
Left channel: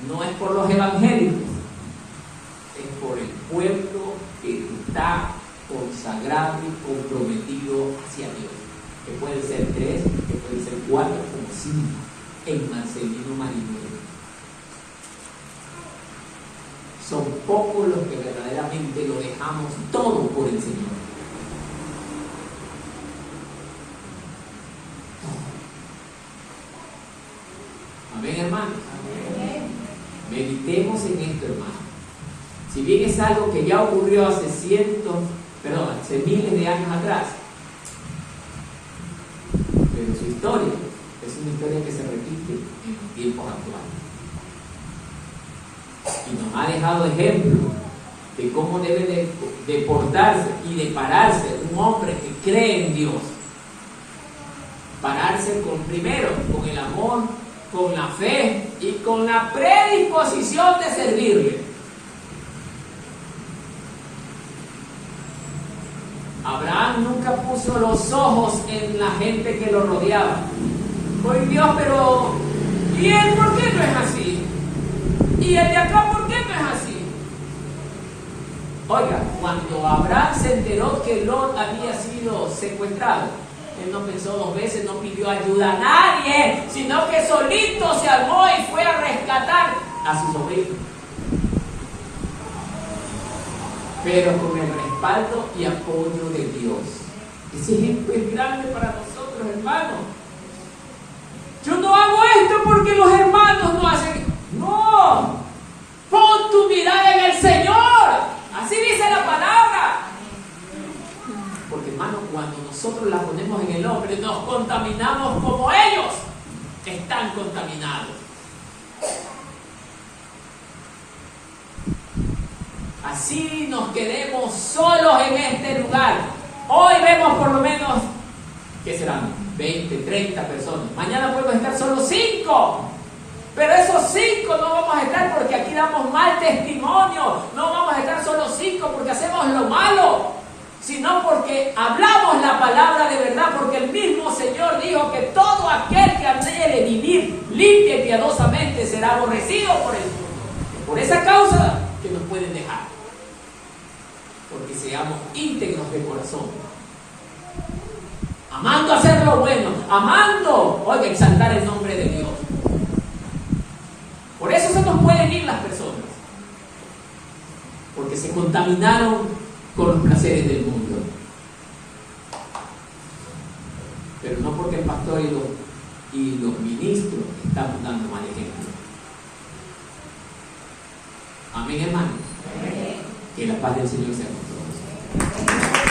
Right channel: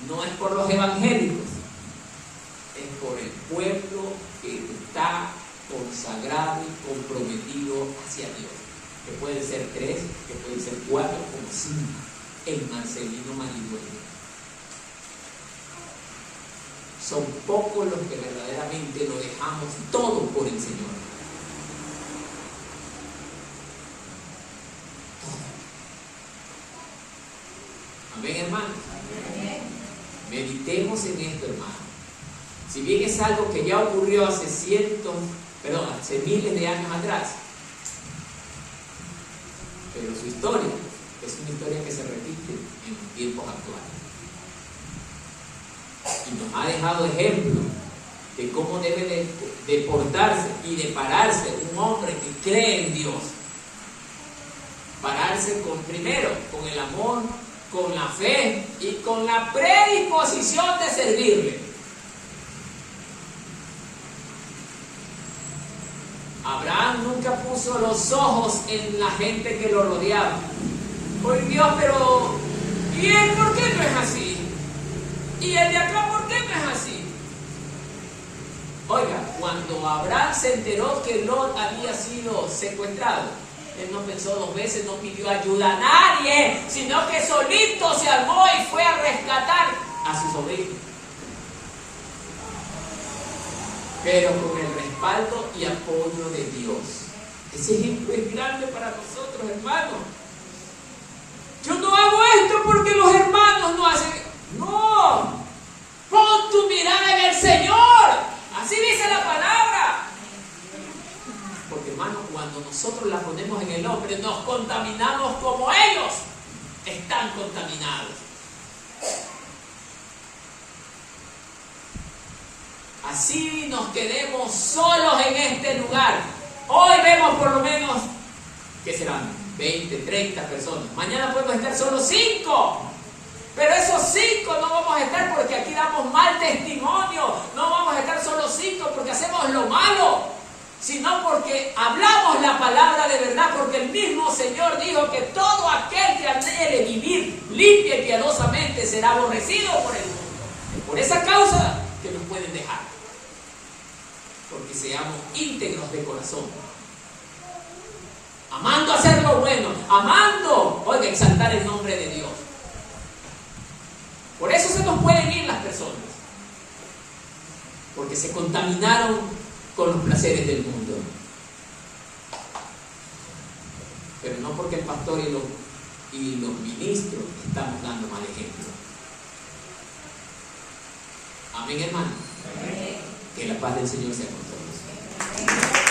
No es por los evangélicos, es por el pueblo que está consagrado y comprometido hacia Dios. Que pueden ser 3, que pueden ser 4, como 5 en Marcelino Marino. son pocos los que verdaderamente lo dejamos todo por el Señor. Amén, hermanos. Meditemos en esto, hermano. Si bien es algo que ya ocurrió hace miles de años atrás, pero su historia es una historia que se repite en los tiempos actuales. Y nos ha dejado ejemplo de cómo debe de portarse y de pararse un hombre que cree en Dios. Pararse primero con el amor, con la fe y con la predisposición de servirle. Abraham nunca puso los ojos en la gente que lo rodeaba. Pues Dios, pero ¿y él por qué no es así? ¿Y el de acá por qué no es así? Oiga, cuando Abraham se enteró que Lot había sido secuestrado, él no pensó dos veces, no pidió ayuda a nadie, sino que solito se armó y fue a rescatar a su sobrino. Pero con el respaldo y apoyo de Dios. Ese ejemplo es grande para nosotros, hermanos. Yo no hago esto porque los hermanos no hacen. No, pon tu mirada en el Señor. Así dice la palabra. Porque, hermano, cuando nosotros la ponemos en el hombre, nos contaminamos como ellos están contaminados. Así nos quedemos solos en este lugar. Hoy vemos por lo menos, ¿qué serán? 20, 30 personas. Mañana podemos estar solo 5. Pero esos 5 no vamos a estar porque aquí damos mal testimonio. No vamos a estar solo 5 porque hacemos lo malo, sino porque hablamos la palabra de verdad. Porque el mismo Señor dijo que todo aquel que anhele vivir limpia y piadosamente será aborrecido por el mundo. Es por esa causa que nos pueden dejar. Porque seamos íntegros de corazón, amando hacer lo bueno, amando, oiga, exaltar el nombre de Dios. Por eso se nos pueden ir las personas, porque se contaminaron con los placeres del mundo, pero no porque el pastor y los ministros estamos dando mal ejemplo. Amén, hermano. Que la paz del Señor sea con todos.